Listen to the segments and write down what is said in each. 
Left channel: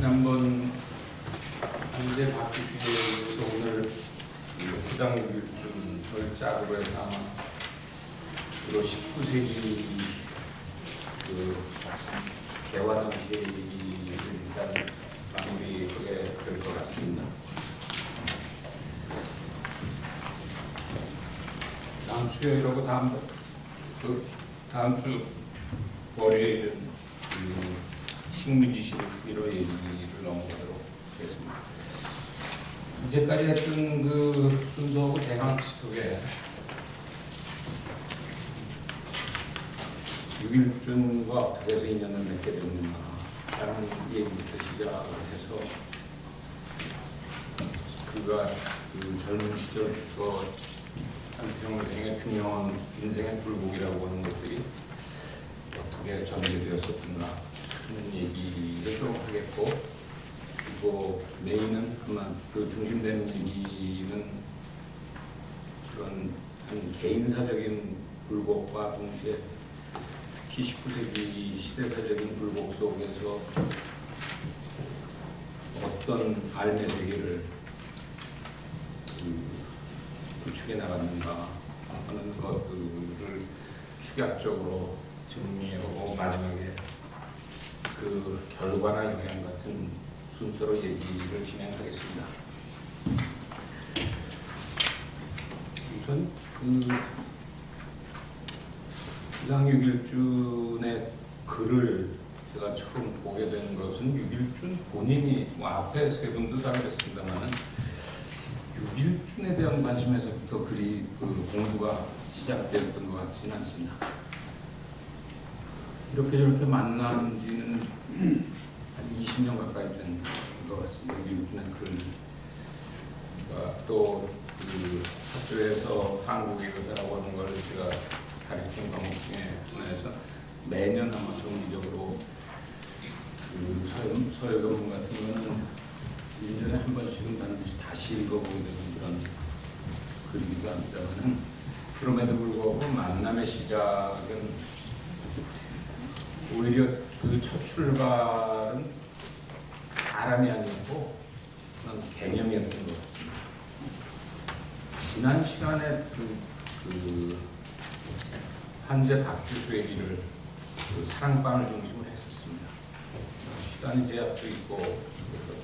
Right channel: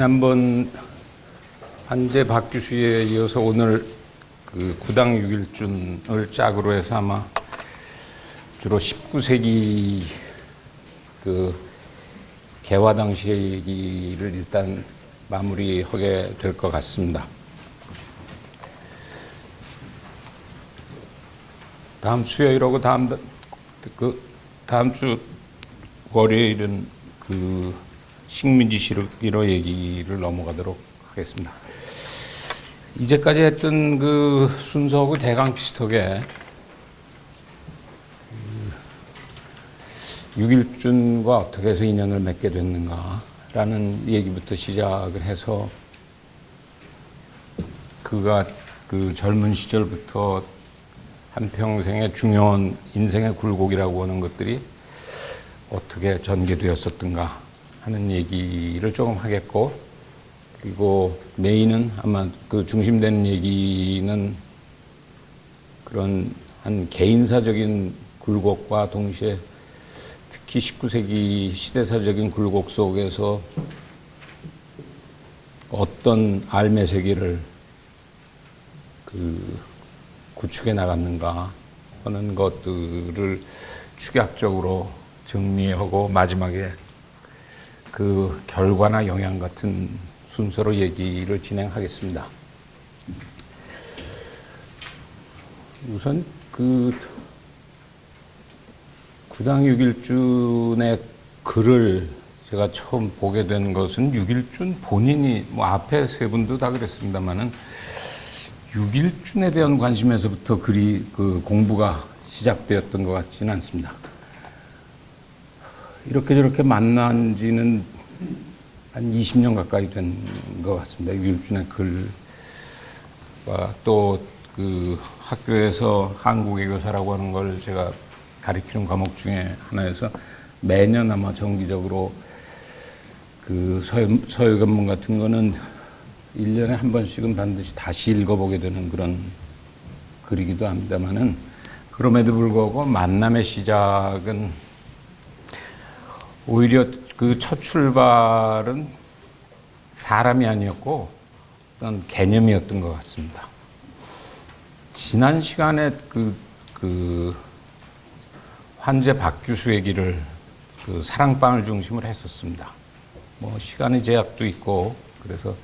지난번 한재 박규수에 이어서 오늘 그 구당 6일준을 짝으로 해서 아마 주로 19세기 그 개화 당시의 얘기를 일단 마무리하게 될 것 같습니다. 다음 수요일하고 다음 주 월요일은 그 식민지시로 얘기를 넘어가도록 하겠습니다. 이제까지 했던 그 순서하고 대강 비슷하게 6일준과 어떻게 해서 인연을 맺게 됐는가라는 얘기부터 시작을 해서 그가 그 젊은 시절부터 한평생의 중요한 인생의 굴곡이라고 하는 것들이 어떻게 전개되었었던가 하는 얘기를 조금 하겠고, 그리고 메인은 아마 그 중심되는 얘기는 그런 한 개인사적인 굴곡과 동시에 특히 19세기 시대사적인 굴곡 속에서 어떤 삶의 세계를 구축해 나갔는가 하는 것들을 축약적으로 정리하고 마지막에 그 결과나 영향 같은 순서로 얘기를 진행하겠습니다. 우선 그 구당 6일준의 글을 제가 처음 보게 된 것은 6일준 본인이 뭐 앞에 세 분도 다 그랬습니다만은 6일준에 대한 관심에서부터 글이 그 공부가 시작되었던 것 같지는 않습니다. 이렇게 저렇게 만난 지는 한 20년 가까이 된 것 같습니다. 6일준의 글과 또 그 학교에서 한국외교사라고 하는 걸 제가 가르치는 과목 중에 하나에서 매년 아마 정기적으로 그 서유관문 같은 거는 1년에 한 번씩은 반드시 다시 읽어보게 되는 그런 글이기도 합니다만은, 그럼에도 불구하고 만남의 시작은 오히려 그 첫 출발은 사람이 아니었고 어떤 개념이었던 것 같습니다. 지난 시간에 그 한재 박규수 얘기를 그 사랑방을 중심으로 했었습니다. 뭐 시간의 제약도 있고 그래서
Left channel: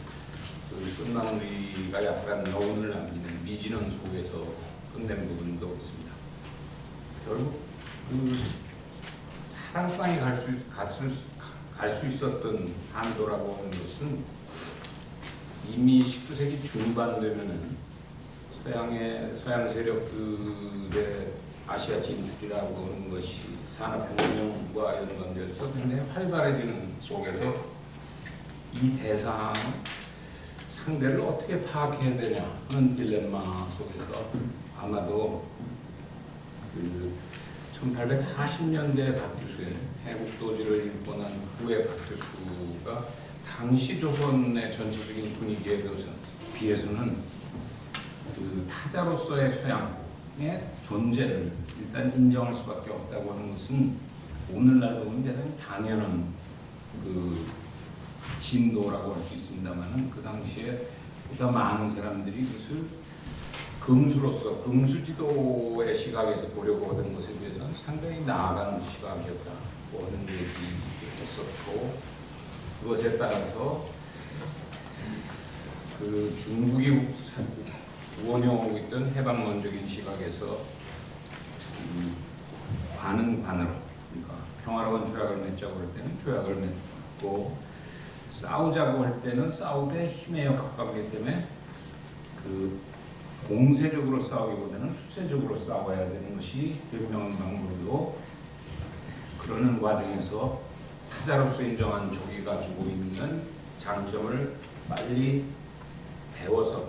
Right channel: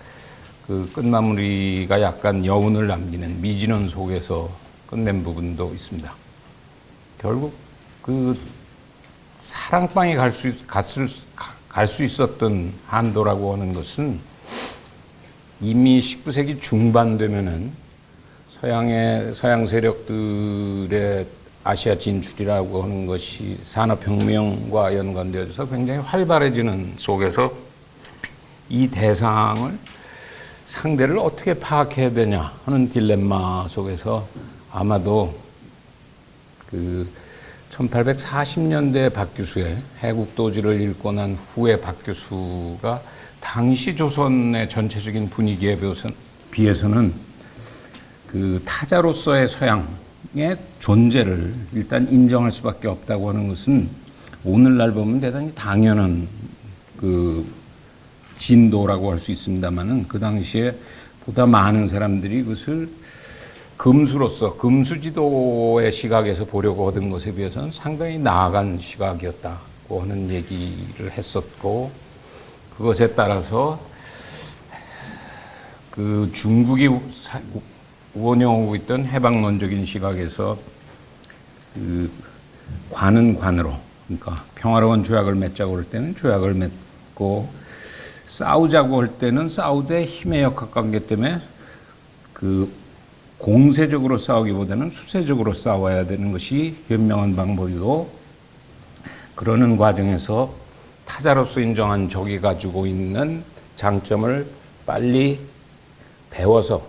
그 끝마무리가 약간 여운을 남기는 미진원 속에서 끝낸 부분도 있습니다. 결국 그 사랑방에 갈 수 있었던 한도라고 하는 것은 이미 19세기 중반 되면은 서양 세력들의 아시아 진출이라고 하는 것이 산업혁명과 연관되어서 굉장히 활발해지는 속에서 이 대상을 상대를 어떻게 파악해야 되냐 하는 딜레마 속에서 아마도 그 1840년대 박규수의 해국도지를 읽고 난 후에 박규수가 당시 조선의 전체적인 분위기에 비해서는 그 타자로서의 서양의 존재를 일단 인정할 수밖에 없다고 하는 것은 오늘날 보면 대단히 당연한 그 진도라고 할 수 있습니다만은, 그 당시에 보다 많은 사람들이 그것을 금수지도의 시각에서 보려고 하던 것에 비해서는 상당히 나아간 시각이었다고 하는 얘기를 했었고, 그것에 따라서 그 중국이 운영하고 있던 해방론적인 시각에서 그 관은 관으로, 그러니까 평화로운 조약을 맺자고 할 때는 조약을 맺고 싸우자고 할 때는 싸우되 힘의 역학관계 때문에 그 공세적으로 싸우기보다는 수세적으로 싸워야 되는 것이 현명한 방법이고, 그러는 과정에서 타자로서 인정한 적이 가지고 있는 장점을 빨리 배워서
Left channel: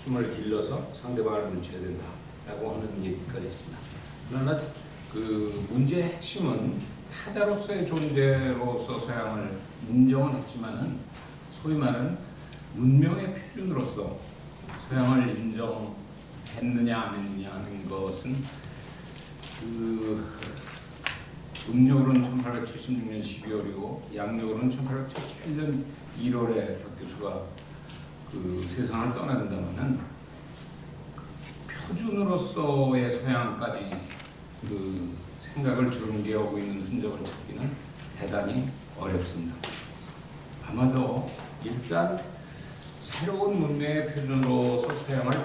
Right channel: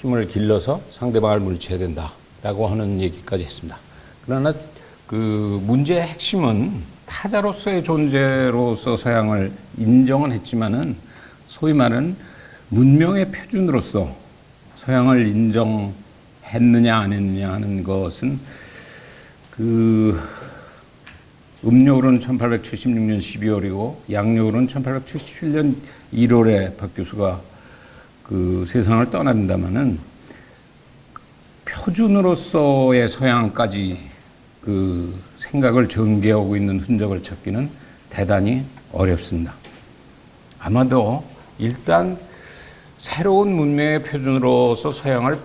힘을 길러서 상대방을 물리쳐야 된다라고 하는 얘기까지 했습니다. 그러나 그 문제의 핵심은 타자로서의 존재로서 서양을 인정은 했지만은 소위 말하는 문명의 표준으로서 서양을 인정했느냐 안 했느냐 하는 것은 그 음력으로는 1876년 12월이고 양력으로는 1877년 1월에 박규수가 그 세상을 떠납니다마는 표준으로서의 서양까지 그 생각을 전개하고 있는 흔적을 찾기는 대단히 어렵습니다. 아마도 일단 새로운 문명의 표준으로서 서양을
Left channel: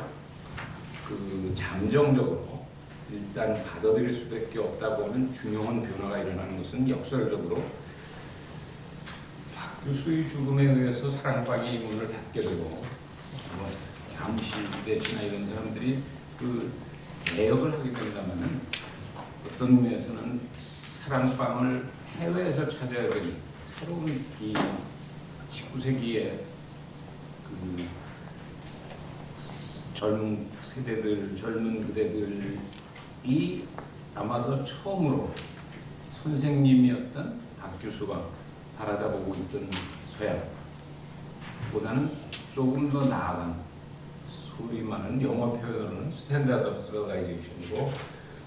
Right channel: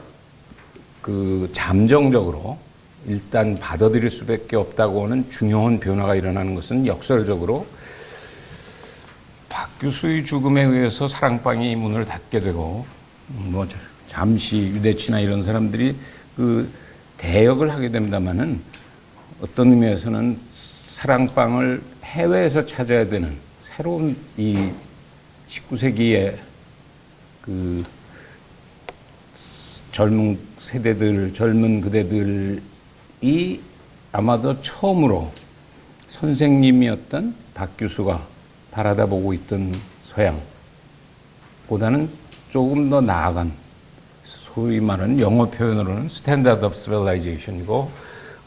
그 잠정적으로 일단 받아들일 수밖에 없다고 하는 중요한 변화가 일어나는 것은 역설적으로 박규수의 죽음에 의해서 사랑방이 문을 닫게 되고 뭐 잠시 유대치나 이런 사람들이 그 대역을 하게 됩니다마는 어떤 의미에서는 사랑방을 해외에서 찾아야 되는 새로운 이 19세기의 그 젊은 세대들, 젊은 그대들이 아마도 처음으로 선생님이었던 박규수가 바라다보고 있던 서양보다는 조금 더 나아간 소위 말하는 영어 표현으로는 스탠다드 오브 시빌라이제이션이고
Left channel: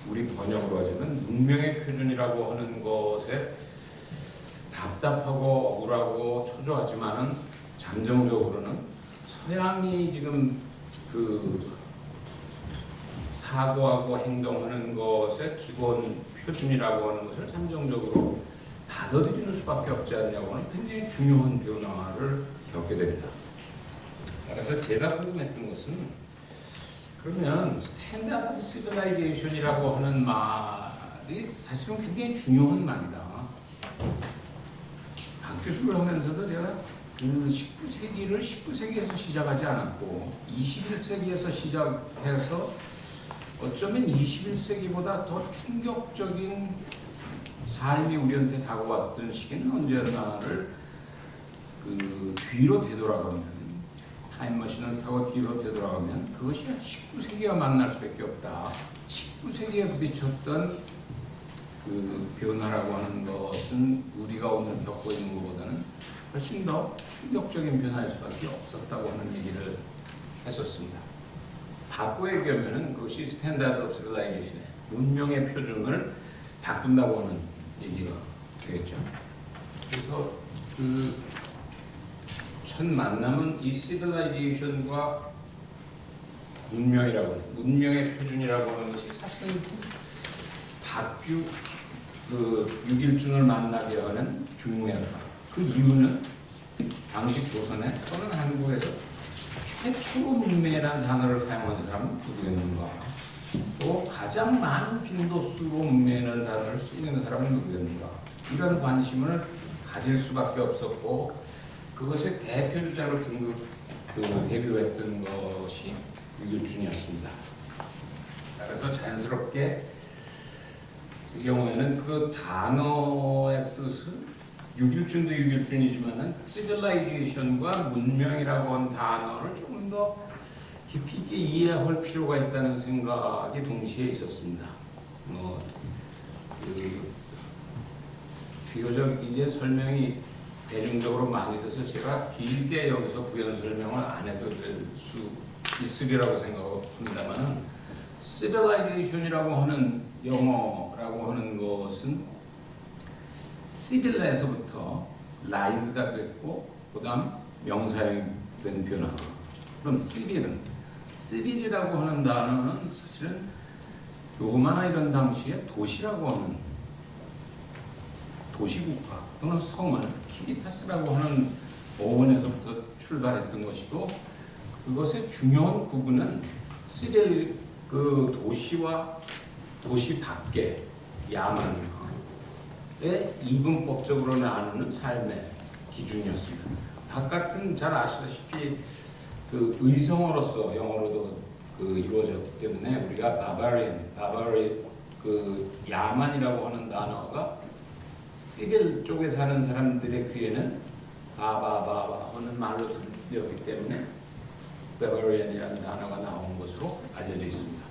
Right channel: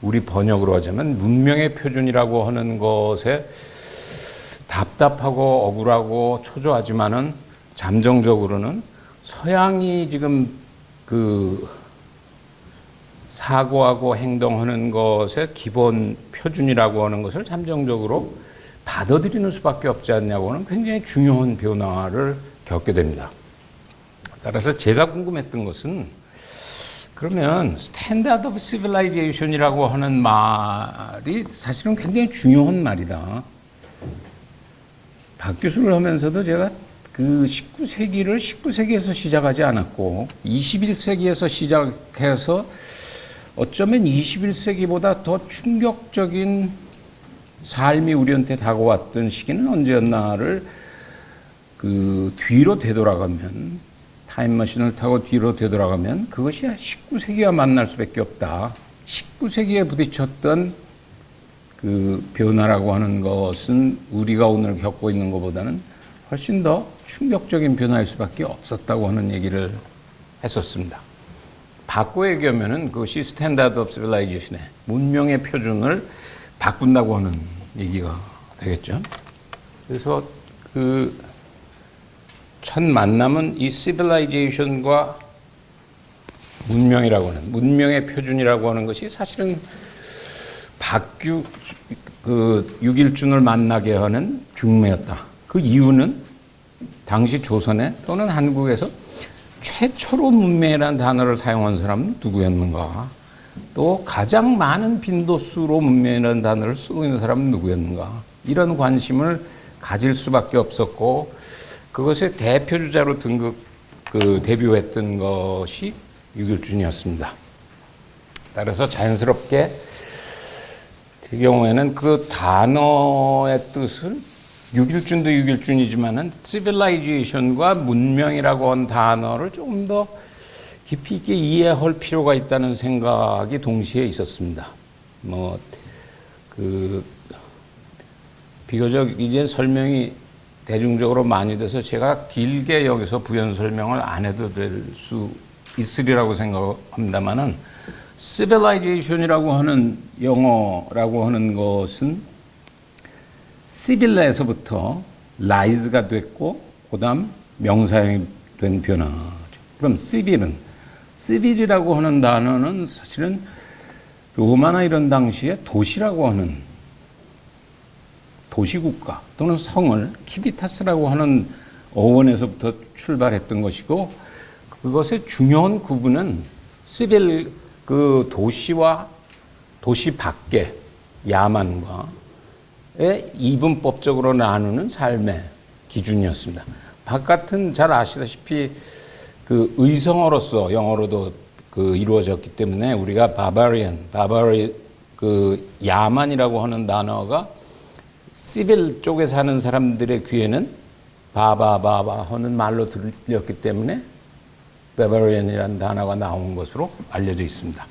우리 번역으로 하자면 문명의 표준이라고 하는 것에 답답하고 억울하고 초조하지만은 잠정적으로는 서양이 지금 그 사고하고 행동하는 것의 기본 표준이라고 하는 것을 잠정적으로 받아들이는 수밖에 없지 않냐고 하는 굉장히 중요한 변화를 겪게 됩니다. 따라서 제가 궁금했던 것은 그러면 스탠다드 오브 시빌라이제이션이라고 하는 말이 사실은 굉장히 중요한 말이다. 박규수를 하면서도 제가 그 19세기를 19세기에서 시작하지 않았고 21세기에서 시작해서 어쩌면 21세기보다 더 충격적인 삶이 우리한테 다가왔던 시기는 언제였나를 그 뒤로 되돌아가면 타임머신을 타고 뒤로 되돌아가면 그것이 19세기와 만날 수밖에 없다. 19세기에 부딪혔던 그 변화라고 하는 것은 우리가 오늘 겪고 있는 것보다는 훨씬 더 충격적인 변화일 수밖에 없었다고 하는 얘기를 했었습니다. 바꿔 얘기하면은 그것이 스탠다드 오브 시빌라이제이션의 문명의 표준을 바꾼다고 하는 얘기가 되겠죠. 그래서 그 첫 만남은 이 시빌라이제이션과 문명이라고 하는 문명의 표준이라고 하는 것이 사실은 그 6.1준을 만나게 하는 중매였다. 그 이유는 당시 조선에 또는 한국에서 최초로 문명이라는 단어를 사용한 사람은 누구였는가? 또 가장 많은 빈도수로 문명이라는 단어를 쓰고 있는 사람은 누구였는가? 이런 관심을 가질 수밖에 없었고 그것의 대표주자로 데뷔했던 것이 6.1준이었습니다. 따라서 자연스럽게 그 경우에는 그 단어의 뜻을 6.1준도 6.1준이지만은 시빌라이제이션과 문명이라고 한 단어를 조금 더 깊이 있게 이해할 필요가 있다는 생각이 동시에 있었습니다. 비교적 이제 설명이 대중적으로 많이 돼서 제가 길게 여기서 부연 설명을 안 해도 될 수 있으리라고 생각합니다만은 civilization이라고 하는 영어라고 하는 것은 시빌라에서부터 라이즈가 됐고 그다음 명사형이 된 변화. 그럼 시빌이라고 하는 단어는 사실은 로마나 이런 당시에 도시라고 하는 도시국가 또는 성을 키비타스라고 하는 어원에서부터 출발했던 것이고 그것의 중요한 구분은 시빌 그 도시와 도시 밖의 야만과의 이분법적으로 나누는 삶의 기준이었습니다. 바깥은 잘 아시다시피 그 의성어로서 영어로도 그 이루어졌기 때문에 우리가 그 야만이라고 하는 단어가 시빌 쪽에 사는 사람들의 귀에는 바바바바 하는 말로 들렸기 때문에 바바리안이라는 단어가 나온 것으로 알려져 있습니다.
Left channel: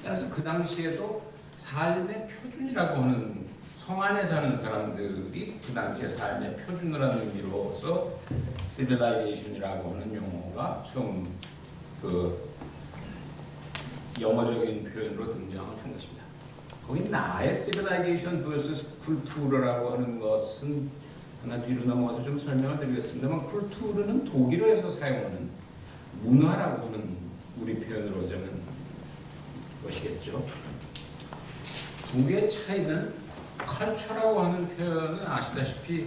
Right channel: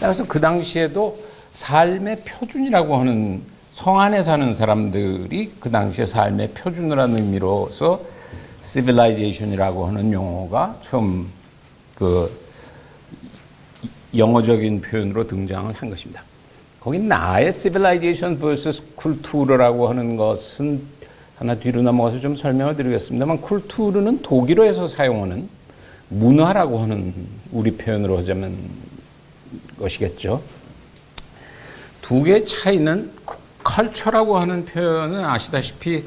따라서 그 당시에도 삶의 표준이라고 하는 성 안에 사는 사람들이 그 당시에 삶의 표준이라는 의미로서 civilization이라고 하는 용어가 처음 그 영어적인 표현으로 등장을 한 것입니다. 거기 나의 civilization vs 쿨투르라고 하는 것은 하나 뒤로 넘어가서 좀 설명을 드리겠습니다만, 쿨투르는 독일어에서 사용하는 문화라고 하는 우리 표현으로 하자면 것이겠죠. 두 개의 차이는, 컬처라고 하는 표현은 아시다시피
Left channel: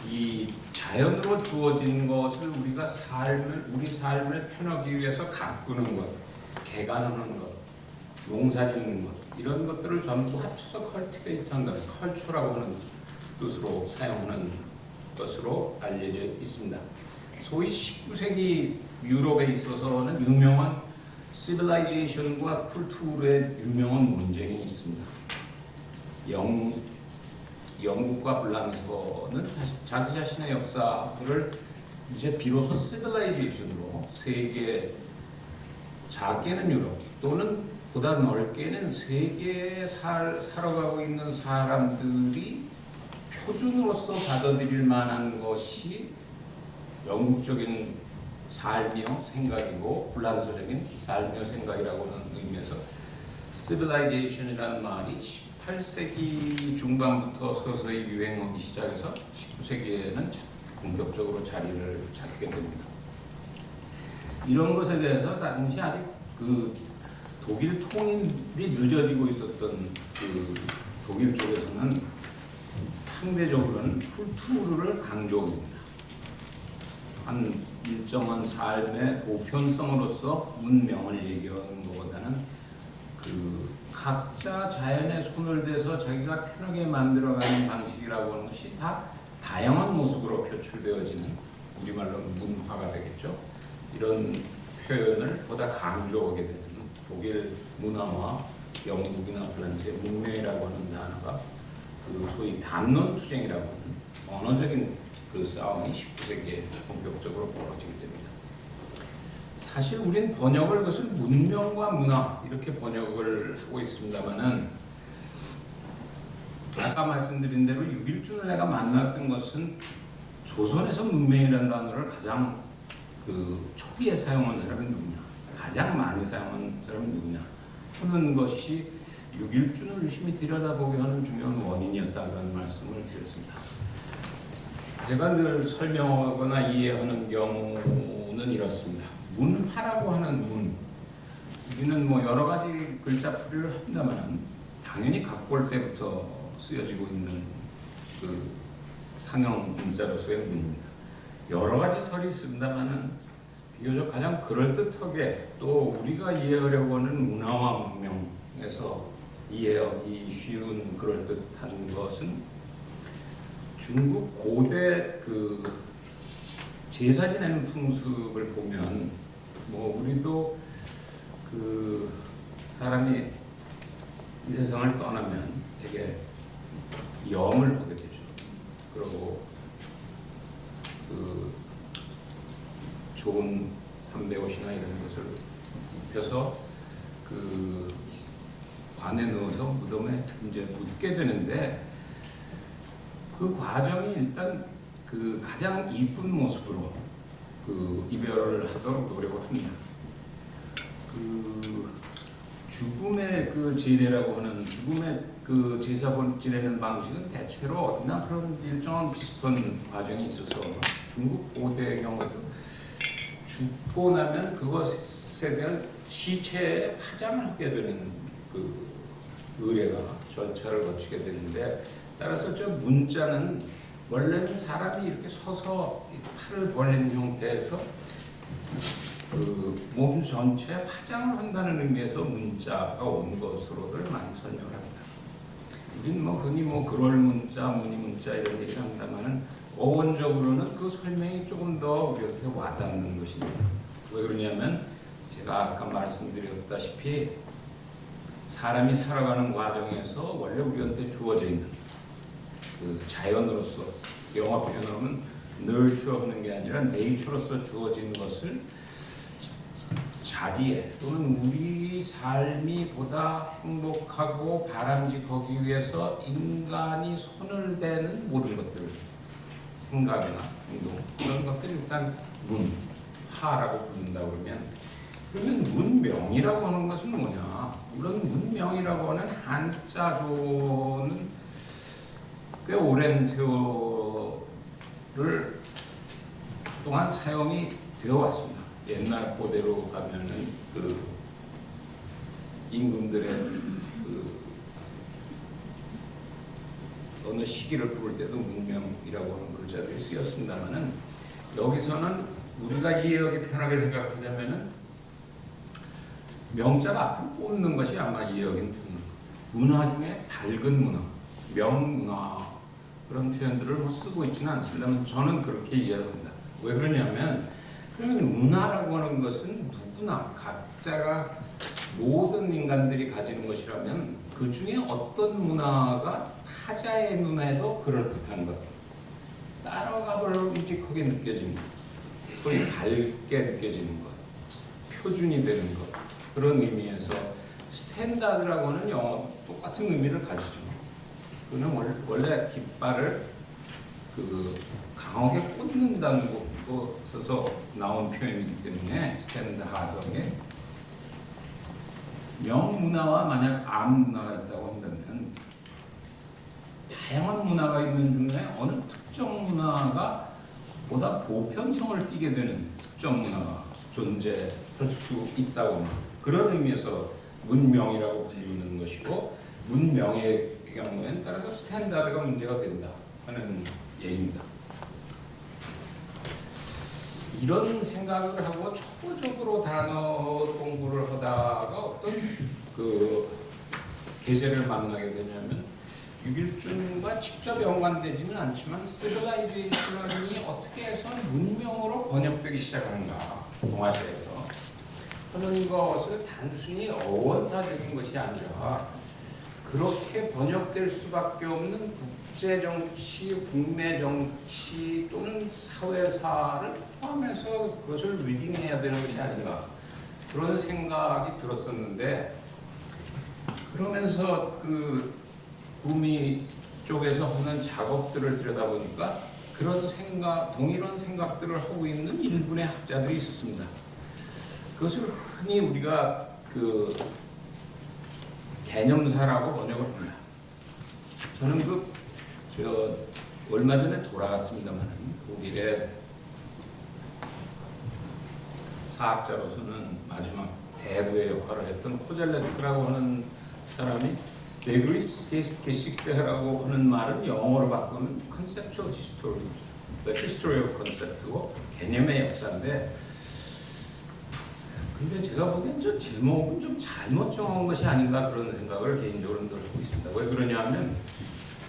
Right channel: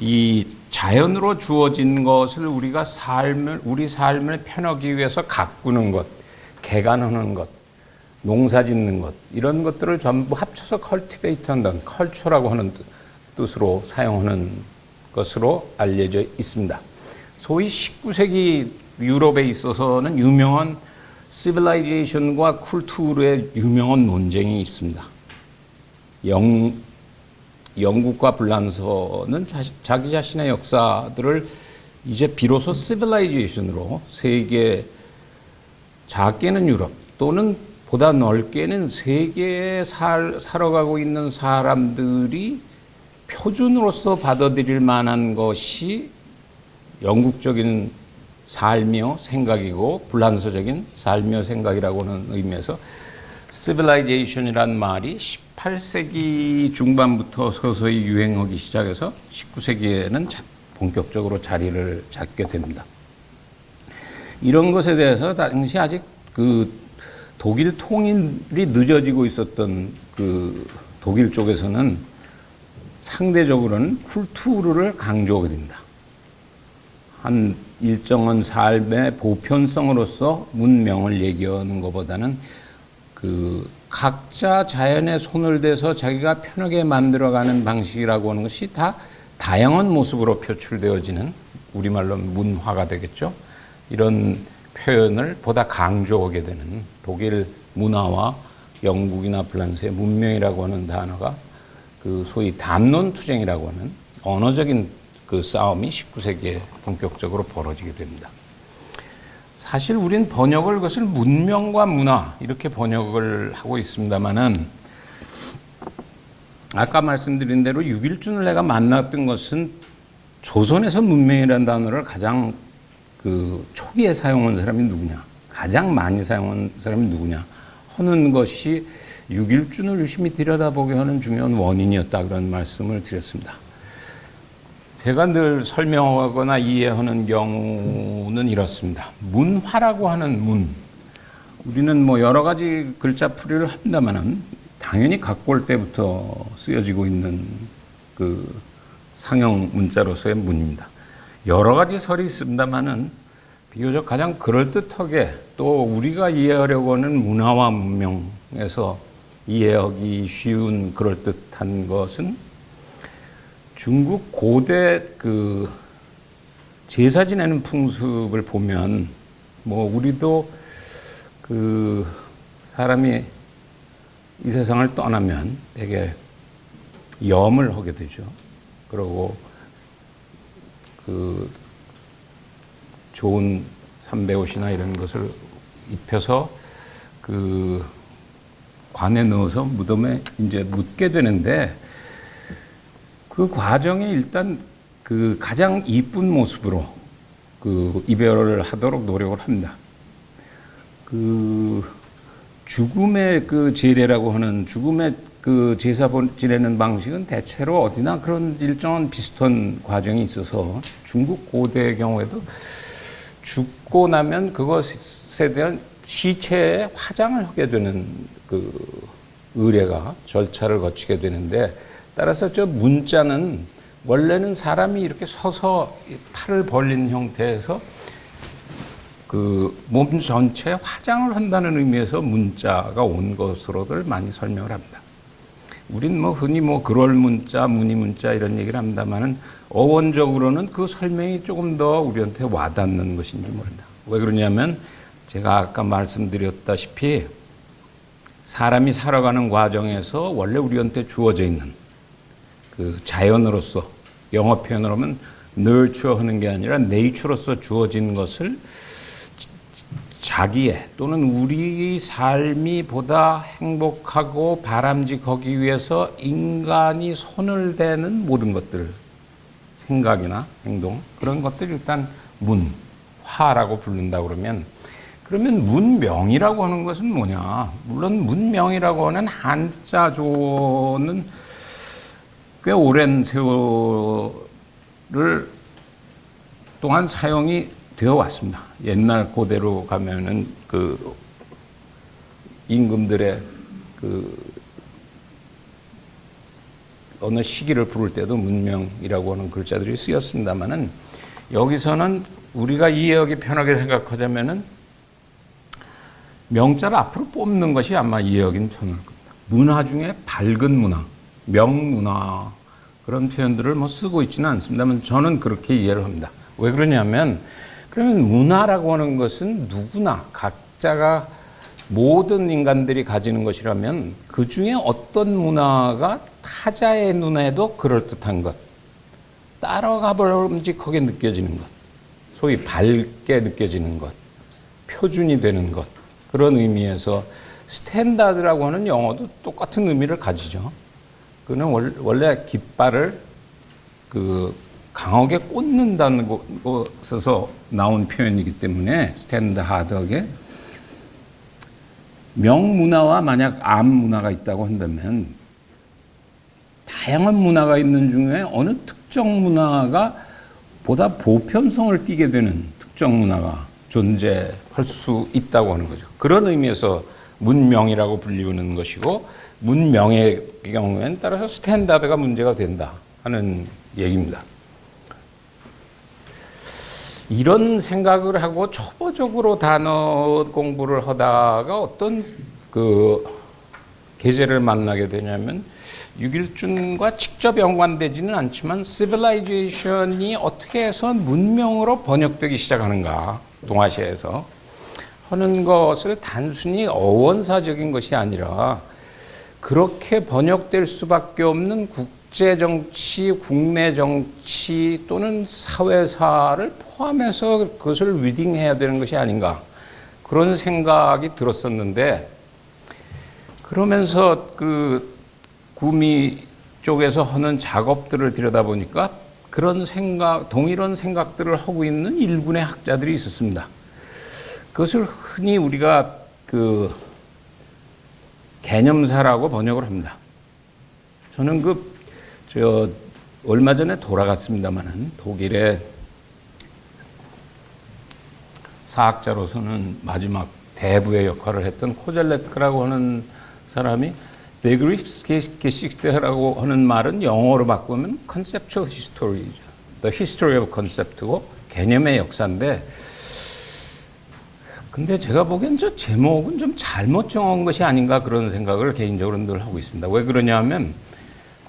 이 자연으로 주어진 것을 우리가 우리 삶을 편하기 위해서 가꾸는 것, 개간하는 것, 농사 짓는 것, 이런 것들을 전부 합쳐서 컬티베이트 한다는, 컬처라고 하는 뜻으로 사용하는 것으로 알려져 있습니다. 소위 19세기 유럽에 있어서는 유명한 시빌라이제이션과 쿨투르의 유명한 논쟁이 있습니다. 영국과 불란서는 자기 자신의 역사들을 이제 비로소 시빌라이제이션으로 세계, 작게는 유럽 또는 보다 넓게는 세계에 살아가고 있는 사람들이 표준으로서 받아들일 만한 것이 영국적인 삶이요 생각이고 불란서적인 삶이요 생각이라고 하는 의미에서 civilization이란 말이 18세기 중반부터 서서히 유행하기 시작해서 19세기에는 본격적으로 자리를 잡게 됩니다. 이런 것에 대해서 당시 아직 그 독일 통일이 늦어지고 있었던 그 독일 쪽에서는 상대적으로는 쿨투르를 강조하게 됩니다. 한 일정한 삶의 보편성으로서 문명을 얘기하는 것보다는 그 각자 자연의 손을 대서 자기가 편하게 만들어가는 방식이라고 하는 것이 다 다양한 모습으로 표출되어지는, 우리말로 문화가 되겠죠. 이런 표현을 보다 강조하게 되는, 독일 문화와 영국이나 프랑스의 문명이라고 하는 단어가 그 소위 담론투쟁이라고 하는 언어적인 그 싸움이 19세기에 본격적으로 벌어지게 됩니다. 사실 우린 번역을, 그것을 문명과 문화 이렇게 번역을 하고 있습니다만은, 아까 말씀드린 대로 6.1준을 내가 만났던 것은 조선에서 문명이라는 단어를 가장 그 초기에 사용한 사람이 누구냐, 가장 많이 사용한 사람이 누구냐 하는 것이 6.1준을 유심히 들여다보게 하는 중요한 원인이었다, 그런 말씀을 드렸습니다. 제가 늘 설명하거나 이해하는 경우는 이렇습니다. 문화라고 하는 문, 우리는 뭐 여러 가지 글자풀이를 합니다만은 당연히 갖고 올 때부터 쓰여지고 있는 그 상형 문자로서의 문입니다. 여러 가지 설이 있습니다만은 비교적 가장 그럴듯하게 또 우리가 이해하려고 하는 문화와 문명에서 이해하기 쉬운 그럴듯한 것은 중국 고대 그 제사 지내는 풍습을 보면, 뭐 우리도 그 사람이 이 세상을 떠나면 되게 염을 하게 되죠. 그리고 그 좋은 삼배옷이나 이런 것을 입혀서 그 관에 넣어서 무덤에 이제 묻게 되는데, 그 과정이 일단 그 가장 이쁜 모습으로 그 이별을 하도록 노력을 합니다. 그 죽음의 그 제례라고 하는, 죽음의 그 제사 지내는 방식은 대체로 어디나 그런 일정한 비슷한 과정이 있어서, 중국 고대의 경우에도 죽고 나면 그것에 대한 시체에 화장을 하게 되는 그 의례가, 절차를 거치게 되는데, 따라서 저 문자는 원래는 사람이 이렇게 서서 팔을 벌린 형태에서 그 몸 전체에 화장을 한다는 의미에서 문자가 온 것으로들 많이 설명을 합니다. 우린 뭐 흔히 뭐 그럴 문자, 무늬 문자 이런 얘기를 합니다만은 어원적으로는 그 설명이 조금 더 우리한테 와닿는 것인지 모릅니다. 왜 그러냐면 제가 아까 말씀드렸다시피 사람이 살아가는 과정에서 원래 우리한테 주어져 있는 그 자연으로서, 영어 표현으로 하면 nurture 하는 게 아니라 nature로서 주어진 것을 자기의 또는 우리 삶이 보다 행복하고 바람직하기 위해서 인간이 손을 대는 모든 것들, 생각이나 행동, 그런 것들 일단 문화라고 부른다 그러면, 그러면 문명이라고 하는 것은 뭐냐? 물론 문명이라고 하는 한자조는 꽤 오랜 세월을 동안 사용이 되어 왔습니다. 옛날 고대로 가면은 그 임금들의 그 어느 시기를 부를 때도 문명이라고 하는 글자들이 쓰였습니다만은 여기서는 우리가 이해하기 편하게 생각하자면은 명자를 앞으로 뽑는 것이 아마 이해하기는 편할 겁니다. 문화 중에 밝은 문화, 명문화 그런 표현들을 뭐 쓰고 있지는 않습니다만 저는 그렇게 이해를 합니다. 왜 그러냐면 그러면 문화라고 하는 것은 누구나 각자가 모든 인간들이 가지는 것이라면 그 중에 어떤 문화가 타자의 눈에도 그럴듯한 것, 따라가 보름직하게 느껴지는 것, 소위 밝게 느껴지는 것, 표준이 되는 것, 그런 의미에서 스탠다드라고 하는 영어도 똑같은 의미를 가지죠. 그는 원래 깃발을 강하게 꽂는다는 곳에서 나온 표현이기 때문에 스탠다드하게 명문화와 만약 암문화가 있다고 한다면 다양한 문화가 있는 중에 어느 특정 문화가 보다 보편성을 띠게 되는 특정 문화가 존재할 수 있다고 하는 거죠. 그런 의미에서 문명이라고 불리우는 것이고 문명의 경우에는 따라서 스탠다드가 문제가 된다 하는 얘기입니다. 이런 생각을 하고 초보적으로 단어 공부를 하다가 어떤 계제를 만나게 되냐면 육일준과 직접 연관되지는 않지만 시빌라이제이션이 어떻게 해서 문명으로 번역되기 시작하는가 동아시아에서 하는 것을 단순히 어원사적인 것이 아니라 그렇게 번역될 수밖에 없는 국제정치, 국내 정치 또는 사회사를 포함해서 그것을 리딩해야 되는 것이 아닌가 그런 생각이 들었었는데 그러면서 구미 쪽에서 하는 작업들을 들여다보니까 그런 생각, 동일한 생각들을 하고 있는 일본의 학자들이 있었습니다. 그것을 흔히 우리가 개념사라고 번역을 합니다. 저는 얼마 전에 돌아갔습니다만은 독일의 사학자로서는 마지막 대부의 역할을 했던 코젤레크라고 하는 사람이 Begriffsgeschicht라고 하는 말은 영어로 바꾸면 Conceptual History죠. The History of Concept고 개념의 역사인데 근데 제가 보기엔 저 제목은 좀 잘못 정한 것이 아닌가 그런 생각을 개인적으로 늘 하고 있습니다. 왜 그러냐면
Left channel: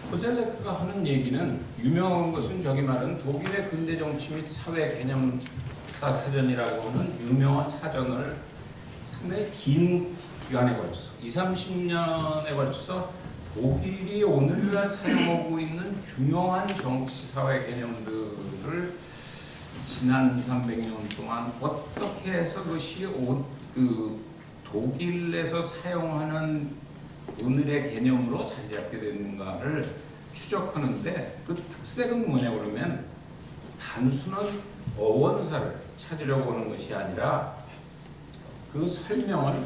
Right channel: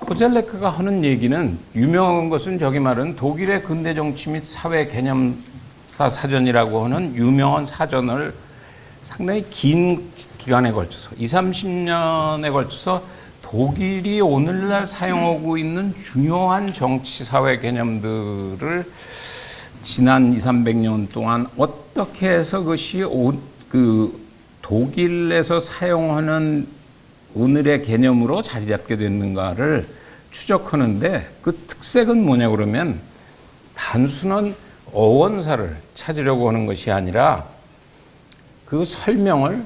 코젤레크가 하는 얘기는 유명한 것은 저기 말은 독일의 근대 정치 및 사회 개념사 사전이라고 하는 유명한 사전을 상당히 긴 기간에 걸쳐서 20, 30년에 걸쳐서 독일이 오늘날 사용하고 있는 중요한 정치 사회 개념들을 지난 2, 300년 동안 어떻게 해서 그것이 독일에서 사용하는 오늘의 개념으로 자리 잡게 됐는가를 추적하는데 그 특색은 뭐냐 그러면 단순한 어원사를 찾으려고 하는 것이 아니라 그 설명을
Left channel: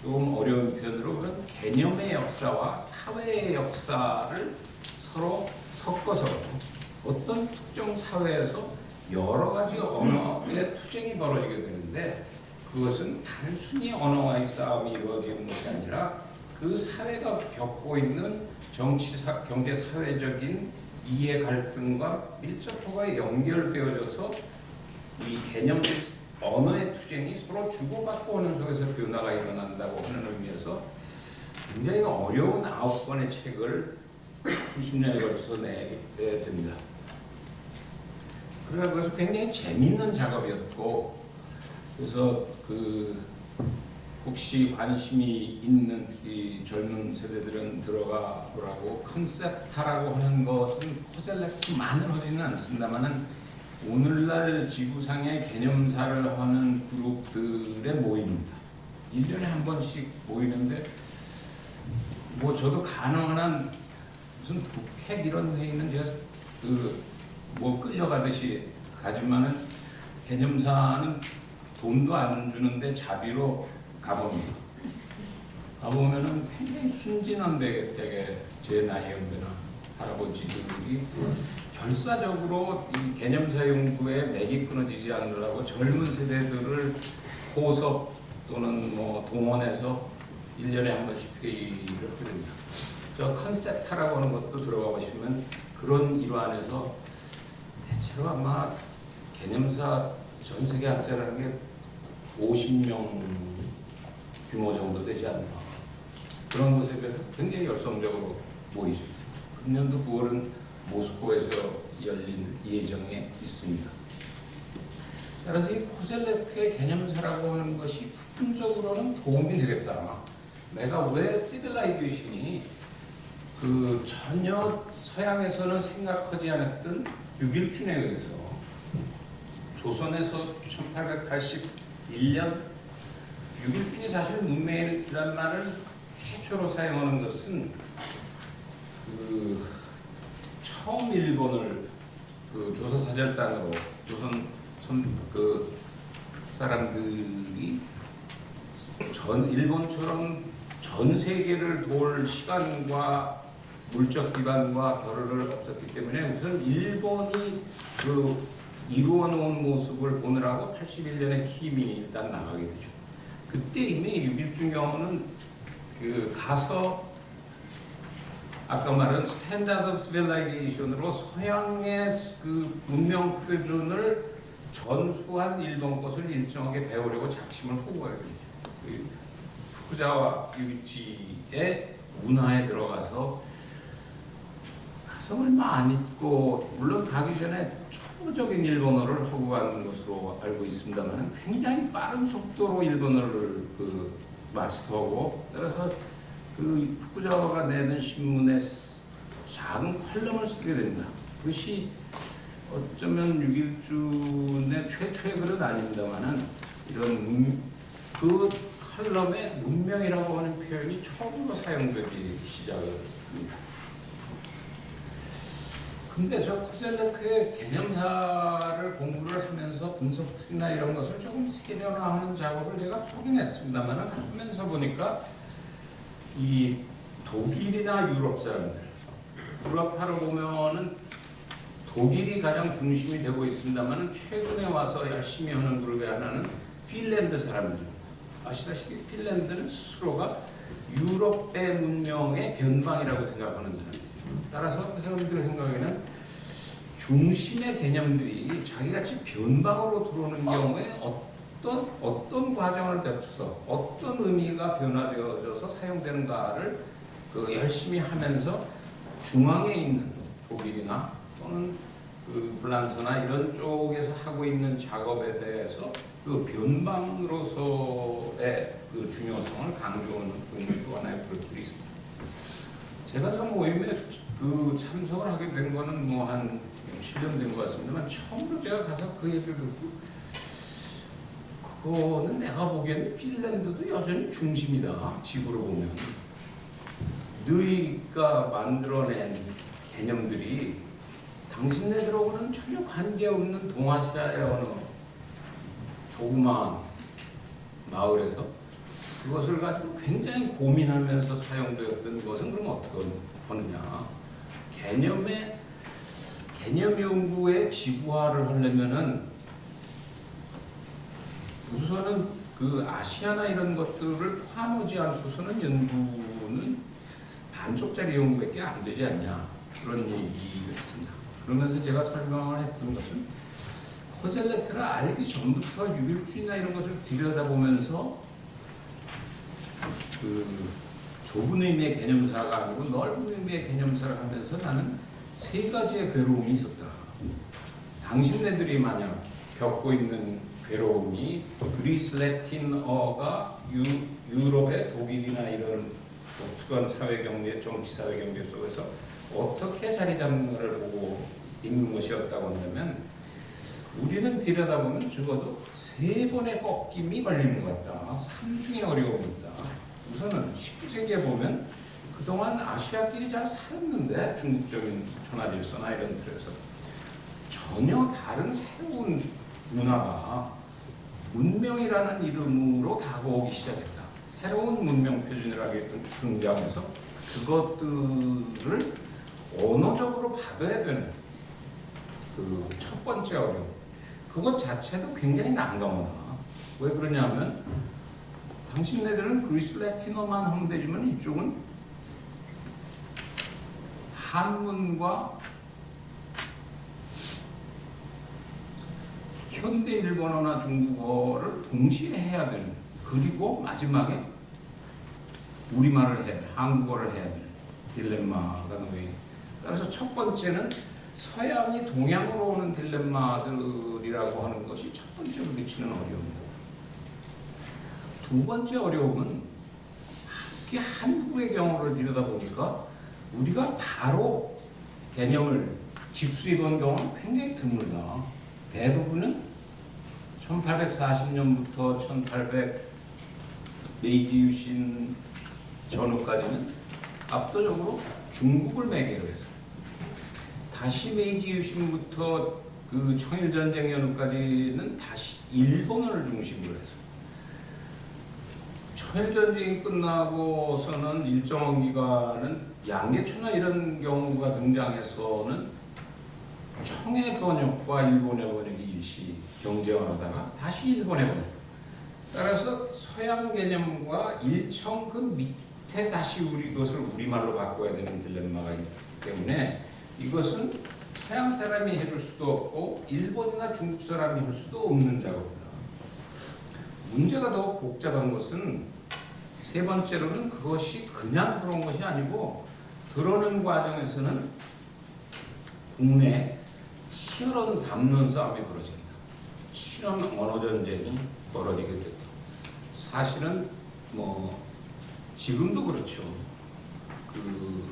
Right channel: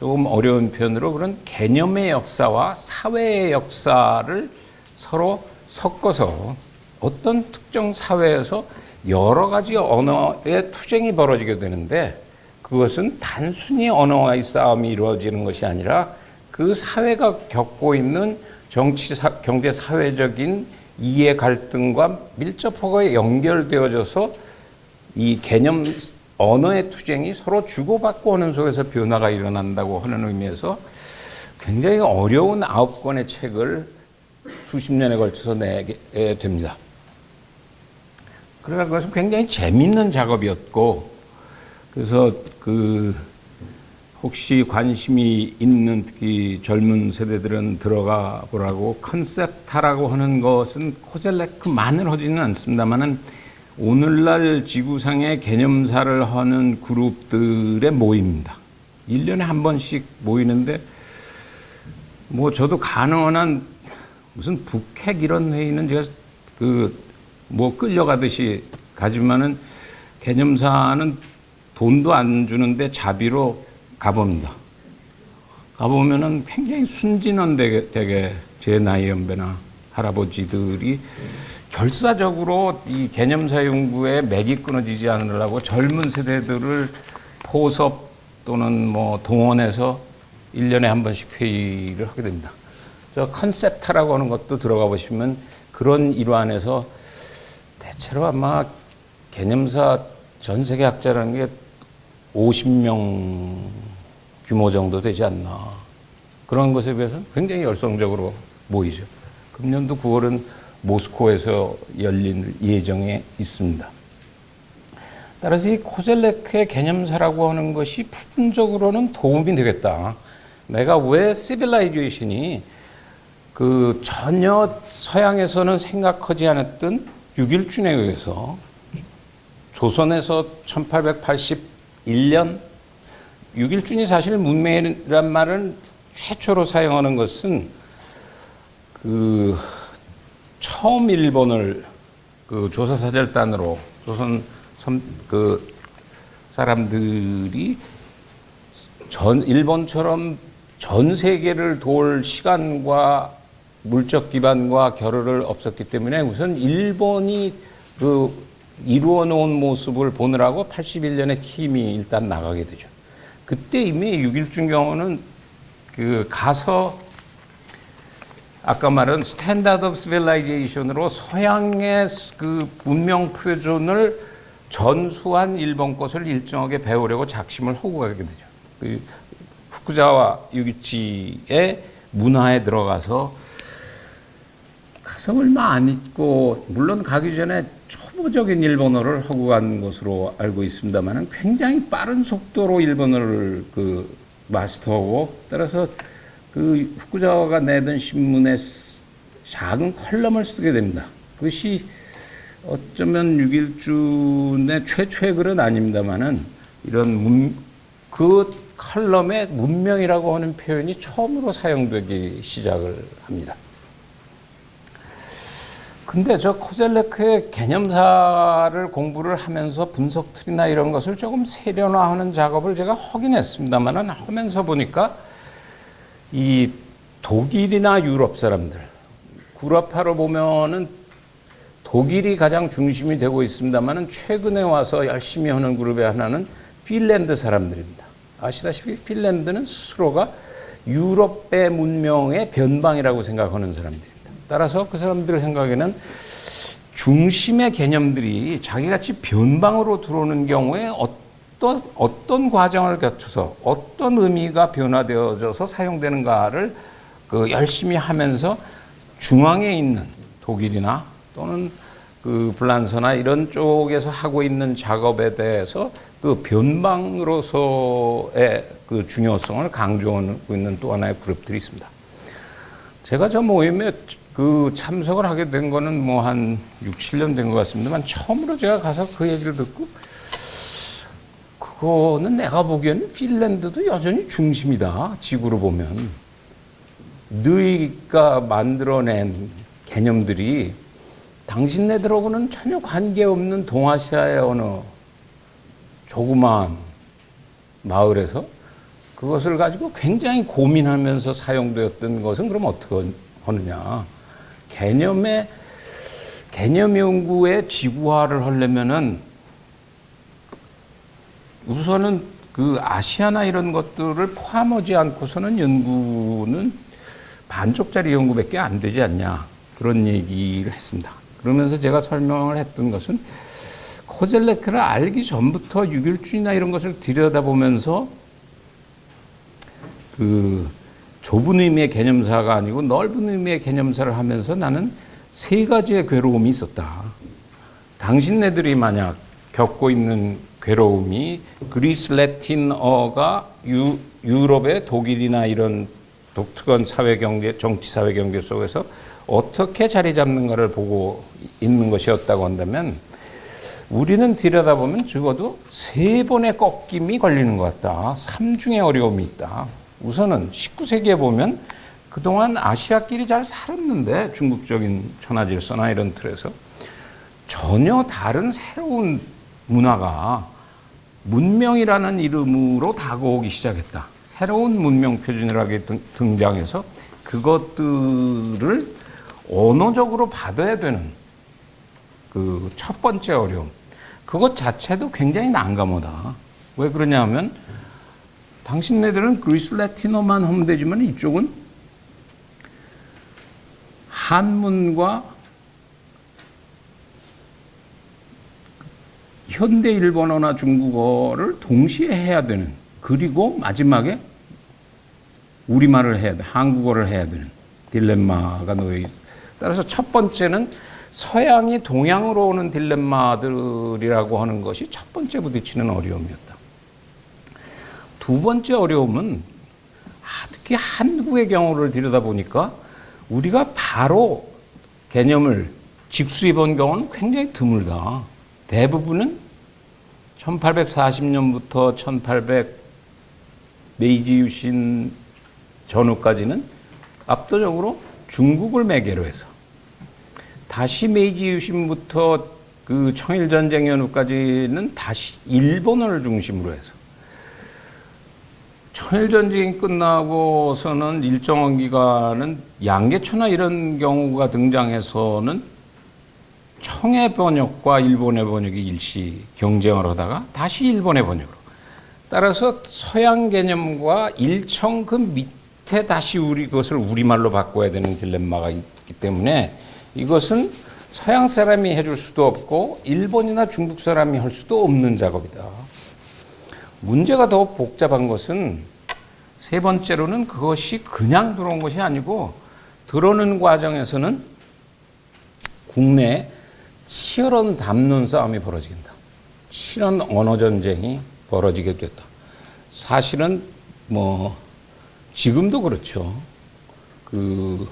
조금 어려운 표현으로 그런 개념의 역사와 사회의 역사를 서로 섞어서 어떤 특정 사회에서 여러 가지 언어의 투쟁이 벌어지게 되는데 그것은 단순히 언어와의 싸움이 이루어지는 것이 아니라 그 사회가 겪고 있는 정치, 경제, 사회적인 이해 갈등과 밀접하게 연결되어져서 이 개념 언어의 투쟁이 서로 주고받고 하는 속에서 변화가 일어난다고 하는 의미에서 굉장히 어려운 9권의 책을 수십 년에 걸쳐서 내게 됩니다. 그러나 그것은 굉장히 재미있는 작업이었고 그래서 혹시 관심이 있는 특히 젊은 세대들은 들어가 보라고 컨셉타라고 하는 것은 코젤레크만을 하지는 않습니다만은 오늘날 지구상의 개념사를 하는 그룹들의 모임입니다. 1년에 한 번씩 모이는데 뭐 저도 가능한 한 무슨 북핵 이런 회의는 제가 끌려가듯이 가지만은 개념사는 돈도 안 주는데 자비로 가봅니다. 가보면은 굉장히 순진한 되게 제 나이 연배나 할아버지들이 결사적으로 이 개념사 연구에 맥이 끊어지지 않으려고 젊은 세대들을 포섭 또는 뭐 동원해서 1년에 한 번씩 회의를 하게 됩니다. 저 컨셉타라고 하는 것도 들어가 보시면 그런 일환에서 대체로 아마 개념사 전 세계 학자라는 게 50명 규모 정도 되지 않나. 그런 것에 비해서 굉장히 열성적으로 모이죠. 금년도 9월은 모스코에서 열릴 예정에 있습니다. 따라서 이 코젤레크의 개념사라고 하는 것이 부분적으로는 도움이 되겠다. 내가 왜 시빌라이제이션이 그 전혀 서양에서는 생각하지 않았던 6.1준에 의해서 조선에서 1881년 6.1준이 사실 문명이란 말을 최초로 사용하는 것은 그 처음 일본을 그 조사사절단으로 조선 그 사람들이 일본처럼 전 세계를 도울 시간과 물적 기반과 겨를을 없었기 때문에 우선 일본이 그 이루어 놓은 모습을 보느라고 81년에 팀이 일단 나가게 되죠. 그때 이미 6.1준 경우는 그 가서 아까 말한 스탠다드 오브 시빌라이제이션으로 서양의 그 문명 표준을 전수한 일본 것을 일정하게 배우려고 작심을 하고 가게 되죠. 그 후쿠자와 유기치의 문화에 들어가서 가서 얼마 안 있고 물론 가기 전에 초보적인 일본어를 하고 간 것으로 알고 있습니다만 굉장히 빠른 속도로 일본어를 그 마스터하고 따라서 그 후쿠자와가 내던 신문에 작은 컬럼을 쓰게 됩니다. 그것이 어쩌면 6.1준의 최초의 글은 아닙니다만은 이런 그 컬럼에 문명이라고 하는 표현이 처음으로 사용되기 시작을 합니다. 근데 저 코젤레크의 개념사를 공부를 하면서 분석 틀이나 이런 것을 조금 세련화하는 작업을 제가 하긴 했습니다만은 하면서 보니까 이 독일이나 유럽 사람들, 구라파로 보면은 독일이 가장 중심이 되고 있습니다만은 최근에 와서 열심히 하는 그룹의 하나는 핀란드 사람들입니다. 아시다시피 핀란드는 스스로가 유럽의 문명의 변방이라고 생각하는 사람들입니다. 따라서 그 사람들 생각에는 중심의 개념들이 자기같이 변방으로 들어오는 경우에 어떤 과정을 거쳐서 어떤 의미가 변화되어져서 사용되는가를 그 열심히 하면서 중앙에 있는 독일이나 또는 그 불란서나 이런 쪽에서 하고 있는 작업에 대해서 그 변방으로서의 그 중요성을 강조하고 있는 또 하나의 그룹들이 있습니다. 제가 저 모임에 그 참석을 하게 된 거는 뭐 한 6, 7년 된 것 같습니다만 처음으로 제가 가서 그 얘기를 듣고 그거는 내가 보기에는 핀란드도 여전히 중심이다. 지구로 보면. 너희가 만들어낸 개념들이 당신네들하고는 전혀 관계없는 동아시아의 어느 조그마한 마을에서 그것을 가지고 굉장히 고민하면서 사용되었던 것은 그럼 어떻게 하느냐. 개념 연구의 지구화를 하려면은 우선은 그 아시아나 이런 것들을 포함하지 않고서는 연구는 반쪽짜리 연구밖에 안 되지 않냐. 그런 얘기를 했습니다. 그러면서 제가 설명을 했던 것은 코젤레크를 알기 전부터 6.1준이나 이런 것을 들여다보면서 그 좁은 의미의 개념사가 아니고 넓은 의미의 개념사를 하면서 나는 세 가지의 괴로움이 있었다. 당신네들이 만약 겪고 있는 괴로움이 그리스 라틴어가 유럽의 독일이나 이런 독특한 사회경제, 정치 사회경제 속에서 어떻게 자리 잡는가를 보고 있는 것이었다고 한다면 우리는 들여다보면 적어도 3번의 꺾임이 걸리는 것 같다. 3중의 어려움이 있다. 우선은 19세기에 보면 그동안 아시아끼리 잘 살았는데 중국적인 천하질서나 이런 틀에서 전혀 다른 새로운 문화가 문명이라는 이름으로 다가오기 시작했다. 새로운 문명 표준이라게 등장해서 그것들을 언어적으로 받아야 되는 그 첫 번째 어려움. 그것 자체도 굉장히 난감하다. 왜 그러냐면 당신네들은 그리스 라틴어만 하면 되지만 이쪽은 한문과 현대 일본어나 중국어를 동시에 해야 되는, 그리고 마지막에 우리말을 해야 돼, 한국어를 해야 되는 딜레마가 놓여 있다. 따라서 첫 번째는 서양이 동양으로 오는 딜레마들이라고 하는 것이 첫 번째 부딪히는 어려움이었다. 두 번째 어려움은 특히 한국의 경우를 들여다보니까 우리가 바로 개념을 직수입한 경우는 굉장히 드물다. 대부분은 1840년부터 1800 메이지 유신 전후까지는 압도적으로 중국을 매개로 해서, 다시 메이지 유신부터 그 청일전쟁 연후까지는 다시 일본어를 중심으로 해서, 청일전쟁이 끝나고서는 일정한 기간은 양계초나 이런 경우가 등장해서는 청의 번역과 일본의 번역이 일시 경쟁을 하다가 다시 일본의 번역으로, 따라서 서양 개념과 일청 그 밑에 다시 것을 우리말로 바꿔야 되는 딜레마가 있기 때문에 이것은 서양 사람이 해줄 수도 없고 일본이나 중국 사람이 할 수도 없는 작업이다. 문제가 더 복잡한 것은 세 번째로는 그것이 그냥 들어온 것이 아니고 들어오는 과정에서는 국내에 치열한 담론 싸움이 벌어지겠다. 치열한 언어 전쟁이 벌어지게 됐다. 사실은 뭐 지금도 그렇죠. 그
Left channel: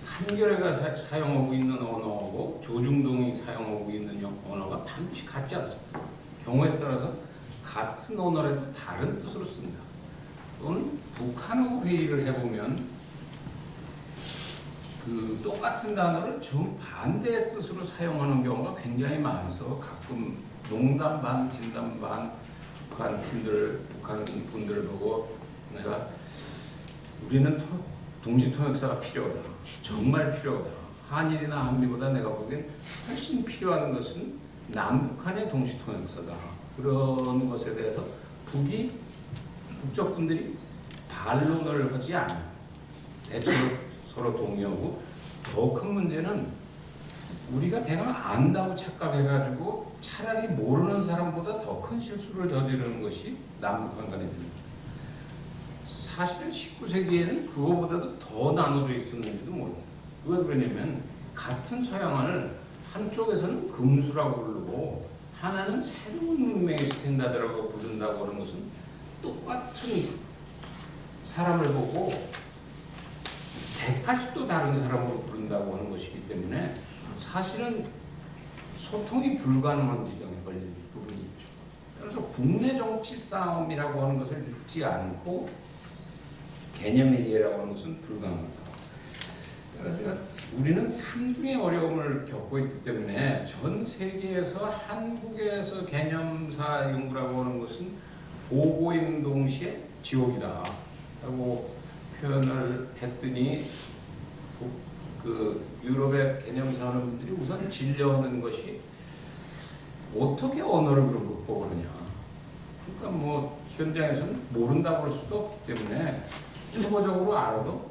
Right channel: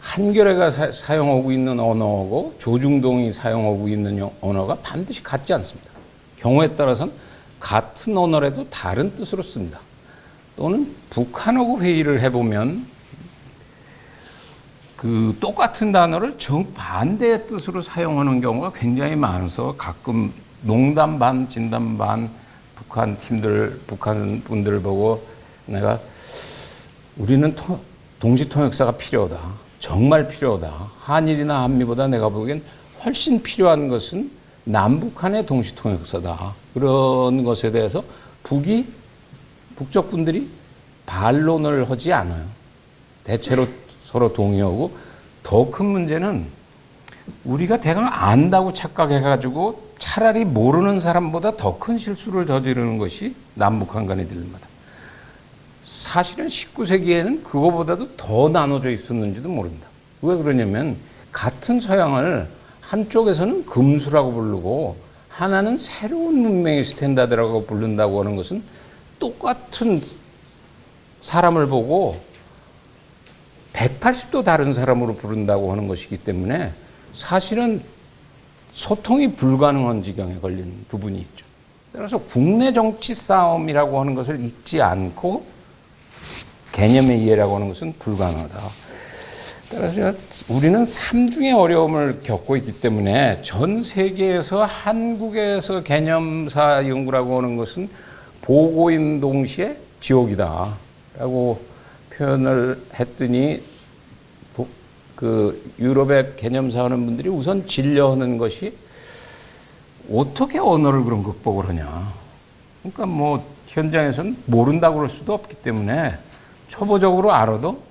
한겨레가 사용하고 있는 언어하고 조중동이 사용하고 있는 언어가 반드시 같지 않습니다. 경우에 따라서는 같은 언어라도 다른 뜻으로 씁니다. 또는 북한하고 회의를 해보면 그 똑같은 단어를 정반대의 뜻으로 사용하는 경우가 굉장히 많아서 가끔 농담 반 진담 반 북한 팀들, 북한 분들을 보고 내가 우리는 동시통역사가 필요하다. 정말 필요하다. 한일이나 한미보다 내가 보기엔 훨씬 필요한 것은 남북한의 동시통역사다. 그런 것에 대해서 북쪽 분들이 반론을 하지 않아요. 대체로 서로 동의하고, 더 큰 문제는 우리가 대강 안다고 착각해가지고 차라리 모르는 사람보다 더 큰 실수를 저지르는 것이 남북한 간의 딜레마다. 사실은 19세기에는 그거보다도 더 나눠져 있었는지도 모릅니다. 왜 그러냐면 같은 서양을 한쪽에서는 금수라고 부르고 하나는 새로운 문명의 스탠다드라고 부른다고 하는 것은 똑같은 사람을 보고 180도 다른 사람으로 부른다고 하는 것이기 때문에 사실은 소통이 불가능한 지경에 걸린 부분이 있죠. 그래서 국내 정치 싸움이라고 하는 것을 잊지 않고 개념의 이해라고 하는 것은 불가능하다. 따라서 우리는 삼중의 어려움을 겪고 있기 때문에 전 세계에서 한국에서 개념사 연구라고 하는 것은 보고인 동시에 지옥이다 라고 표현을 했더니 그 유럽의 개념사 하는 분들이 우선 진료하는 것이 어떻게 언어를 그럼 극복을 하냐. 그러니까 뭐 현장에서는 모른다고 그럴 수도 없기 때문에 초보적으로 알아도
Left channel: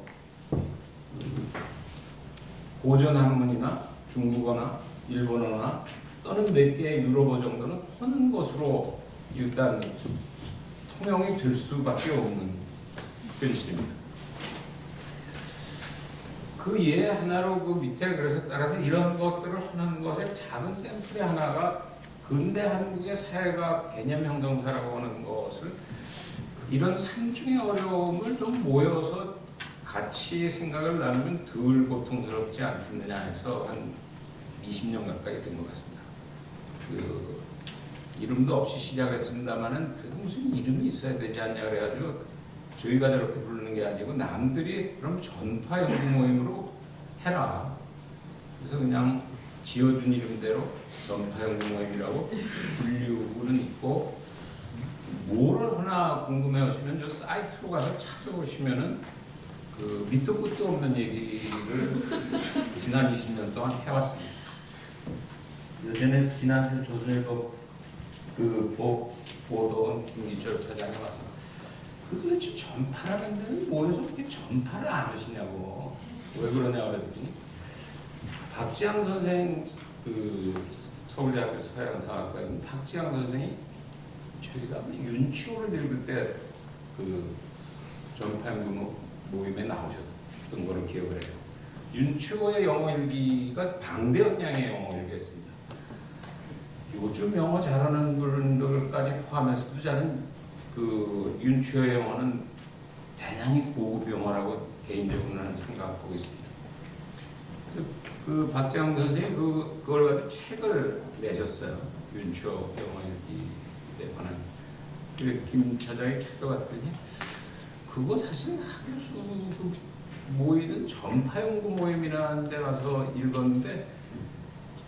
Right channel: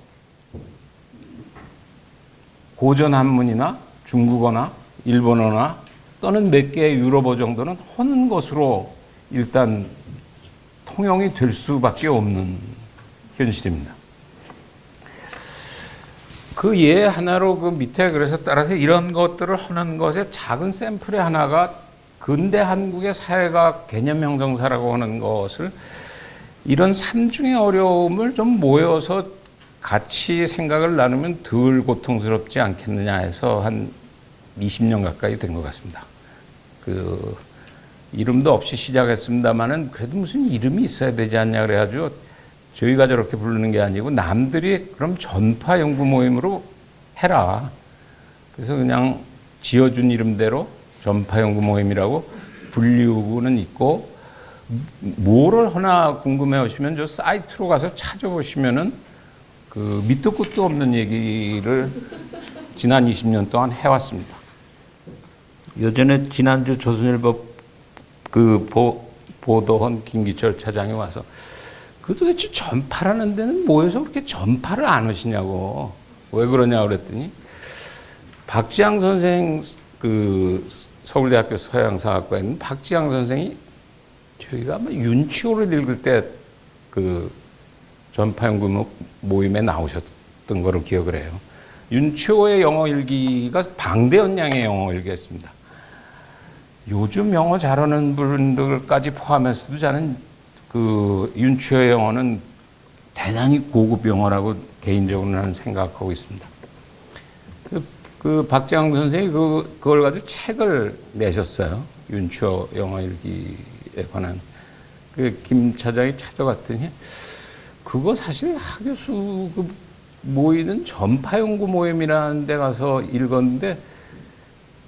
고전 한문이나 중국어나 일본어나 또는 몇 개의 유럽어 정도는 하는 것으로 일단 통용이 될 수밖에 없는 현실입니다. 그 예 하나로 그 밑에 그래서 따라서 이런 것들을 하는 것의 작은 샘플의 하나가 근대 한국의 사회가 개념 형성사라고 하는 것을, 이런 삼중의 어려움을 좀 모여서 같이 생각을 나누면 덜 고통스럽지 않겠느냐 해서 한 20년 가까이 된 것 같습니다. 그 이름도 없이 시작했습니다만은 그래도 무슨 이름이 있어야 되지 않냐 그래가지고 저희가 저렇게 부르는 게 아니고 남들이 그럼 전파 연구 모임으로 해라. 그래서 그냥 지어준 이름대로 전파 연구 모임이라고 분류는 있고 뭐를 하나 궁금해 하시면 저 사이트로 가서 찾아보시면은 그 밑도 끝도 없는 얘기를 지난 20년 동안 해왔습니다. 예전에 지난주 조선일보 그 보도한 김기철 차장이 와서 그 도대체 전파라는 데는 뭐해서 그렇게 전파를 안 하시냐고. 왜 그러냐 그랬더니 박지양 선생 그 서울대학교 서양사학과에 있는 박지양 선생이 저희가 아마 윤치호를 읽을 때 그 전파연구 모임에 나오셨던 거로 기억을 해요. 윤치호의 영어 일기가 방대현 양의 영어 일기였습니다. 요즘 영어 잘하는 분들까지 포함해서도 저는 그 윤치호의 영어는 대단히 고급 영어라고 개인적으로는 생각하고 있습니다. 그 박지양 선생이 그걸 가지고 책을 내셨어요. 윤치호 영어 일기에 관한. 김 차장이 찾아갔더니 그거 사실 하교수 그 모이는 전파연구 모임이라는 데 가서 읽었는데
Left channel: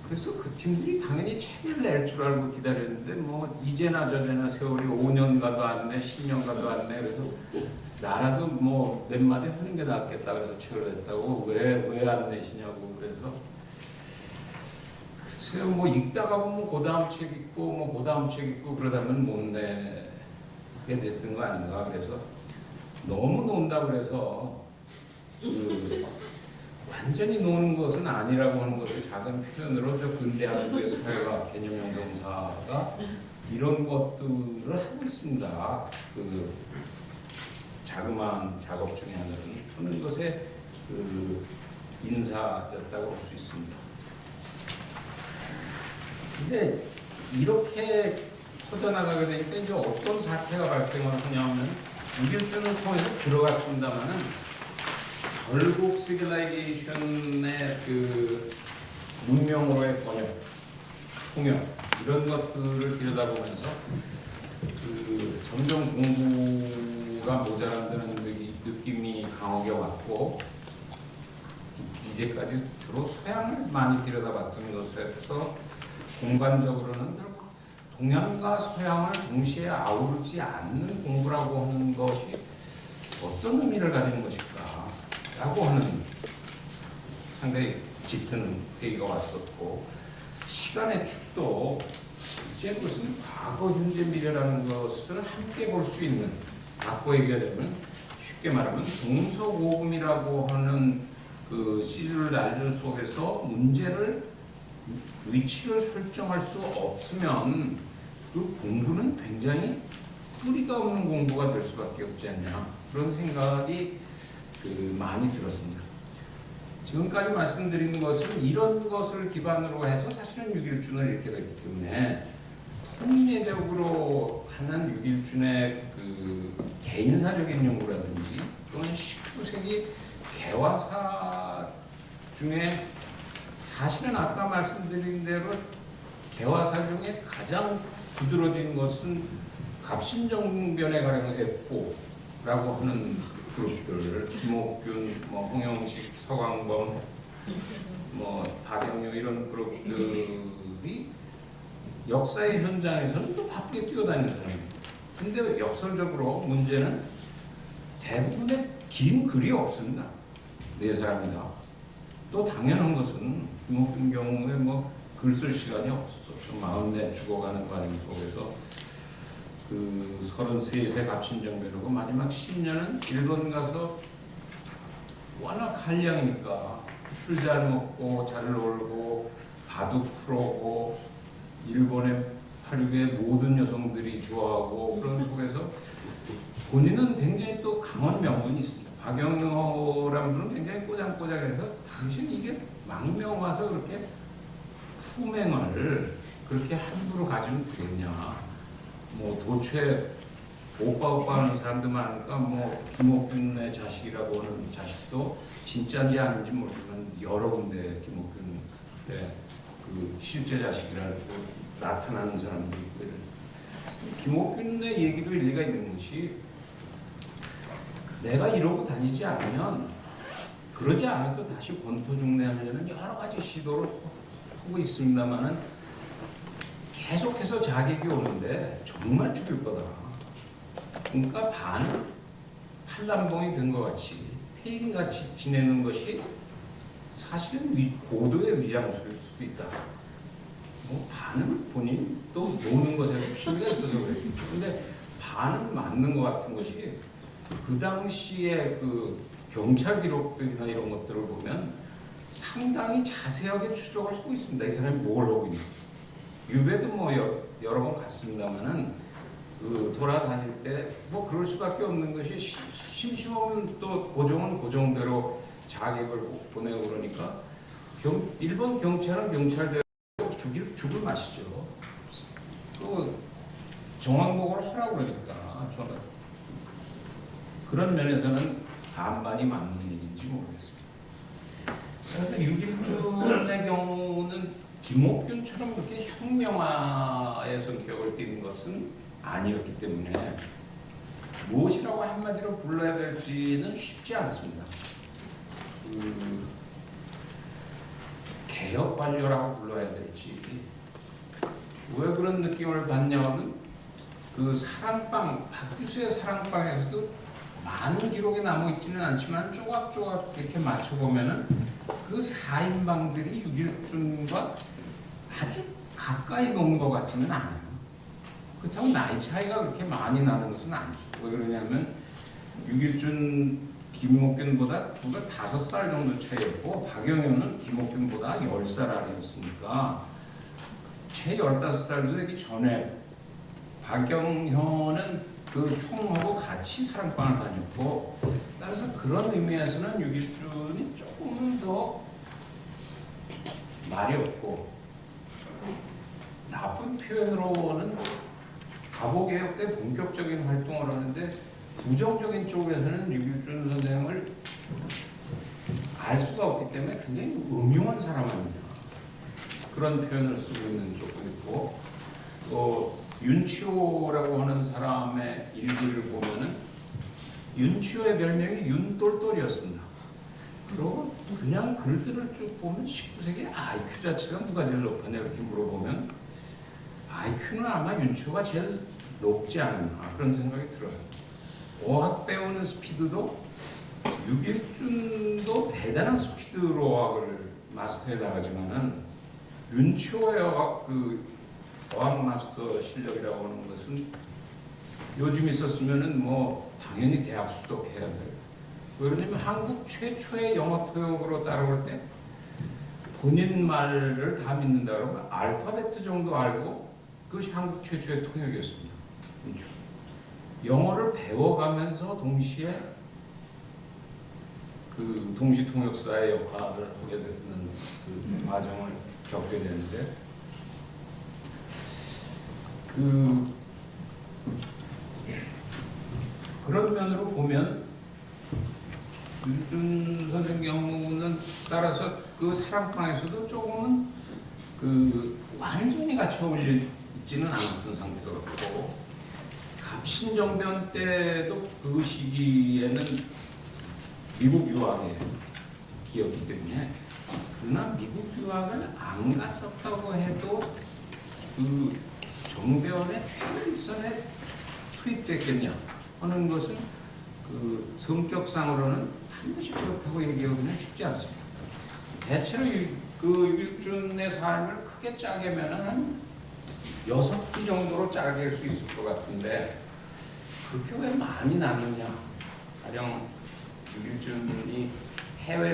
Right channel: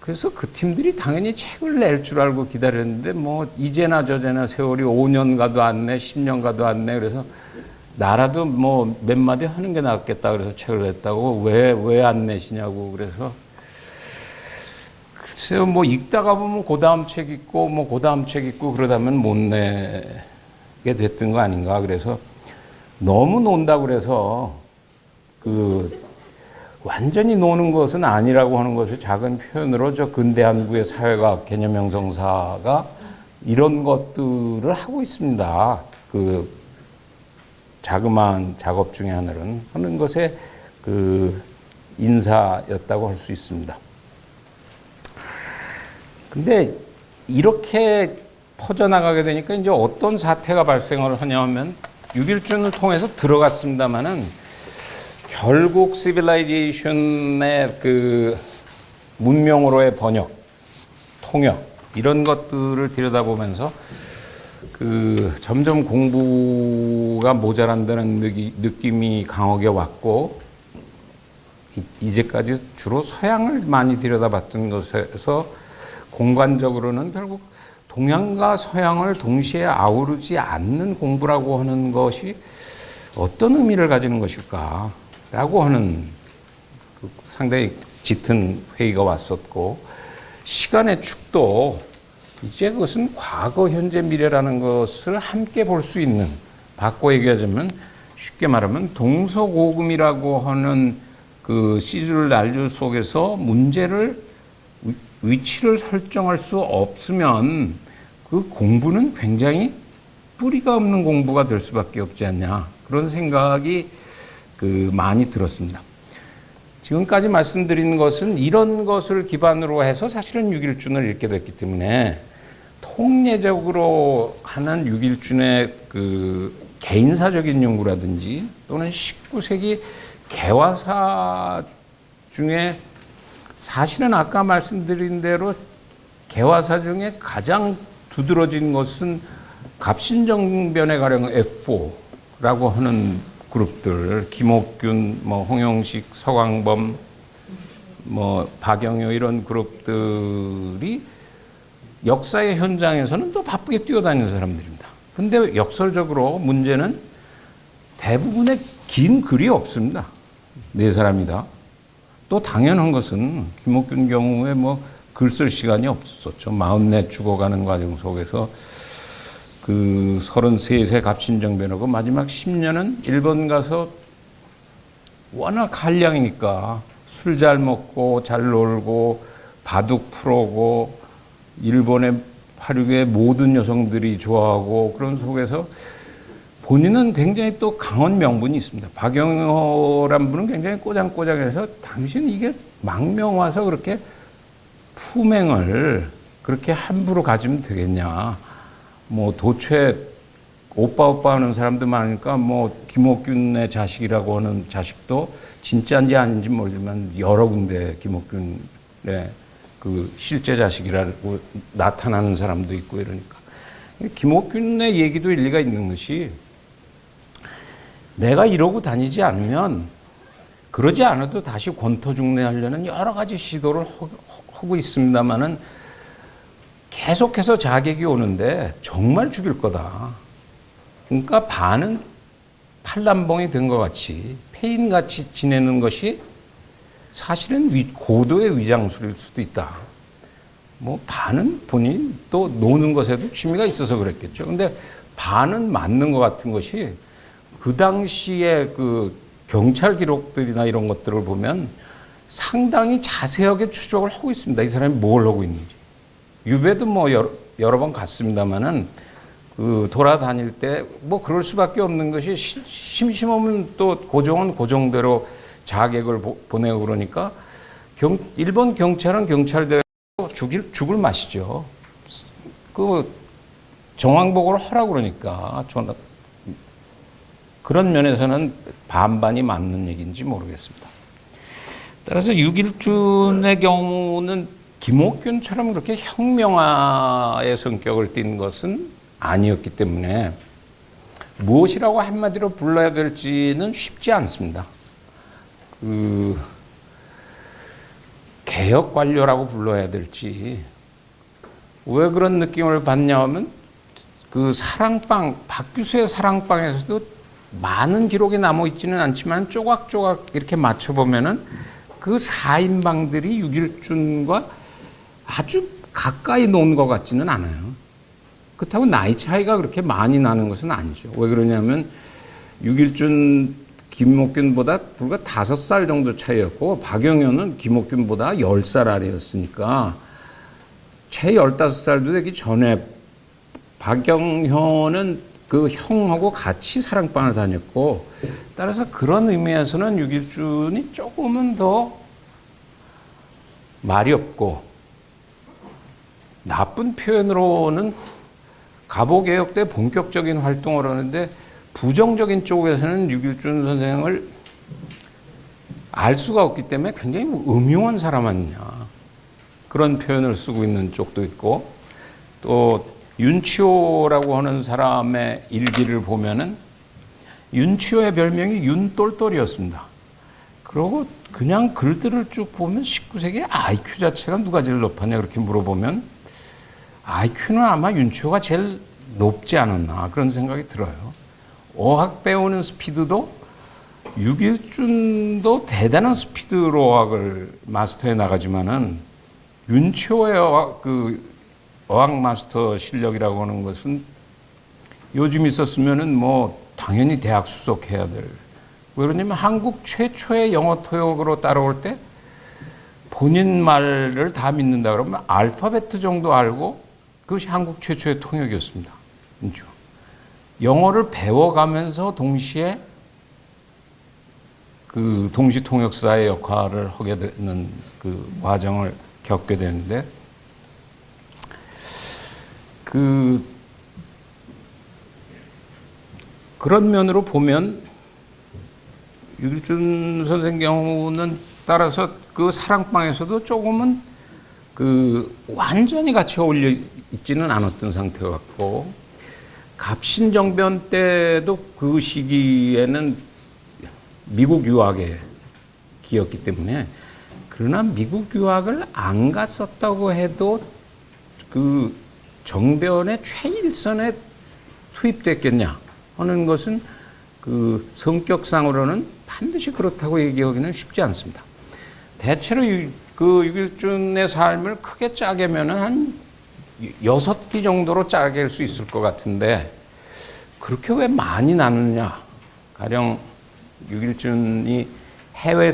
그래서 그 팀들이 당연히 책을 낼 줄 알고 기다렸는데 뭐 이제나 저제나 세월이 5년 가도 안 내, 10년 가도 안 내. 그래서 나라도 뭐 몇 마디 하는 게 낫겠다 그래서 책을 냈다고 왜 안 내시냐고 그래서 글쎄요 뭐 읽다가 보면 그 다음 책 있고 뭐 그 다음 책 있고 그러다면 못 내게 됐던 거 아닌가. 그래서 너무 논다고 그래서 그 완전히 노는 것은 아니라고 하는 것을 작은 표현으로 저 근대한국의 사회과학 개념 형성사가 이런 것들을 하고 있습니다. 그 자그마한 작업 중에 하는 것에 그 인사였다고 할 수 있습니다. 근데 이렇게 퍼져나가게 되니까 이제 어떤 사태가 발생을 하냐면 6.1준을 통해서 들어갔습니다만은 결국 시빌라이제이션의 그 문명으로의 번역, 통역 이런 것들을 들여다보면서 그 점점 공부가 모자란다는 느낌이 강하게 왔고 이제까지 주로 서양을 많이 들여다봤던 것에서 공간적으로는 결국 동양과 서양을 동시에 아우르지 않는 공부라고 하는 것이 어떤 의미를 가지는 것일까라고 하는 상당히 짙은 회의가 왔었고 시간의 축도 이제 그것은 과거, 현재, 미래라는 것을 함께 볼 수 있는 바꿔 얘기하자면 쉽게 말하면 동서고금이라고 하는 그 시줄 날줄 속에서 문제를 위치를 설정할 수 없으면 그 공부는 굉장히 뿌리가 없는 공부가 될 수밖에 없지 않냐 그런 생각이 그 많이 들었습니다. 지금까지 말씀드린 것은 이런 것을 기반으로 해서 사실은 6.1준을 읽게 됐기 때문에 통례적으로 하는 6.1준의 그 개인사적인 연구라든지 또는 19세기 개화사 중에 사실은 아까 말씀드린 대로 개화사 중에 가장 두드러진 것은 갑신정변에 가령 F4라고 하는 그룹들, 김옥균, 뭐 홍영식, 서광범, 뭐 박영효 이런 그룹들이 역사의 현장에서는 또 바쁘게 뛰어다니는 사람들입니다. 근데 역설적으로 문제는 대부분의 긴 글이 없습니다. 네 사람이다. 또 당연한 것은 김옥균 경우에 뭐 글 쓸 시간이 없었죠. 44 죽어가는 과정 속에서 그 33세 갑신정변하고 마지막 10년은 일본 가서 워낙 한량이니까 술 잘 먹고 잘 놀고 바둑 프로고 일본의 파륙의 모든 여성들이 좋아하고 그런 속에서 본인은 굉장히 또 강한 명분이 있습니다. 박영호란 분은 굉장히 꼬장꼬장해서 당신 이게 망명 와서 그렇게 품행을 그렇게 함부로 가지면 되겠냐. 뭐 도처에 오빠 하는 사람도 많으니까 뭐 김옥균의 자식이라고 하는 자식도 진짜인지 아닌지 모르지만 여러 군데 김옥균의 그 실제 자식이라고 나타나는 사람도 있고 이러니까 김옥균의 얘기도 일리가 있는 것이 내가 이러고 다니지 않으면 그러지 않아도 다시 권토중래하려는 여러 가지 시도를 하고 있습니다만은 계속해서 자객이 오는데 정말 죽일 거다. 그러니까 반은 팔남봉이 된 것 같이 폐인같이 지내는 것이 사실은 고도의 위장술일 수도 있다. 뭐 반은 본인 또 노는 것에도 취미가 있어서 그랬겠죠. 근데 반은 맞는 것 같은 것이 그 당시에 그 경찰 기록들이나 이런 것들을 보면 상당히 자세하게 추적을 하고 있습니다. 이 사람이 뭘 하고 있는지. 유배도 뭐 여러 번 갔습니다만은 그 돌아다닐 때 뭐 그럴 수밖에 없는 것이 심심하면 또 고종은 고종대로 자객을 보내고 그러니까 일본 경찰은 경찰대로 죽을 맛이죠. 그 정황보고를 하라고 그러니까 그런 면에서는 반반이 맞는 얘기인지 모르겠습니다. 따라서 육일준의 경우는 김옥균처럼 그렇게 혁명화의 성격을 띈 것은 아니었기 때문에 무엇이라고 한마디로 불러야 될지는 쉽지 않습니다. 개혁 관료라고 불러야 될지. 왜 그런 느낌을 받냐 하면 그 사랑방, 박규수의 사랑방에서도 많은 기록이 남아 있지는 않지만 조각조각 이렇게 맞춰보면은 그 4인방들이 육일준과 아주 가까이 논 것 같지는 않아요. 그렇다고 나이 차이가 그렇게 많이 나는 것은 아니죠. 왜 그러냐면 육일준, 김옥균보다 불과 5살 정도 차이였고 박영현은 김옥균보다 10살 아래였으니까 최 15살도 되기 전에 박영현은 그 형하고 같이 사랑방을 다녔고 따라서 그런 의미에서는 육일준이 조금은 더 말이 없고 나쁜 표현으로는 갑오개혁 때 본격적인 활동을 하는데 부정적인 쪽에서는 육일준 선생을 알 수가 없기 때문에 굉장히 음흉한 사람 아니냐 그런 표현을 쓰고 있는 쪽도 있고 또 윤치호라고 하는 사람의 일기를 보면은 윤치호의 별명이 윤똘똘이었습니다. 그리고 그냥 글들을 쭉 보면 19세기 IQ 자체가 누가 제일 높았냐 그렇게 물어보면 IQ는 아마 윤치호가 제일 높지 않았나 그런 생각이 들어요. 어학 배우는 스피드도 육일준도 대단한 스피드로 어학을 마스터해 나가지만은 윤치호의 어학 마스터 실력이라고 하는 것은 요즘 있었으면은 뭐 당연히 대학 수석해야 될. 왜 그러냐면 한국 최초의 영어 토역으로 따라올 때 본인 말을 다 믿는다 그러면 알파베트 정도 알고 그것이 한국 최초의 통역이었습니다. 그렇죠? 영어를 배워가면서 동시에 그 동시 통역사의 역할을 하게 되는 그 과정을 겪게 되는데 그런 면으로 보면 육일준 선생 경우는 따라서 그 사랑방에서도 조금은 그 완전히 같이 어울려 있지는 않았던 상태 같고 갑신정변 때도 그 시기에는 미국 유학에 기였기 때문에 그러나 미국 유학을 안 갔었다고 해도 그 정변의 최일선에 투입됐겠냐 하는 것은 그 성격상으로는 반드시 그렇다고 얘기하기는 쉽지 않습니다. 대체로 그 육일준의 삶을 크게 짜개면은 한 6기 정도로 짜갤 수 있을 것 같은데 그렇게 왜 많이 나누냐. 가령 육일준이 해외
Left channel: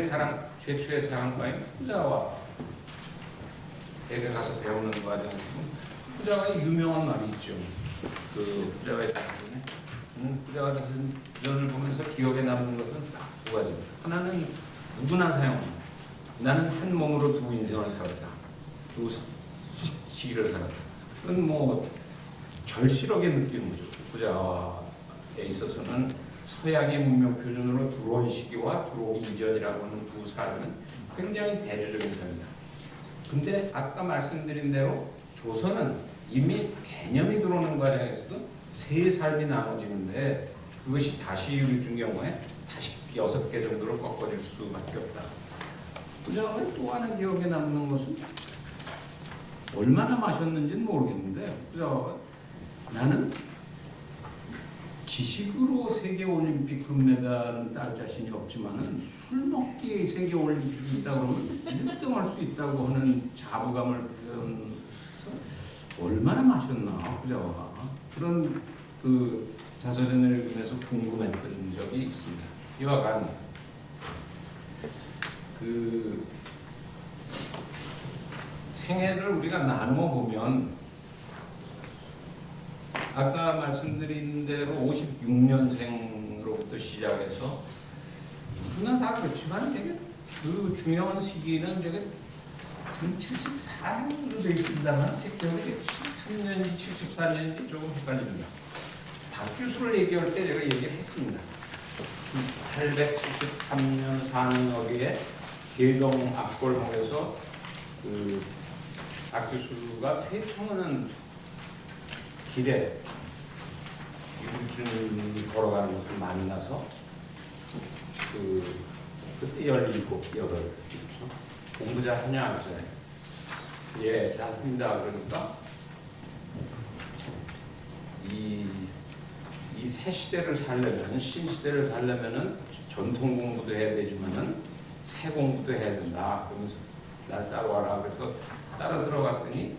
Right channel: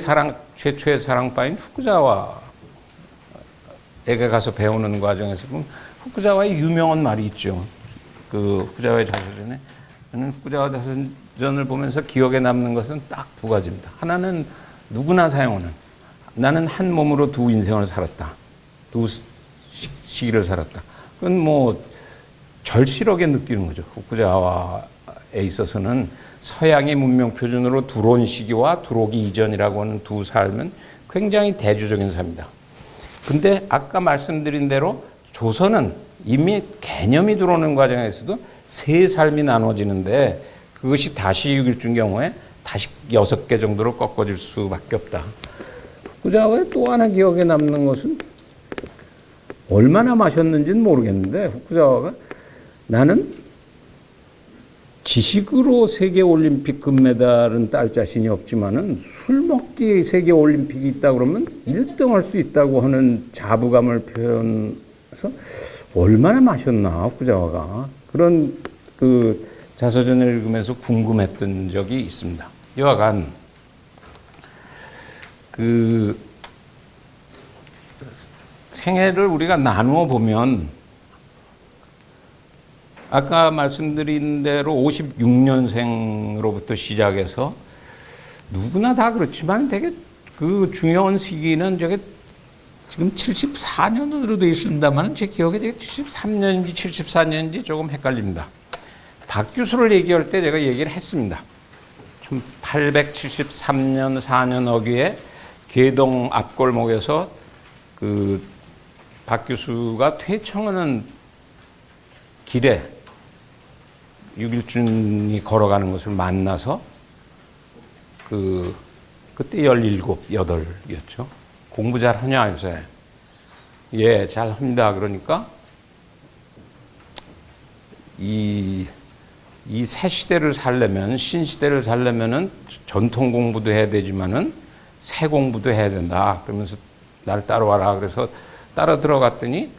최초의 사랑방인 후쿠자와에게 가서 배우는 과정에서 후쿠자와의 유명한 말이 있죠. 그 후쿠자와의 자서전에 저는 후쿠자와 자서전을 보면서 기억에 남는 것은 딱 2가지입니다. 하나는 누구나 사용하는 나는 한 몸으로 2 인생을 살았다. 2 시기를 살았다. 그건 뭐 절실하게 느끼는 거죠. 후쿠자와에 있어서는 서양의 문명 표준으로 두론 시기와 두로기 이전이라고 하는 2 삶은 굉장히 대조적인 삶이다. 근데 아까 말씀드린 대로 조선은 이미 개념이 들어오는 과정에서도 3 삶이 나눠지는데 그것이 다시 육일준 경우에 다시 6개 정도로 꺾어질 수밖에 없다. 후쿠자와의 또 하나 기억에 남는 것은 얼마나 마셨는지는 모르겠는데 후쿠자와가 나는 지식으로 세계올림픽 금메달은 딸 자신이 없지만은 술 먹기 세계올림픽이 있다 그러면 1등 할 수 있다고 하는 자부감을 표현해서 얼마나 마셨나 후쿠자와가 그런 그 자서전을 읽으면서 궁금했던 적이 있습니다. 여하간 그 생애를 우리가 나누어 보면 아까 말씀드린 대로 56년생으로부터 시작해서 누구나 다 그렇지만 되게 그 중요한 시기는 저게 지금 74년으로 되어 있습니다만 제 기억에 되게 73년인지 74년인지 조금 헷갈립니다. 박규수를 얘기할 때 제가 얘기를 했습니다. 873년 4년 어귀에 계동 앞골목에서 그 박규수가 퇴청하는 길에 유길준이 걸어가는 것을 만나서 그때 17, 8이었죠. 공부 잘하냐 요새? 예, 잘합니다. 그러니까 이 새 시대를 살려면 신시대를 살려면은 전통 공부도 해야 되지만은 새 공부도 해야 된다. 그러면서 날 따라와라. 그래서 따라 들어갔더니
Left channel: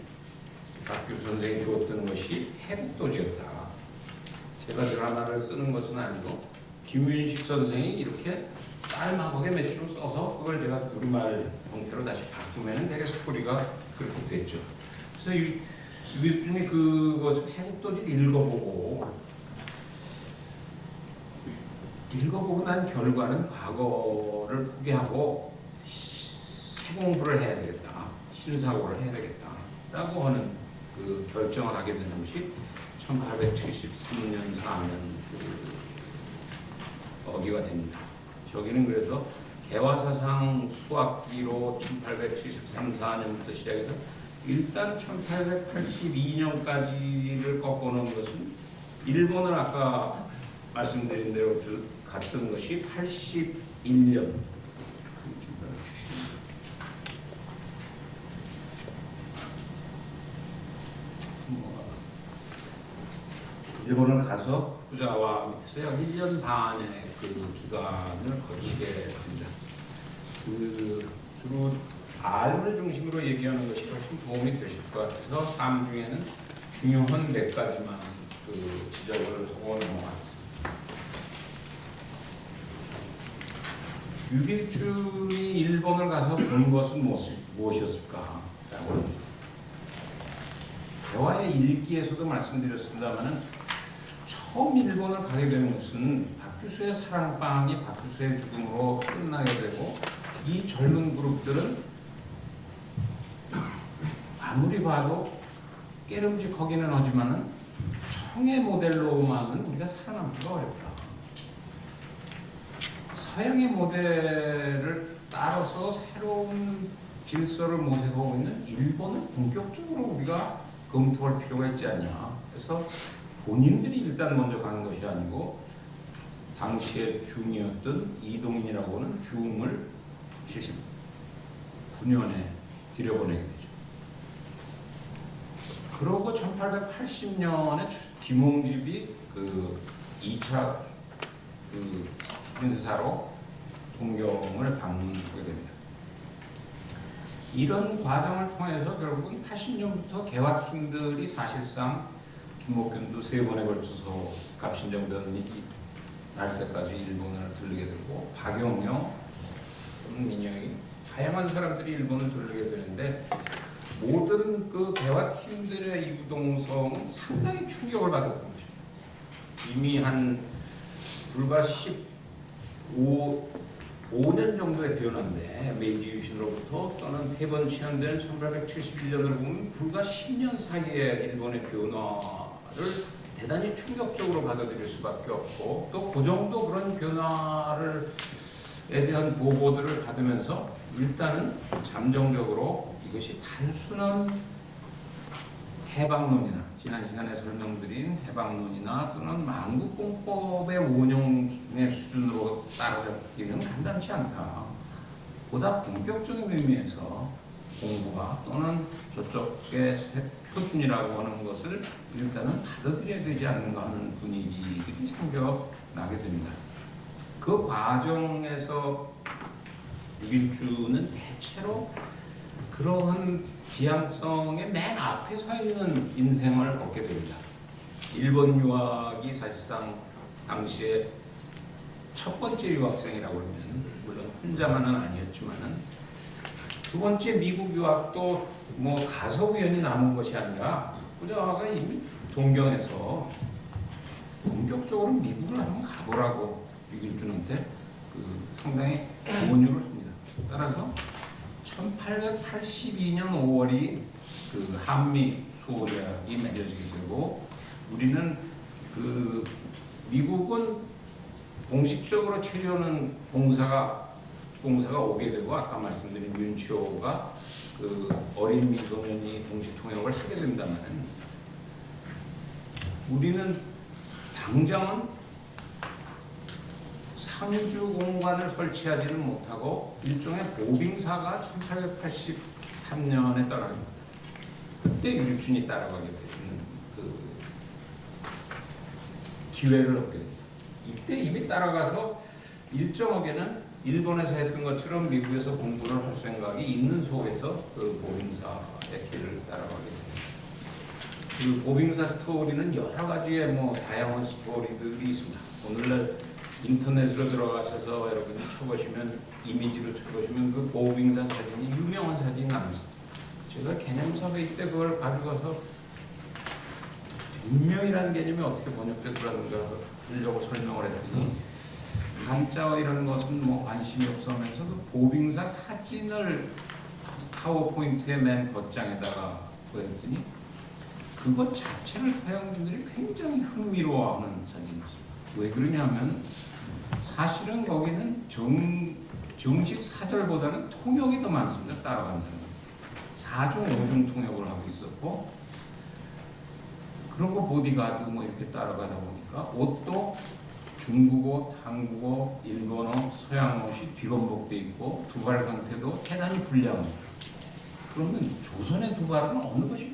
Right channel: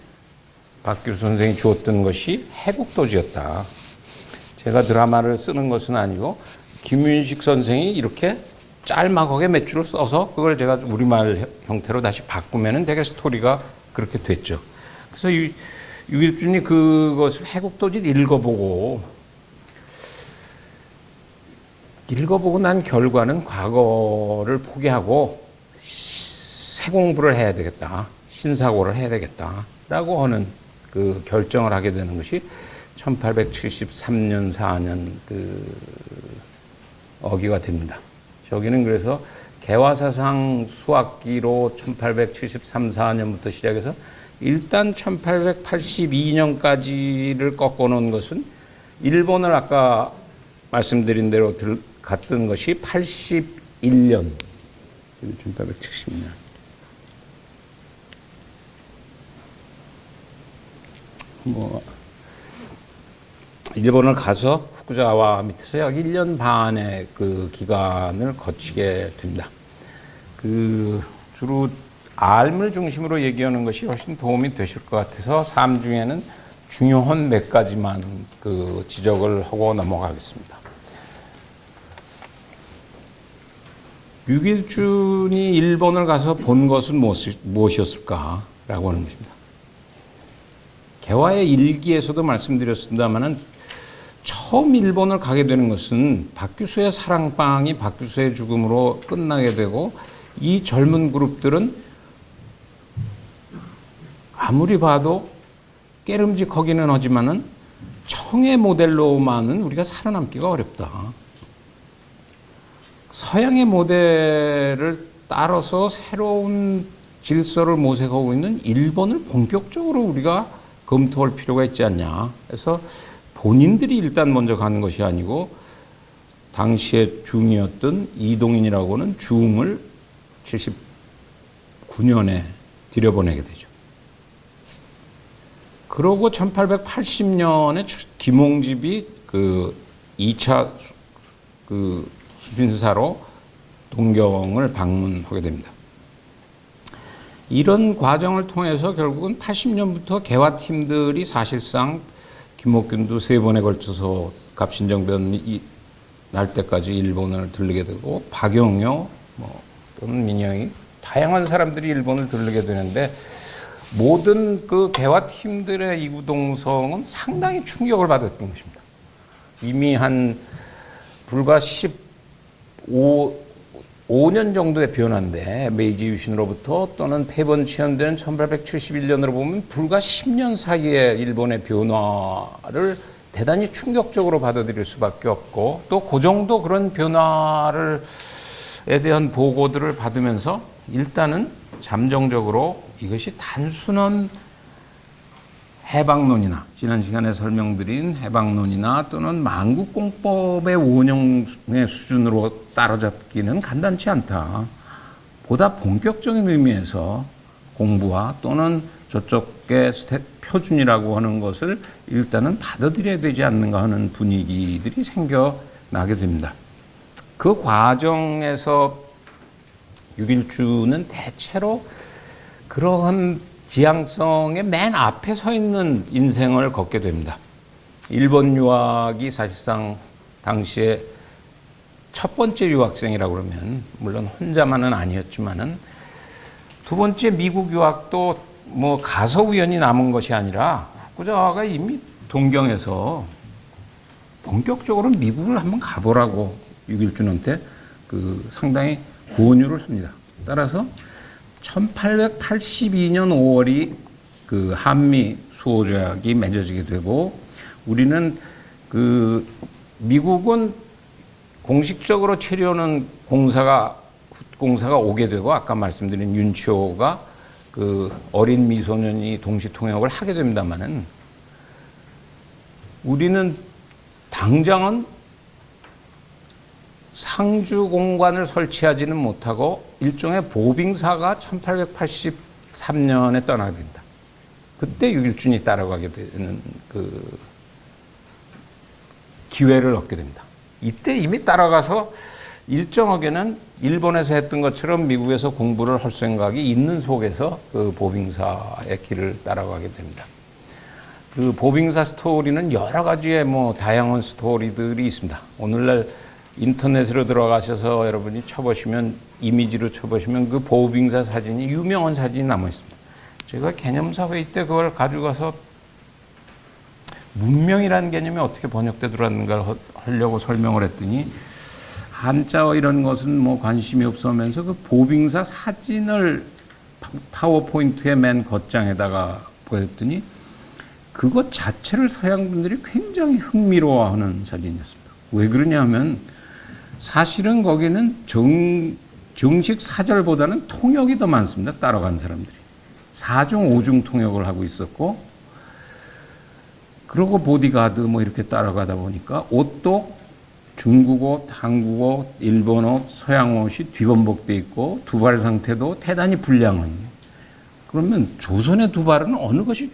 박규수 선생이 주었던 것이 해국도지였다. 제가 드라마를 쓰는 것은 아니고 김윤식 선생이 이렇게 짤막하게 몇 줄을 써서 그걸 제가 우리말 형태로 다시 바꾸면은 되게 스토리가 그렇게 됐죠. 그래서 유길준이 그것을 해국도지를 읽어보고 난 결과는 과거를 포기하고 새 공부를 해야 되겠다. 신사고를 해야 되겠다라고 하는 그 결정을 하게 되는 것이 1873년 4년 그 어기가 됩니다. 저기는 그래서 개화사상 수학기로 1873, 4년부터 시작해서 일단 1882년까지를 꺾어놓은 것은 일본을 아까 말씀드린 대로 갔던 것이 81년, 1870년. 일본을 가서 후쿠자와 밑에서 약 1년 반의 그 기간을 거치게 됩니다. 주로 알을 중심으로 얘기하는 것이 훨씬 도움이 되실 것 같아서 삶 중에는 중요한 몇 가지만 그 지적을 하고 넘어가겠습니다. 유길준이 일본을 가서 본 것은 무엇이었을까라고 하는 것입니다. 개화의 일기에서도 말씀드렸습니다만은 처음 일본을 가게 되는 것은 박규수의 사랑방이 박규수의 죽음으로 끝나게 되고 이 젊은 그룹들은 아무리 봐도 깨름직하기는 하지만은 청의 모델로만은 우리가 살아남기가 어렵다. 서양의 모델을 따라서 새로운 질서를 모색하고 있는 일본을 본격적으로 우리가 검토할 필요가 있지 않냐. 그래서 본인들이 일단 먼저 가는 것이 아니고 당시에 중이었던 이동인이라고는 중을 79년에 들여보내게 되죠. 그러고 1880년에 김홍집이 그 2차 그 수신사로 동경을 방문하게 됩니다. 이런 과정을 통해서 결국은 80년부터 개화팀들이 사실상 김옥균도 3번에 걸쳐서 갑신정변이 날 때까지 일본을 들르게 되고 박영효 또는 민영이 다양한 사람들이 일본을 들르게 되는데 모든 그 개화팀들의 이구동성은 상당히 충격을 받았던 것입니다. 이미 한 불과 5년 정도의 변화인데 메이지 유신으로부터 또는 폐번 치현된 1871년으로 보면 불과 10년 사이에 일본의 변화를 대단히 충격적으로 받아들일 수밖에 없고 또 그 정도 그런 변화에 대한 보고들을 받으면서 일단은 잠정적으로 이것이 단순한 해방론이나 지난 시간에 설명드린 해방론이나 또는 만국공법의 원형의 수준으로 따라잡기는 간단치 않다. 보다 본격적인 의미에서 공부와 또는 저쪽의 표준이라고 하는 것을 일단은 받아들여야 되지 않는가 하는 분위기들이 생겨나게 됩니다. 그 과정에서 6.1주는 대체로 그러한 지향성의 맨 앞에 서 있는 인생을 걷게 됩니다. 일본 유학이 사실상 당시에 첫 번째 유학생이라고 그러면 물론 혼자만은 아니었지만은 두 번째 미국 유학도 뭐 가서 우연히 남은 것이 아니라 후쿠자와가 이미 동경에서 본격적으로 미국을 한번 가보라고 6.1주한테 상당히 권유를 합니다. 따라서 1882년 5월이 한미 수호조약이 맺어지게 되고 우리는 미국은 공식적으로 체류하는 공사가 오게 되고 아까 말씀드린 윤치호가 어린 미소년이 동시 통역을 하게 됩니다만은 우리는 당장은 상주 공관을 설치하지는 못하고 일종의 보빙사가 1883년에 떠나게 됩니다. 그때 6.1준이 따라가게 되는 기회를 얻게 됩니다. 이때 이미 따라가서 일정하게는 일본에서 했던 것처럼 미국에서 공부를 할 생각이 있는 속에서 보빙사의 길을 따라가게 됩니다. 보빙사 스토리는 여러 가지의 다양한 스토리들이 있습니다. 오늘날 인터넷으로 들어가셔서 여러분이 쳐보시면 이미지로 쳐보시면 보빙사 사진이 유명한 사진이 남아 있습니다. 제가 개념사 회의 때 그걸 가져가서 문명이라는 개념이 어떻게 번역되더라는가를 하려고 설명을 했더니 한자어 이런 것은 관심이 없으면서 보빙사 사진을 파워포인트의 맨 겉장에다가 보였더니 그것 자체를 서양 분들이 굉장히 흥미로워하는 사진이었습니다. 왜 그러냐면 사실은 거기는 정식 사절보다는 통역이 더 많습니다. 따라간 사람들이. 4중, 5중 통역을 하고 있었고 그리고 보디가드 이렇게 따라가다 보니까 옷도 중국어, 한국어, 일본어, 서양어시 뒤범벅돼 있고 두발 상태도 대단히 불량한. 그러면 조선의 두발은 어느 것이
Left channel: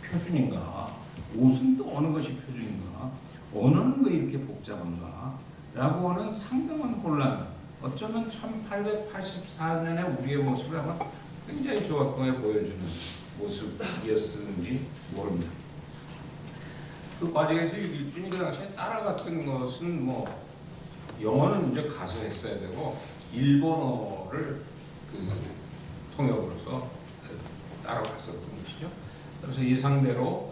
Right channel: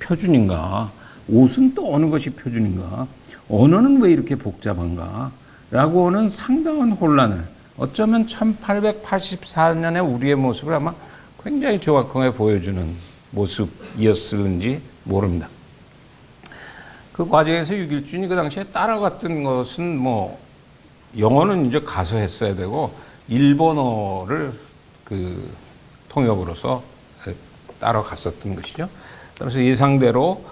표준인가? 옷은 또 어느 것이 표준인가? 언어는 왜 이렇게 복잡한가? 라고 하는 상당한 혼란을 어쩌면 1884년의 우리의 모습을 아마 굉장히 정확하게 보여주는 모습이었을지 모릅니다. 그 과정에서 6.1준이 그 당시에 따라갔던 것은 영어는 이제 가서 했어야 되고 일본어를 통역으로서 따라갔었던 것이죠. 그래서 예상대로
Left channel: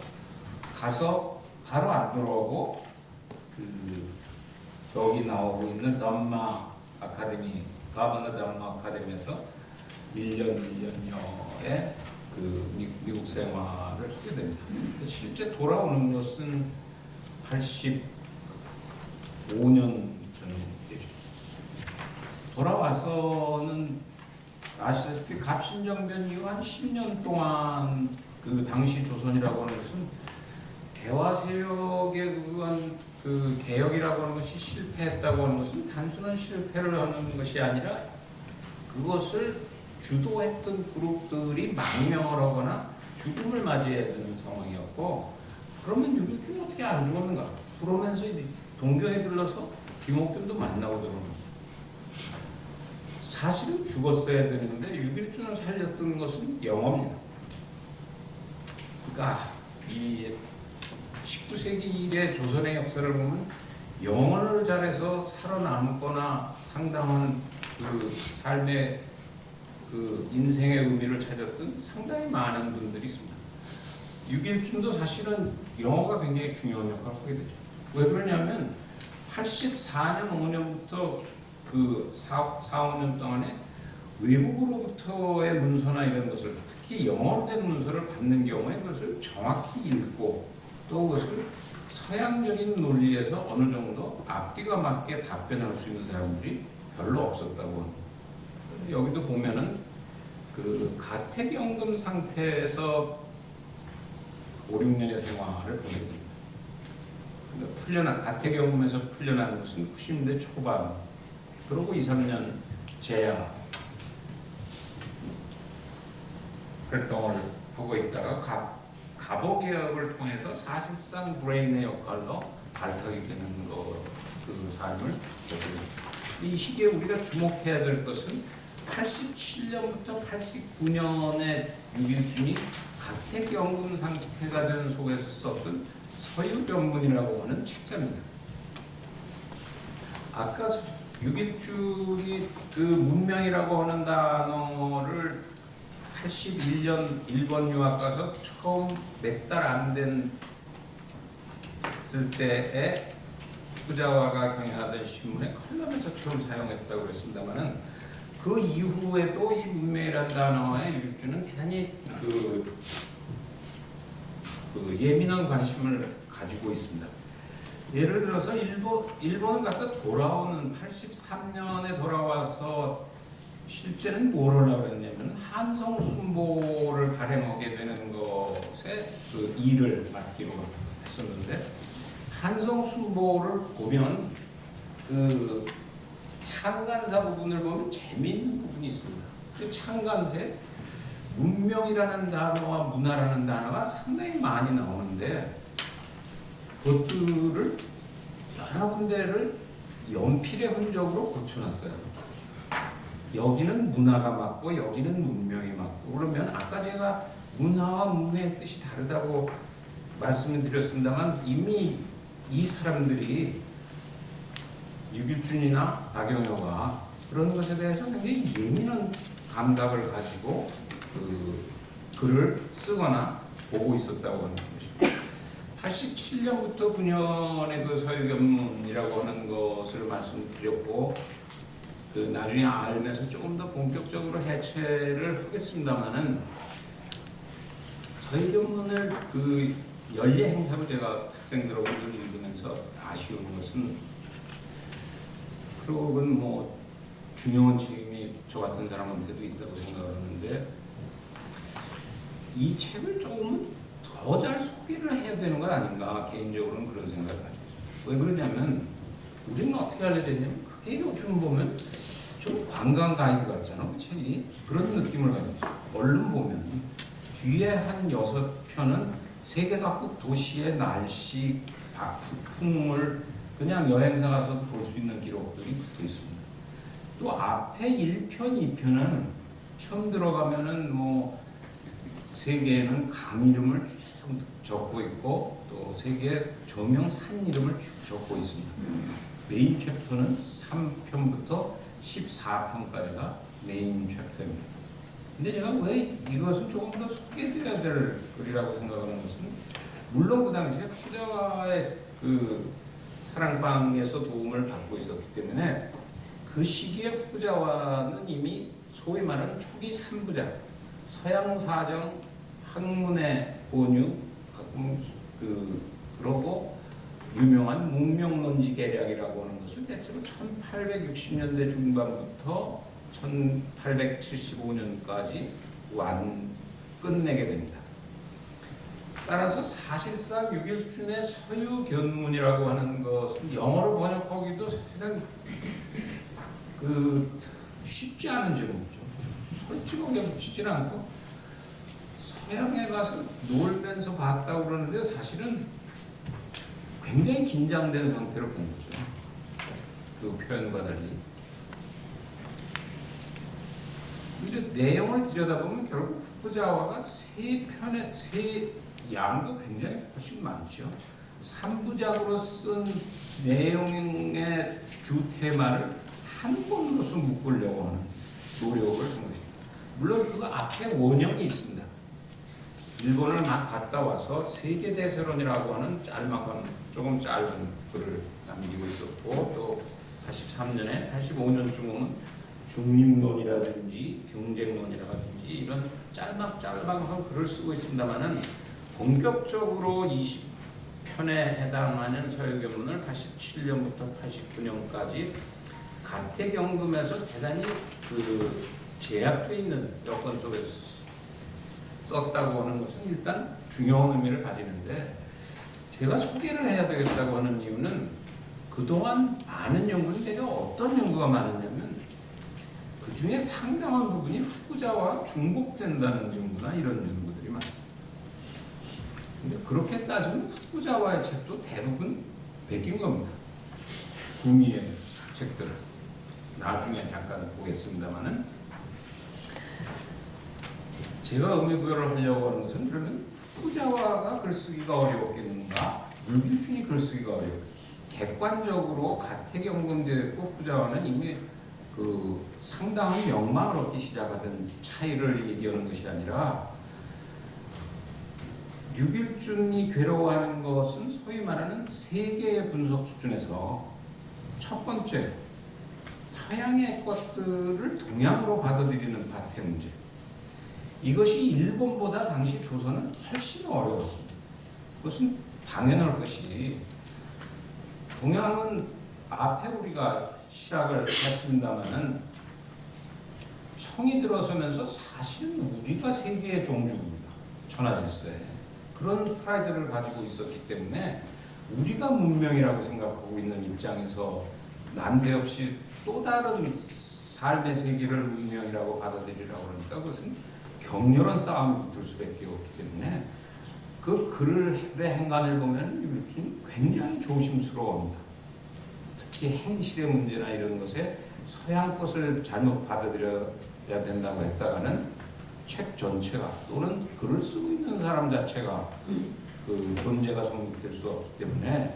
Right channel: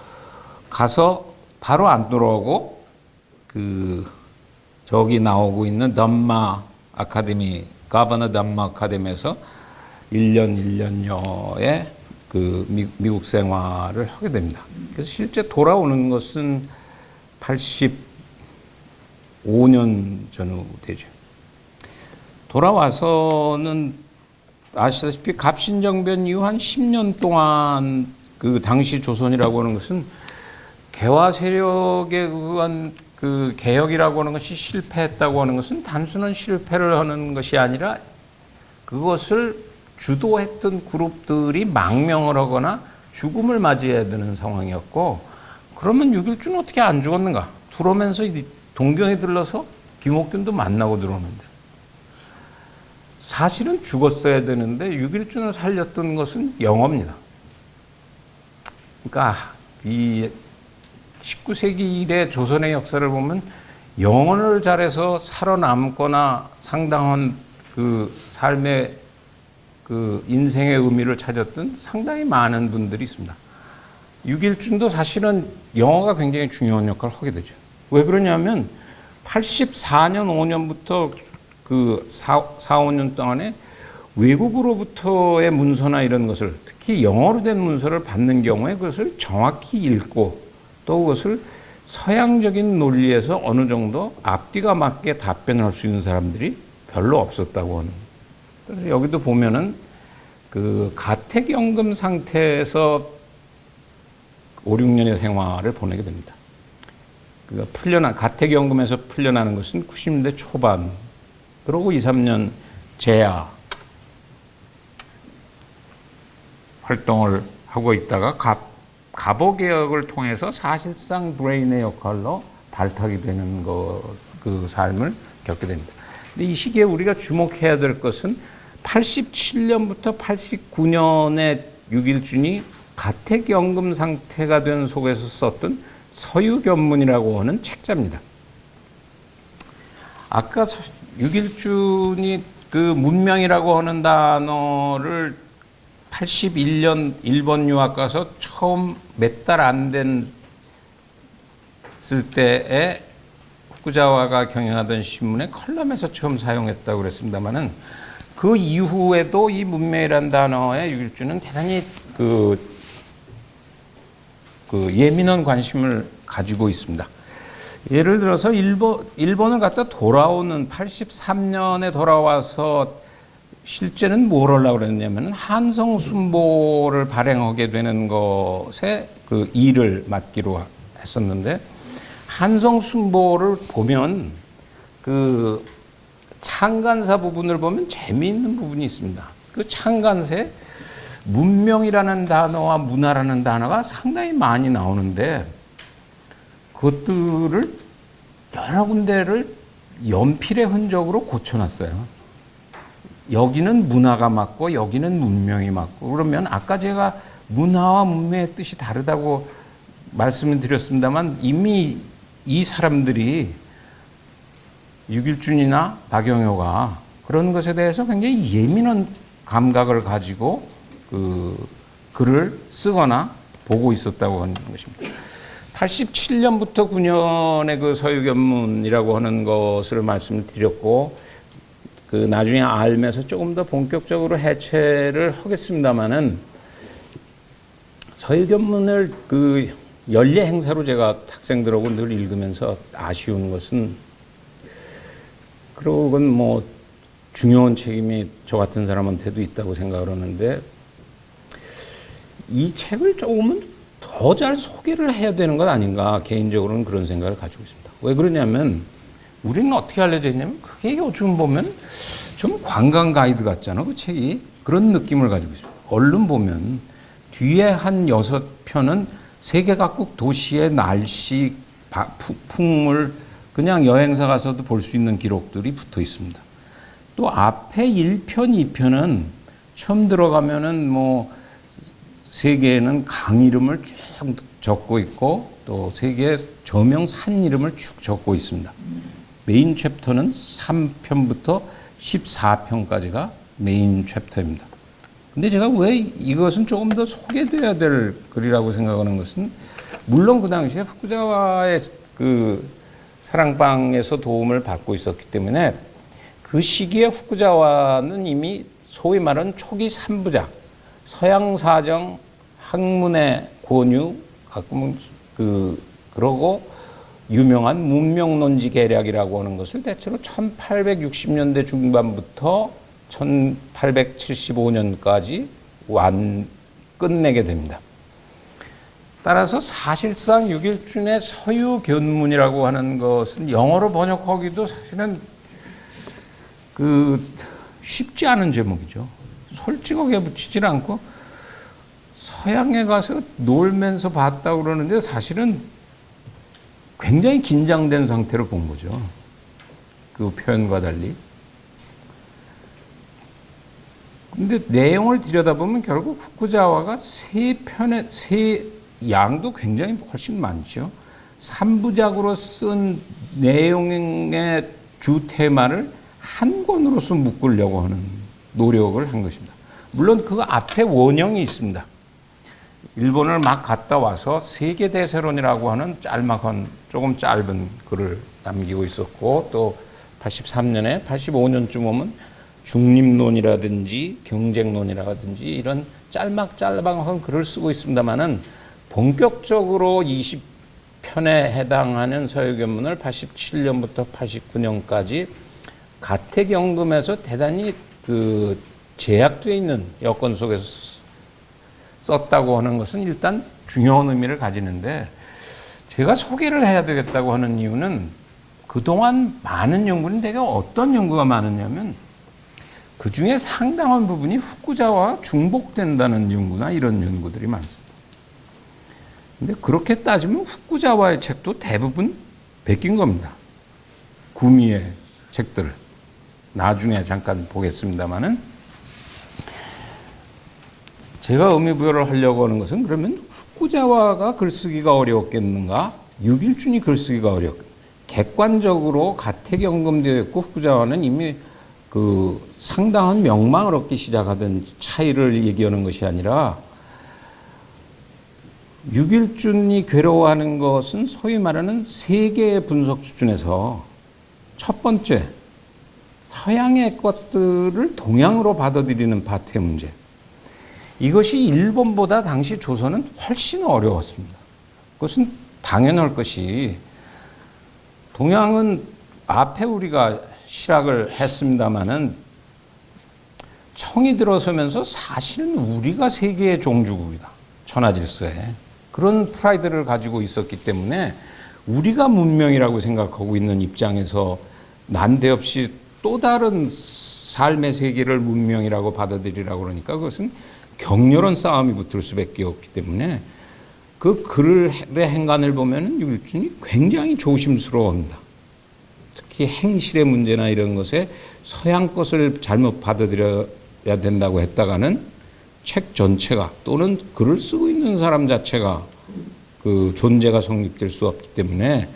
가서 바로 안 돌아오고 저기 나오고 있는 덤마 아카데미, 가버너 덤마 아카데미에서 1년여의 미국 생활을 하게 됩니다. 그래서 실제 돌아오는 것은 85년 전후 되죠. 돌아와서는 아시다시피 갑신정변 이후 한 10년 동안 당시 조선이라고 하는 것은 개화 세력에 의한 개혁이라고 하는 것이 실패했다고 하는 것은 단순한 실패를 하는 것이 아니라 그것을 주도했던 그룹들이 망명을 하거나 죽음을 맞이해야 되는 상황이었고 그러면 6.1주는 어떻게 안 죽었는가? 들어오면서 동경에 들러서 김옥균도 만나고 들어오는데 사실은 죽었어야 되는데 6.1주를 살렸던 것은 영어입니다. 그러니까 이 19세기 이래 조선의 역사를 보면 영어를 잘해서 살아남거나 상당한 삶의 인생의 의미를 찾았던 상당히 많은 분들이 있습니다. 6.1준도 사실은 영어가 굉장히 중요한 역할을 하게 되죠. 왜 그러냐면 84년 5년부터 4, 5년 동안에 외국으로부터의 문서나 이런 것을 특히 영어로 된 문서를 받는 경우에 그것을 정확히 읽고 또 그것을 서양적인 논리에서 어느 정도 앞뒤가 맞게 답변할 수 있는 사람들이 별로 없었다고 하는. 그래서 여기도 보면은 가택연금 상태에서 5, 6년의 생활을 보내게 됩니다. 가택연금에서 풀려나는 것은 90년대 초반, 그리고 2, 3년 재야. 활동을 하고 있다가 갑오 개혁을 통해서 사실상 브레인의 역할로 발탁이 되는 그 삶을 겪게 됩니다. 근데 이 시기에 우리가 주목해야 될 것은 87년부터 89년에 육일준이 가택연금 상태가 된 속에서 썼던 서유견문이라고 하는 책자입니다. 아까 육일준이 그 문명이라고 하는 단어를 81년 일본 유학 가서 처음 몇 달 안 됐을 때에 후쿠자와가 경영하던 신문의 컬럼에서 처음 사용했다고 그랬습니다만은 그 이후에도 이 문명이라는 단어에 육일준은 대단히 그 예민한 관심을 가지고 있습니다. 예를 들어서 일본을 갔다 돌아오는 83년에 돌아와서 실제는 뭘 하려고 그랬냐면 한성순보를 발행하게 되는 것에 그 일을 맡기로 했었는데 한성순보를 보면 그 창간사 부분을 보면 재미있는 부분이 있습니다. 그 창간사에 문명이라는 단어와 문화라는 단어가 상당히 많이 나오는데 그것들을 여러 군데를 연필의 흔적으로 고쳐놨어요. 여기는 문화가 맞고 여기는 문명이 맞고 그러면 아까 제가 문화와 문명의 뜻이 다르다고 말씀을 드렸습니다만 이미 이 사람들이 육일준이나 박영효가 그런 것에 대해서 굉장히 예민한 감각을 가지고 그 글을 쓰거나 보고 있었다고 하는 것입니다. 87년부터 9년의 그 서유견문이라고 하는 것을 말씀을 드렸고 그 나중에 알면서 조금 더 본격적으로 해체를 하겠습니다만은 서유견문을 그 연례 행사로 제가 학생들하고 늘 읽으면서 아쉬운 것은 그러건 뭐 중요한 책임이 저 같은 사람한테도 있다고 생각을 하는데 이 책을 조금은 더 잘 소개를 해야 되는 것 아닌가 개인적으로는 그런 생각을 가지고 있습니다. 왜 그러냐면 우리는 어떻게 알려져 있냐면 그게 요즘 보면 좀 관광 가이드 같잖아 그 책이 그런 느낌을 가지고 있습니다. 얼른 보면 뒤에 한 6편은 세계 각국 도시의 날씨, 풍물 그냥 여행사 가서도 볼 수 있는 기록들이 붙어 있습니다. 또 앞에 1편, 2편은 처음 들어가면은 뭐 세계에는 강 이름을 쭉 적고 있고 또 세계의 저명 산 이름을 쭉 적고 있습니다. 메인 챕터는 3편부터 14편까지가 메인 챕터입니다. 근데 제가 왜 이것은 조금 더 소개돼야 될 글이라고 생각하는 것은 물론 그 당시에 후쿠자와의 그 사랑방에서 도움을 받고 있었기 때문에 그 시기에 후쿠자와는 이미 소위 말하는 초기 3부작 서양사정, 학문의 권유, 가끔은 그러고 유명한 문명론지 계략이라고 하는 것을 대체로 1860년대 중반부터 1875년까지 끝내게 됩니다. 따라서 사실상 육일준의 서유견문이라고 하는 것은 영어로 번역하기도 사실은 쉽지 않은 제목이죠. 솔직하게 붙이질 않고 서양에 가서 놀면서 봤다고 그러는데 사실은 굉장히 긴장된 상태로 본 거죠. 그 표현과 달리. 근데 내용을 들여다보면 결국 후쿠자와가 양도 굉장히 훨씬 많죠. 3부작으로 쓴 내용의 주 테마를 한 권으로서 묶으려고 하는 노력을 한 것입니다. 물론 그 앞에 원형이 있습니다. 일본을 막 갔다 와서 세계대세론이라고 하는 짤막한 조금 짧은 글을 남기고 있었고 또 83년에 85년쯤 오면 중립론이라든지 경쟁론이라든지 이런 짤막한 글을 쓰고 있습니다만은 본격적으로 20편에 해당하는 서유견문을 87년부터 89년까지 가택연금에서 대단히 제약되어 있는 여건 속에서 썼다고 하는 것은 일단 중요한 의미를 가지는데 제가 소개를 해야 되겠다고 하는 이유는 그동안 많은 연구는 되게 어떤 연구가 많았냐면 그 중에 상당한 부분이 후쿠자와와 중복된다는 연구나 이런 연구들이 많습니다. 근데 그렇게 따지면 후쿠자와의 책도 대부분 베낀 겁니다. 구미의 책들을. 나중에 잠깐 보겠습니다만은 제가 의미부여를 하려고 하는 것은 그러면 후쿠자와가 글쓰기가 어려웠겠는가? 유길준이 글쓰기가 어렵겠는가? 객관적으로 가택연금되어 있고 후쿠자와는 이미 그 상당한 명망을 얻기 시작하던 차이를 얘기하는 것이 아니라 유길준이 괴로워하는 것은 소위 말하는 세계의 분석 수준에서 첫 번째 서양의 것들을 동양으로 받아들이는 파트의 문제. 이것이 일본보다 당시 조선은 훨씬 어려웠습니다. 그것은 당연할 것이 동양은 앞에 우리가 실학을 했습니다마는 청이 들어서면서 사실은 우리가 세계의 종주국이다. 천하질서에. 그런 프라이드를 가지고 있었기 때문에 우리가 문명이라고 생각하고 있는 입장에서 난데없이 또 다른 삶의 세계를 문명이라고 받아들이라고 그러니까 그것은 격렬한 싸움이 붙을 수밖에 없기 때문에 그 글의 행간을 보면 유길준이 굉장히 조심스러워합니다. 특히 행실의 문제나 이런 것에 서양 것을 잘못 받아들여야 된다고 했다가는 책 전체가 또는 글을 쓰고 있는 사람 자체가 그 존재가 성립될 수 없기 때문에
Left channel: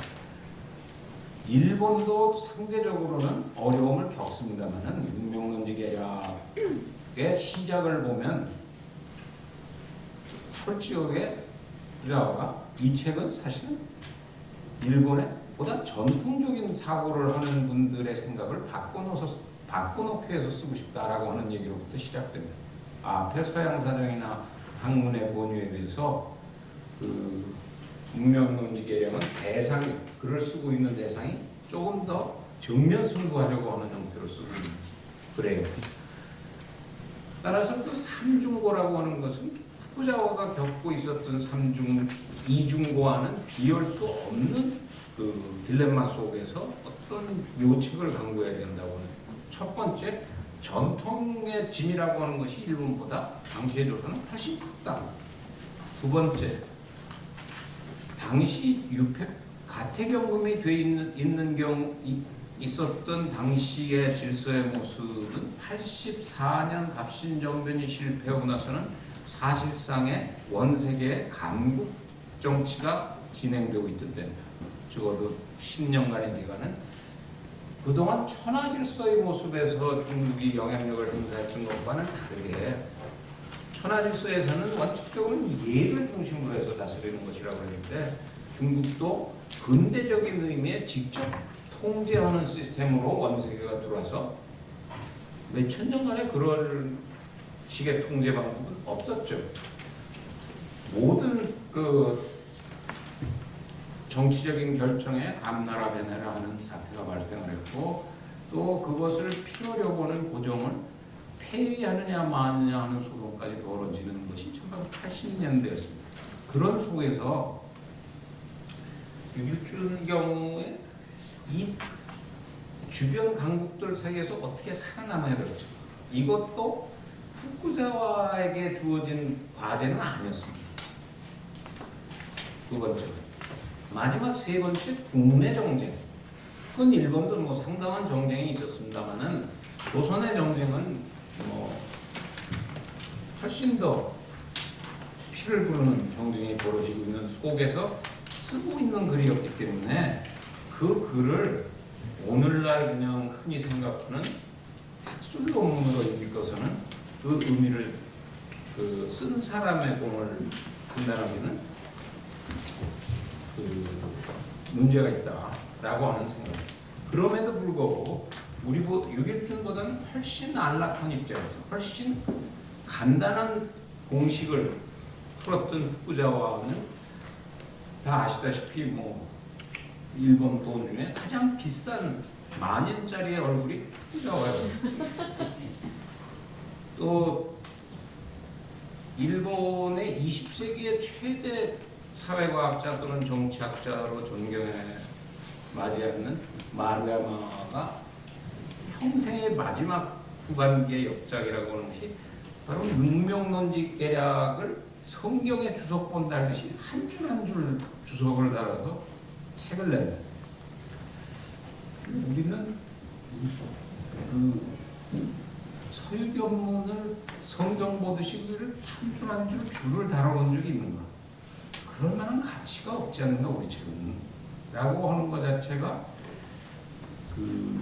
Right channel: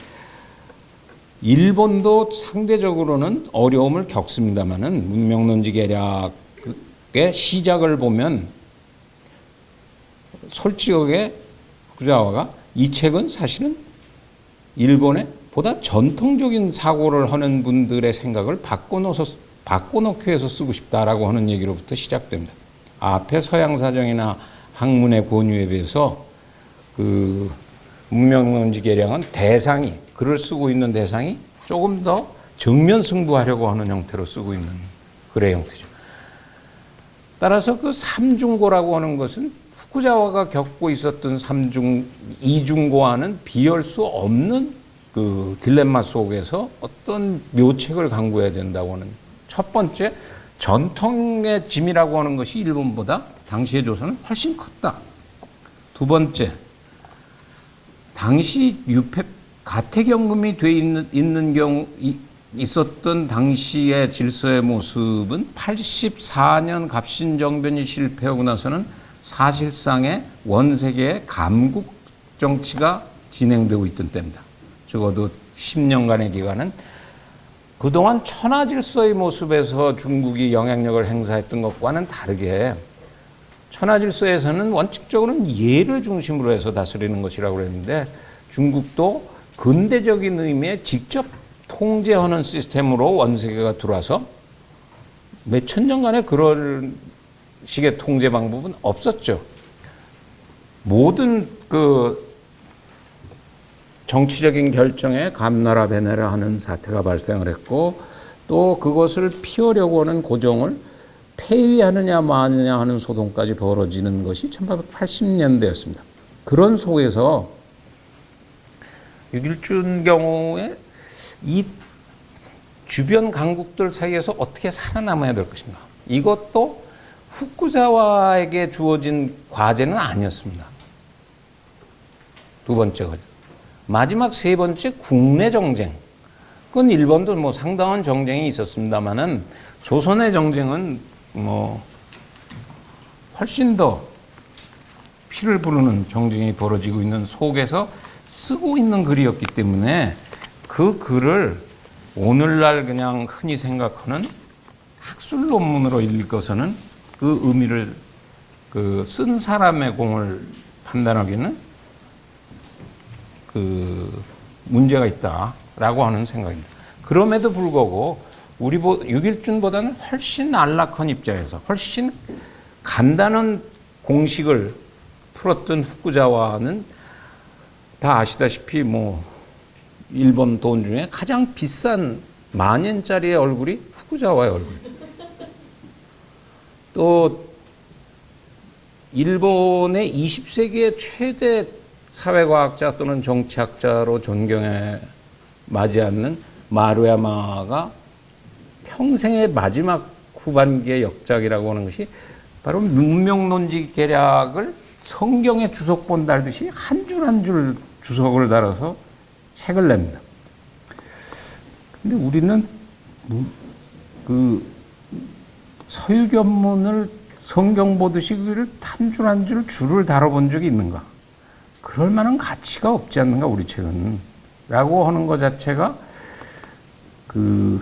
일본도 상대적으로는 어려움을 겪습니다마는 문명론지 계략의 시작을 보면 솔직하게 후쿠자와가 이 책은 사실은 일본의 보다 전통적인 사고를 하는 분들의 생각을 바꿔놓기 위해서 쓰고 싶다라고 하는 얘기로부터 시작됩니다. 앞에 서양사정이나 학문의 권유에 비해서 그 문명론지 계량은 대상이 글을 쓰고 있는 대상이 조금 더 정면 승부하려고 하는 형태로 쓰고 있는 글의 형태죠. 따라서 그 삼중고라고 하는 것은 후쿠자와가 겪고 있었던 이중고와는 비할 수 없는 그 딜레마 속에서 어떤 묘책을 강구해야 된다고 하는 첫 번째 전통의 짐이라고 하는 것이 일본보다 당시의 조선은 훨씬 컸다. 두 번째 당시 가택연금이 돼 있는 경우 있었던 당시의 질서의 모습은 84년 갑신정변이 실패하고 나서는 사실상의 원세계의 감국 정치가 진행되고 있던 때입니다. 적어도 10년간의 기간은 그동안 천하질서의 모습에서 중국이 영향력을 행사했던 것과는 다르게 천하질서에서는 원칙적으로는 예를 중심으로 해서 다스리는 것이라고 그랬는데 중국도 근대적인 의미의 직접 통제하는 시스템으로 원세계가 들어와서 몇천 년간의 그런 식의 통제 방법은 없었죠. 모든 그 정치적인 결정에 감나라 배나라 하는 사태가 발생을 했고 또 그것을 피하려고 하는 고정을 폐위하느냐 마느냐 하는 소동까지 벌어지는 것이 1880년대였습니다. 그런 속에서 유길준 경우에 이 주변 강국들 사이에서 어떻게 살아남아야 될 것인가. 이것도 후쿠자와에게 주어진 과제는 아니었습니다. 두 번째가. 마지막 세 번째 국내 정쟁. 그건 일본도 뭐 상당한 정쟁이 있었습니다만은 조선의 정쟁은 뭐 훨씬 더 피를 부르는 정쟁이 벌어지고 있는 속에서 쓰고 있는 글이었기 때문에 그 글을 오늘날 그냥 흔히 생각하는 학술 논문으로 읽어서는 그 의미를 그 쓴 사람의 공을 판단하기는 그 문제가 있다라고 하는 생각입니다. 그럼에도 불구하고 유길준보다는 훨씬 안락한 입장에서 훨씬 간단한 공식을 풀었던 후쿠자와는 다 아시다시피 뭐 일본 돈 중에 가장 비싼 10,000엔짜리의 얼굴이 후쿠자와의 얼굴. 또 일본의 20세기의 최대 사회과학자 또는 정치학자로 존경에 맞지 않는 마루야마가 평생의 마지막 후반기의 역작이라고 하는 것이 바로 문명론지 계략을 성경에 주석본 달듯이 한 줄 한 줄 주석을 달아서 책을 냅니다. 근데 우리는 그 서유견문을 성경 보듯이 한 줄 한 줄 줄을 달아본 적이 있는가? 그럴 만한 가치가 없지 않는가 우리 책은? 라고 하는 것 자체가 그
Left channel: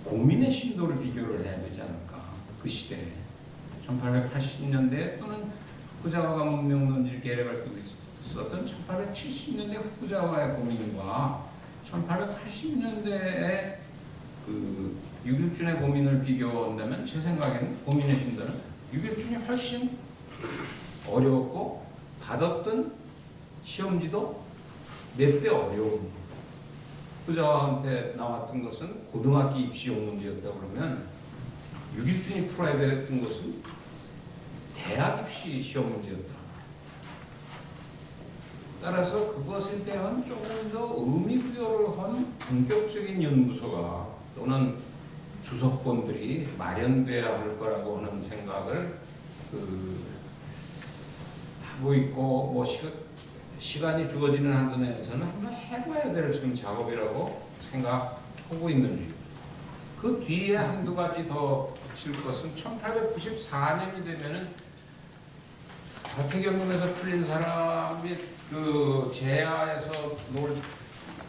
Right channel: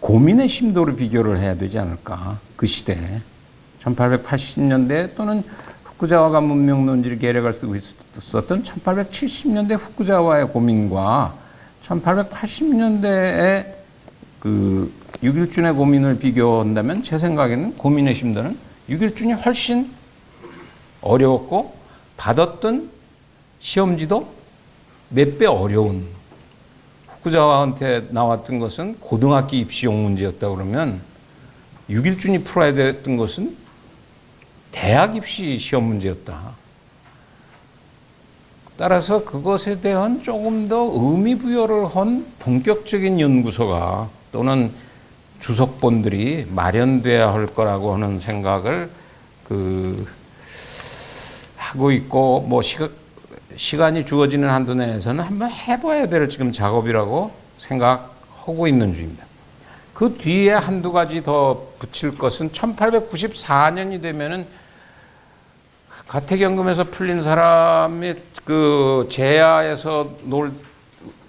고민의 심도를 비교를 해야 되지 않을까? 그 시대에 1880년대 또는 후쿠자와가 문명론지를 계략을 쓰고 있었던 1870년대 후쿠자와의 고민과 1880년대의 그 육일준의 고민을 비교한다면 제 생각에는 고민의 심도는 육일준이 훨씬 어려웠고 받았던 시험지도 몇 배 어려운, 후쿠자와한테 나왔던 것은 고등학교 입시용 문제였다 그러면 육일준이 풀어야 됐던 것은 대학 입시 시험 문제였다. 따라서 그것에 대한 조금 더 의미 부여를 한 본격적인 연구소가 또는 주석본들이 마련돼야 할 거라고 하는 생각을 하고 있고, 뭐 시간이 주어지는 한도 내에서는 한번 해봐야 될 지금 작업이라고 생각하고 있는 중입니다. 그 뒤에 한두 가지 더 붙일 것은 1894년이 되면은 가택연금에서 풀린 사람이 그 제야에서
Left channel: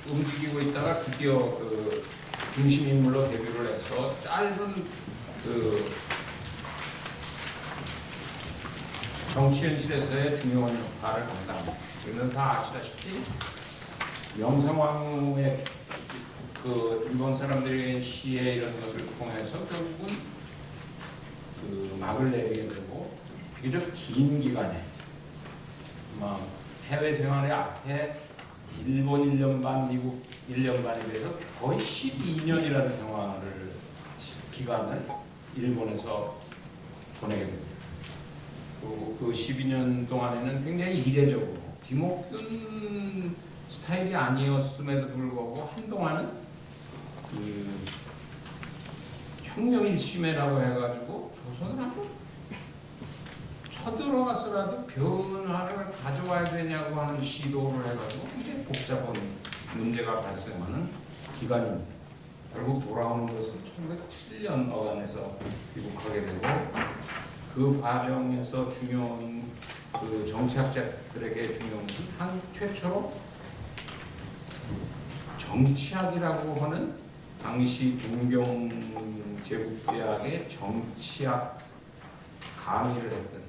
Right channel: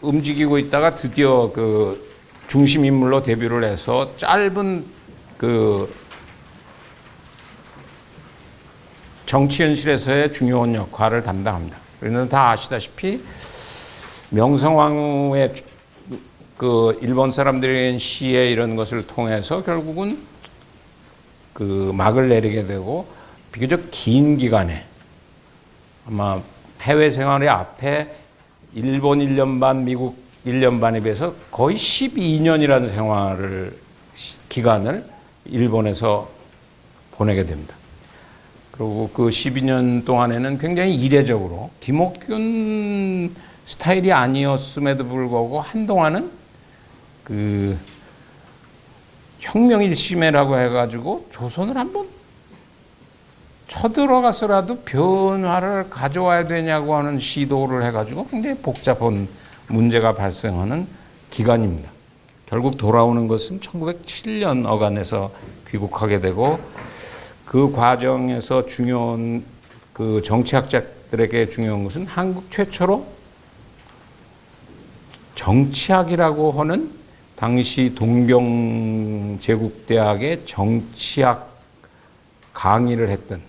움직이고 있다가 드디어 그 중심 인물로 데뷔를 해서 짧은 그 정치 현실에서의 중요한 역할을 담당합니다. 우리는 다 아시다시피 명성황후의 그 일본 사람들의 시해 이런 것을 통해서 결국은 그 막을 내리게 되고 비교적 긴 기간에 아마 해외 생활의 앞에 일본 1년 반, 미국 1년 반에 비해서 거의 12년이라는 기간을 일본에서 보내게 됩니다. 그리고 그 12년 동안에는 굉장히 이례적으로 김옥균 스타일이 아니었음에도 불구하고 한동안은 그 혁명일심회라고 해가지고 조선을 한번 쳐들어가서라도 변화를 가져와야 되냐고 하는 시도를 해가지고 굉장히 복잡한 문제가 발생하는 기간입니다. 결국 돌아오는 것은 1907년 어간에서 귀국하게 되고 그 과정에서 중요한 그 정치학자들에게 중요한 것은 한국 최초로 정치학이라고 하는 당시 동경제국대학의 정치학 강의를 했던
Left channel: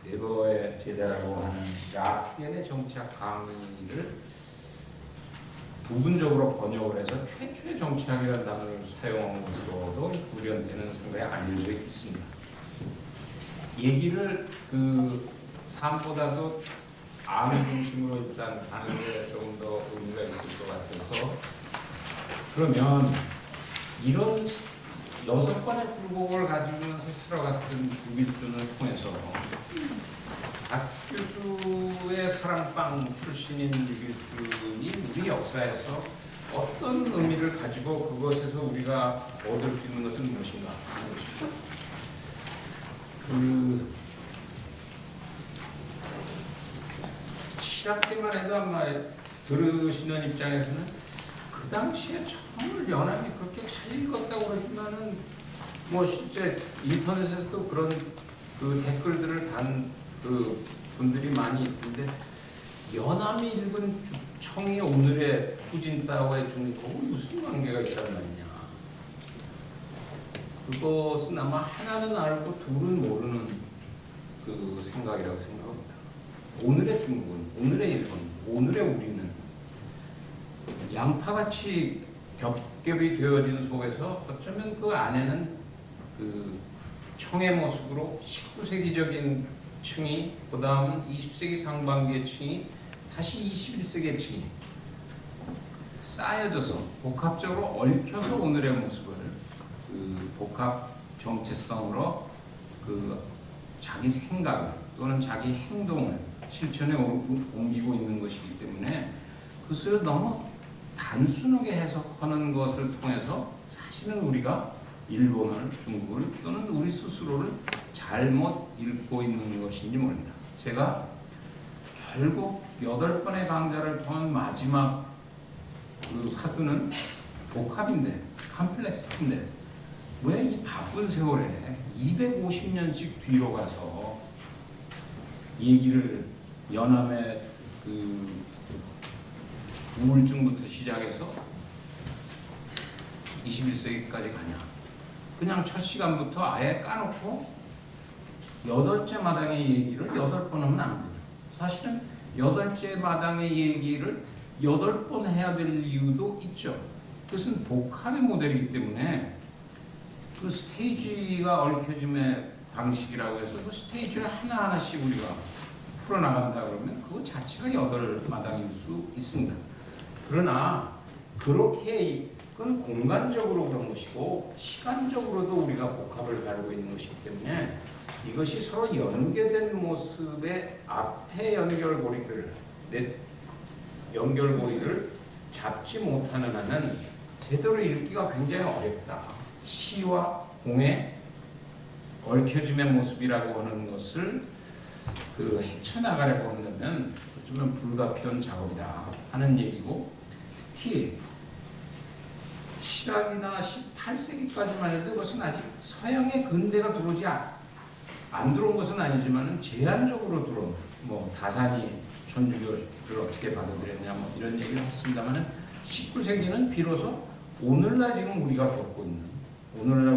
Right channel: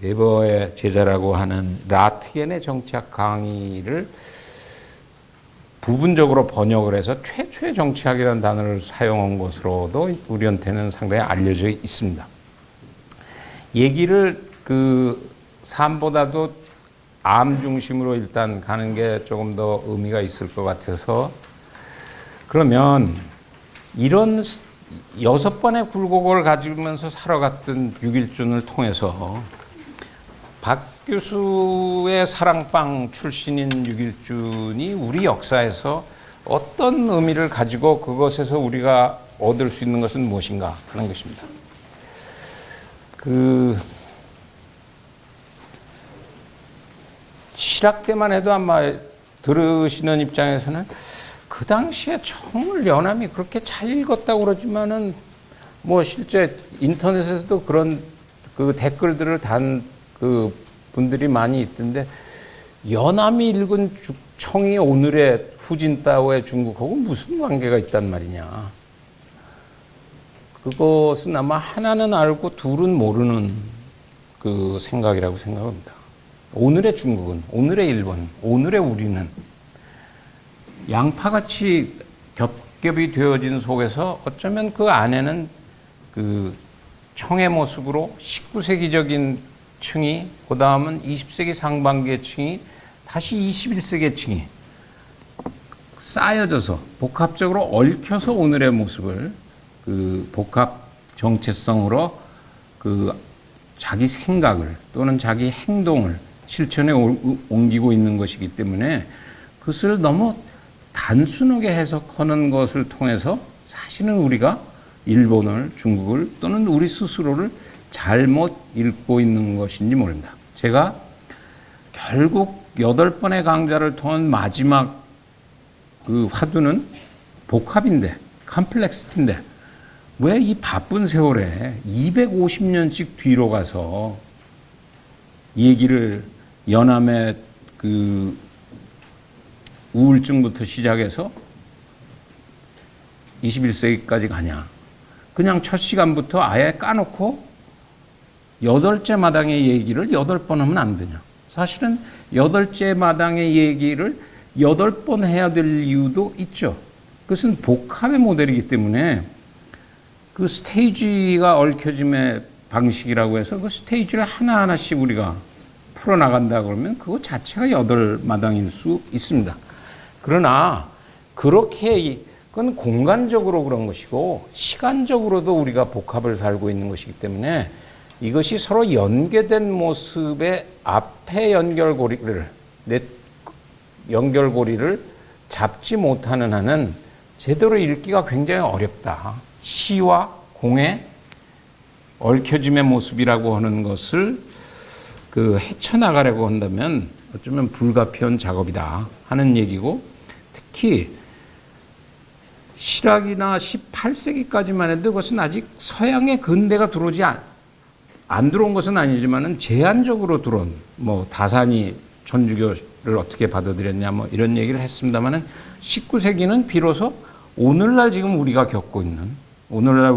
베버의 제자라고 하는 라트겐의 정치학 강의를 부분적으로 번역을 해서 최초의 정치학이라는 단어를 사용한 것으로도 우리한테는 상당히 알려져 있습니다. 얘기를 그 삶보다도 암 중심으로 일단 가는 게 조금 더 의미가 있을 것 같아서, 그러면 이런 6번의 굴곡을 가지면서 살아갔던 육일준을 통해서 박 교수의 사랑방 출신인 육일준이 우리 역사에서 어떤 의미를 가지고 그것에서 우리가 얻을 수 있는 것은 무엇인가 하는 것입니다. 실학 때만 해도 아마 들으시는 입장에서는 그 당시에 정말 연암이 그렇게 잘 읽었다고 그러지만은 뭐 실제 인터넷에서도 그런 그 댓글들을 단 그 분들이 많이 있던데, 연암이 읽은 청이 오늘의 후진타오의 중국하고 무슨 관계가 있단 말이냐. 그것은 아마 하나는 알고 둘은 모르는 그 생각이라고 생각합니다. 오늘의 중국은, 오늘의 일본, 오늘의 우리는 양파같이 겹겹이 되어진 속에서 어쩌면 그 안에는 그 청의 모습으로 19세기적인 층이, 그 다음은 20세기 상반기의 층이, 다시 21세기의 층이 쌓여져서 복합적으로 얽혀서 오늘의 모습을 그 복합 정체성으로 그 자기 생각을 또는 자기 행동을 실천에 옮기고 있는 것이기 때문에 그것을 너무 단순하게 해석하는 것을 통해서 사실은 우리가 일본을, 중국을 또는 우리 스스로를 잘못 읽고 있는 것인지 모릅니다. 제가 결국 8번의 강좌를 통한 마지막 그 화두는 복합인데, 컴플렉스인데, 왜 이 바쁜 세월에 250년씩 뒤로 가서 이 얘기를 연암의 그 우울증부터 시작해서 21세기까지 가냐. 그냥 첫 시간부터 아예 까놓고 8째 마당의 얘기를 8번 하면 안 되냐. 사실은 8째 마당의 얘기를 8번 해야 될 이유도 있죠. 그것은 복합의 모델이기 때문에 그 스테이지가 얽혀짐의 방식이라고 해서 그 스테이지를 하나하나씩 우리가 풀어나간다 그러면 그거 자체가 8마당일 수 있습니다. 그러나 그렇게 그건 공간적으로 그런 것이고 시간적으로도 우리가 복합을 살고 있는 것이기 때문에 이것이 서로 연계된 모습의 앞에 연결고리를 잡지 못하는 한은 제대로 읽기가 굉장히 어렵다. 시와 공의 얽혀짐의 모습이라고 하는 것을 헤쳐나가려고 한다면 어쩌면 불가피한 작업이다 하는 얘기고, 특히 실학이나 18세기까지만 해도 그것은 아직 서양의 근대가 들어오지 안 들어온 것은 아니지만은 제한적으로 들어온, 뭐 다산이 천주교를 어떻게 받아들였냐 뭐 이런 얘기를 했습니다만은 19세기는 비로소 오늘날 지금 우리가 겪고 있는, 오늘날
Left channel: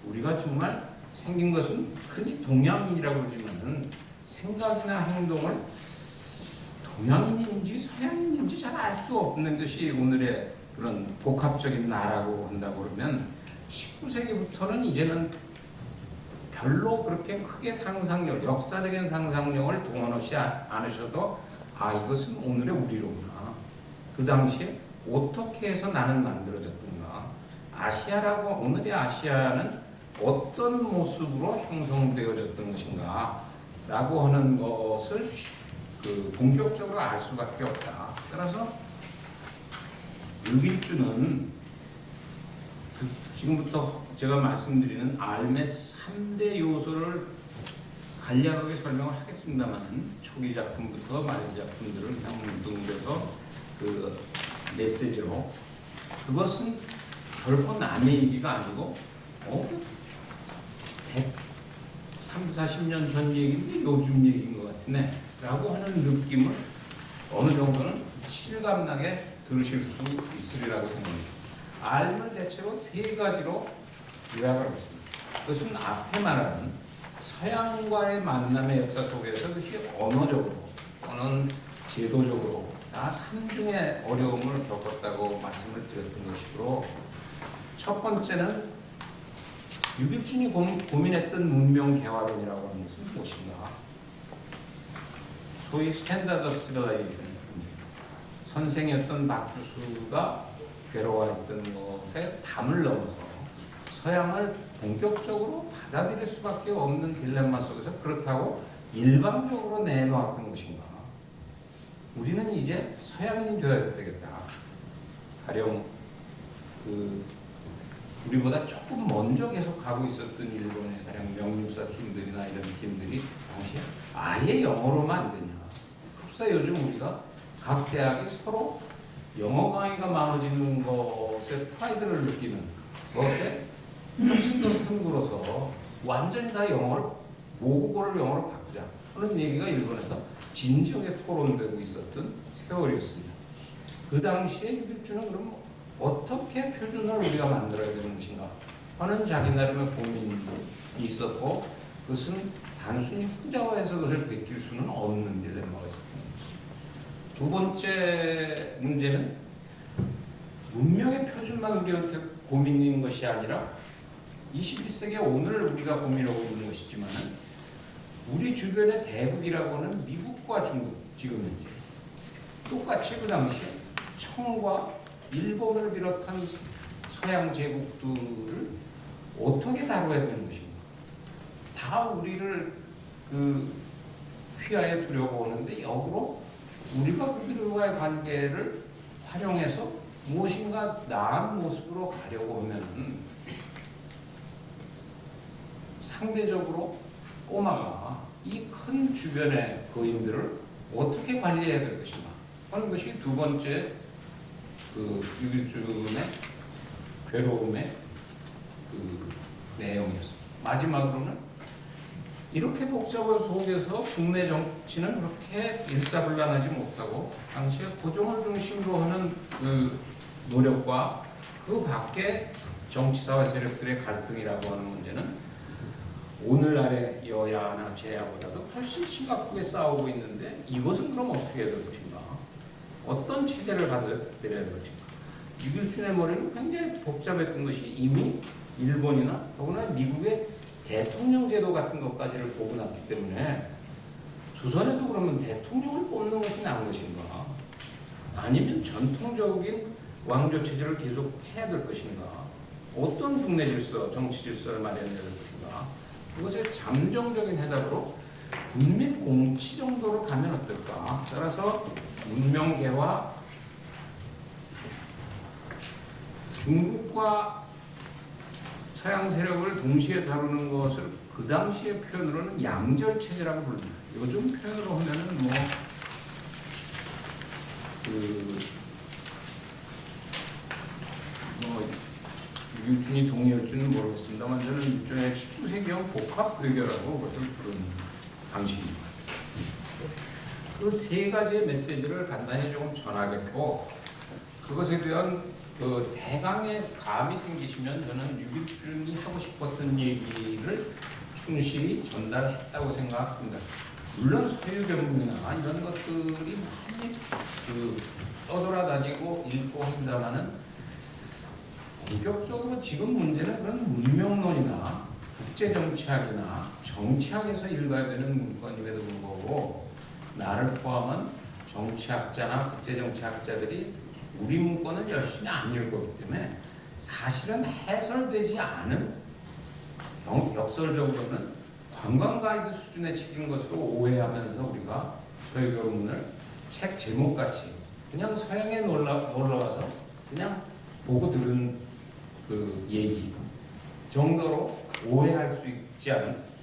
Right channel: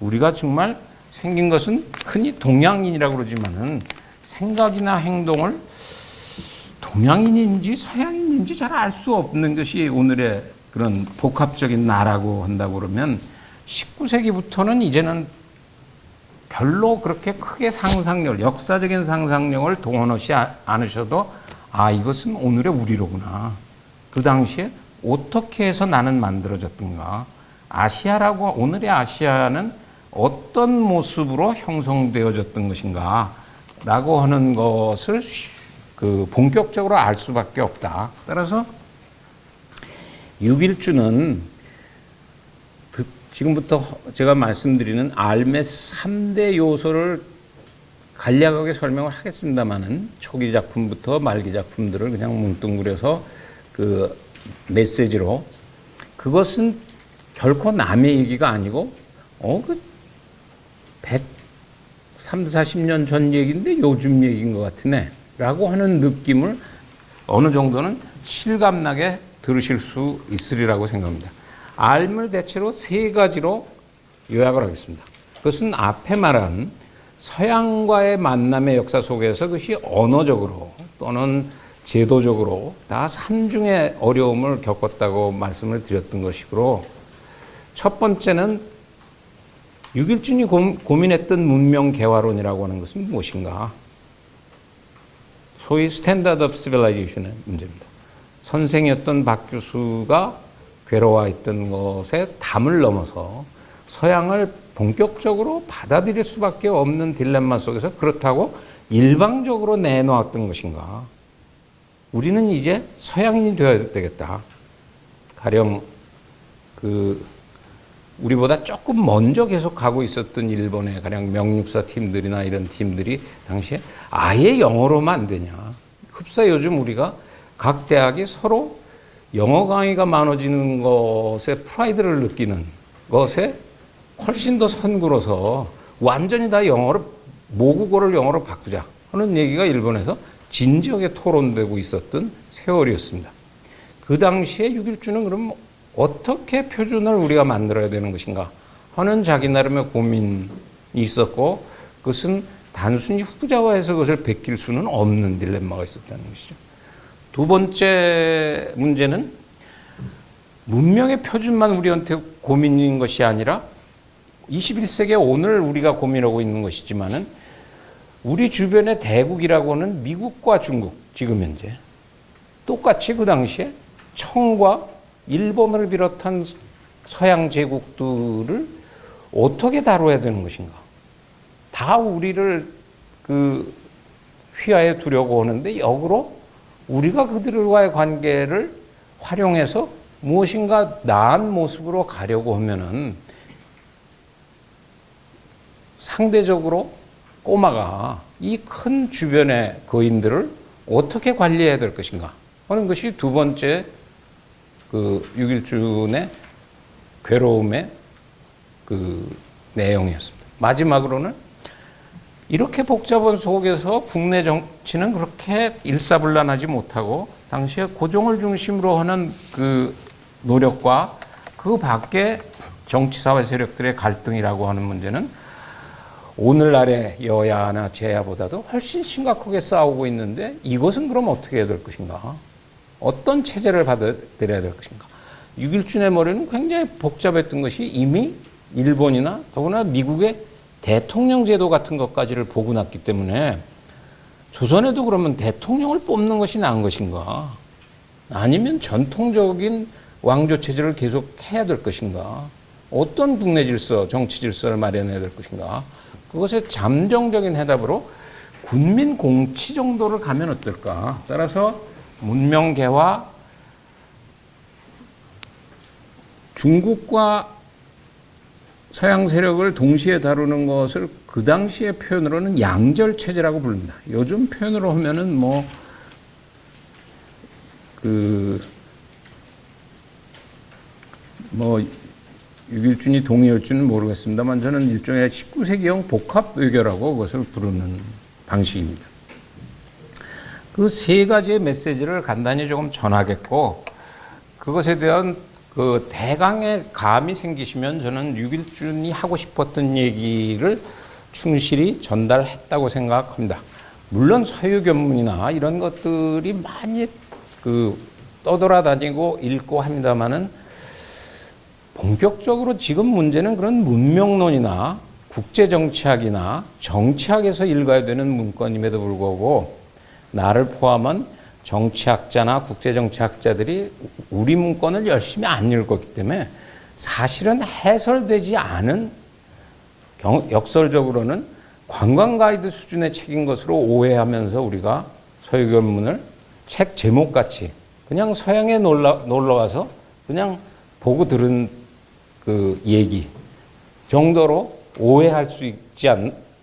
우리가 정말 생긴 것은 흔히 동양인이라고 그러지만은 생각이나 행동을 동양인인지 서양인인지 잘 알 수 없는 것이 오늘의 그런 복합적인 나라고 한다고 그러면 19세기부터는 이제는 별로 그렇게 크게 역사적인 상상력을 동원하지 않으셔도 이것은 오늘의 우리로구나. 그 당시에 어떻게 해서 나는 만들어졌던가. 오늘의 아시아는 어떤 모습으로 형성되어졌던 것인가 라고 하는 것을 본격적으로 알 수밖에 없다. 따라서 6일주는 지금부터 제가 말씀드리는 알의 3대 요소를 간략하게 설명을 하겠습니다만은 초기 작품부터 말기 작품들을 그냥 뭉뚱그려서 그 메시지로, 그것은 결코 남의 얘기가 아니고 130, 40년 전 얘기인데 요즘 얘기인 것 같으네 라고 하는 느낌을 어느 정도는 실감나게 들으실 수 있으리라고 생각합니다. 알을 대체로 3가지로 요약을 하겠습니다. 그것은 앞에 말한 서양과의 만남의 역사 속에서 그것이 언어적으로 또는 제도적으로 다 3중의 어려움을 겪었다고 말씀을 드렸던 것이고, 첫 번째는 6일준이 고민했던 문명 개화론이라고 하는 것은 무엇인가? 소위 스탠다드 오브 시빌라이제이션의 문제입니다. 선생이었던 박주수가 괴로워했던 것에 담을 넘어서 서양을 본격적으로 받아들일 수밖에 없는 딜레마 속에서 그렇다고 일방적으로 내놓았던 것인가? 우리는 이제 서양인이 되어야 되겠다. 가령 우리보다 조금 먼저 계속 가고 있었던 일본의 가령 명육사 팀들이나 이런 팀들이 당시에 아예 영어로만 안 되냐. 흡사 요즘 우리가 각 대학이 서로 영어 강의가 많아지는 것에 프라이드를 느끼는 것에 훨씬 더 선구로서 완전히 다 모국어를 영어로 바꾸자 하는 얘기가 일본에서 진지하게 토론되고 있었던 세월이었습니다. 그 당시에 6일주는 그럼 어떻게 표준을 우리가 만들어야 되는 것인가 하는 자기 나름의 고민이 있었고, 그것은 단순히 후자화해서 그것을 베낄 수는 없는 딜레마가 있었다는 것이죠. 두 번째 문제는 문명의 표준만 우리한테 고민인 것이 아니라 21세기의 오늘 우리가 고민하고 있는 것이지만은 우리 주변의 대국이라고 하는 미국과 중국, 지금 현재 똑같이 그 당시에 청과 일본을 비롯한 서양 제국들을 어떻게 다뤄야 되는 것인가? 다 우리를 휘하에 두려고 하는데 역으로 우리가 그들과의 관계를 활용해서 무엇인가 나은 모습으로 가려고 하면은 상대적으로 꼬마가 이 큰 주변의 거인들을 어떻게 관리해야 될 것인가 하는 것이 두 번째 그 육일준의 괴로움의 그 내용이었습니다. 마지막으로는 이렇게 복잡한 속에서 국내 정치는 그렇게 일사불란하지 못하고 당시에 고종을 중심으로 하는 그 노력과 그 밖에 정치사회 세력들의 갈등이라고 하는 문제는 오늘날의 여야나 제야보다도 훨씬 심각하게 싸우고 있는데 이것은 그럼 어떻게 해야 될 것인가? 어떤 체제를 받아들여야 될 것인가? 육일준의 머리는 굉장히 복잡했던 것이 이미 일본이나 더구나 미국의 대통령 제도 같은 것까지를 보고 났기 때문에 조선에도 그러면 대통령을 뽑는 것이 나은 것인가? 아니면 전통적인 왕조 체제를 계속 해야 될 것인가? 어떤 국내 질서, 정치 질서를 마련해야 될 것인가? 그것의 잠정적인 해답으로 군민 공치 정도를 가면 어떨까? 따라서 문명 개화, 중국과 서양 세력을 동시에 다루는 것을 그 당시의 표현으로는 양절 체제라고 부릅니다. 요즘 표현으로 하면은 육일준이 동의할지는 모르겠습니다만 저는 일종의 19세기형 복합 외교라고 그것을 부르는 방식입니다. 그 세 가지의 메시지를 간단히 조금 전하겠고 그것에 대한 그 대강의 감이 생기시면 저는 육일준이 하고 싶었던 얘기를 충실히 전달했다고 생각합니다. 물론 서유견문이나 이런 것들이 많이 떠돌아다니고 읽고 합니다만은 본격적으로 지금 문제는 그런 문명론이나 국제정치학이나 정치학에서 읽어야 되는 문건임에도 불구하고 나를 포함한 정치학자나 국제정치학자들이 우리 문건을 열심히 안 읽었기 때문에 사실은 해설되지 않은 역설적으로는 관광가이드 수준의 책인 것으로 오해하면서 우리가 서유견문을 책 제목같이 그냥 서양에 놀러 와서 그냥 보고 들은 그 얘기 정도로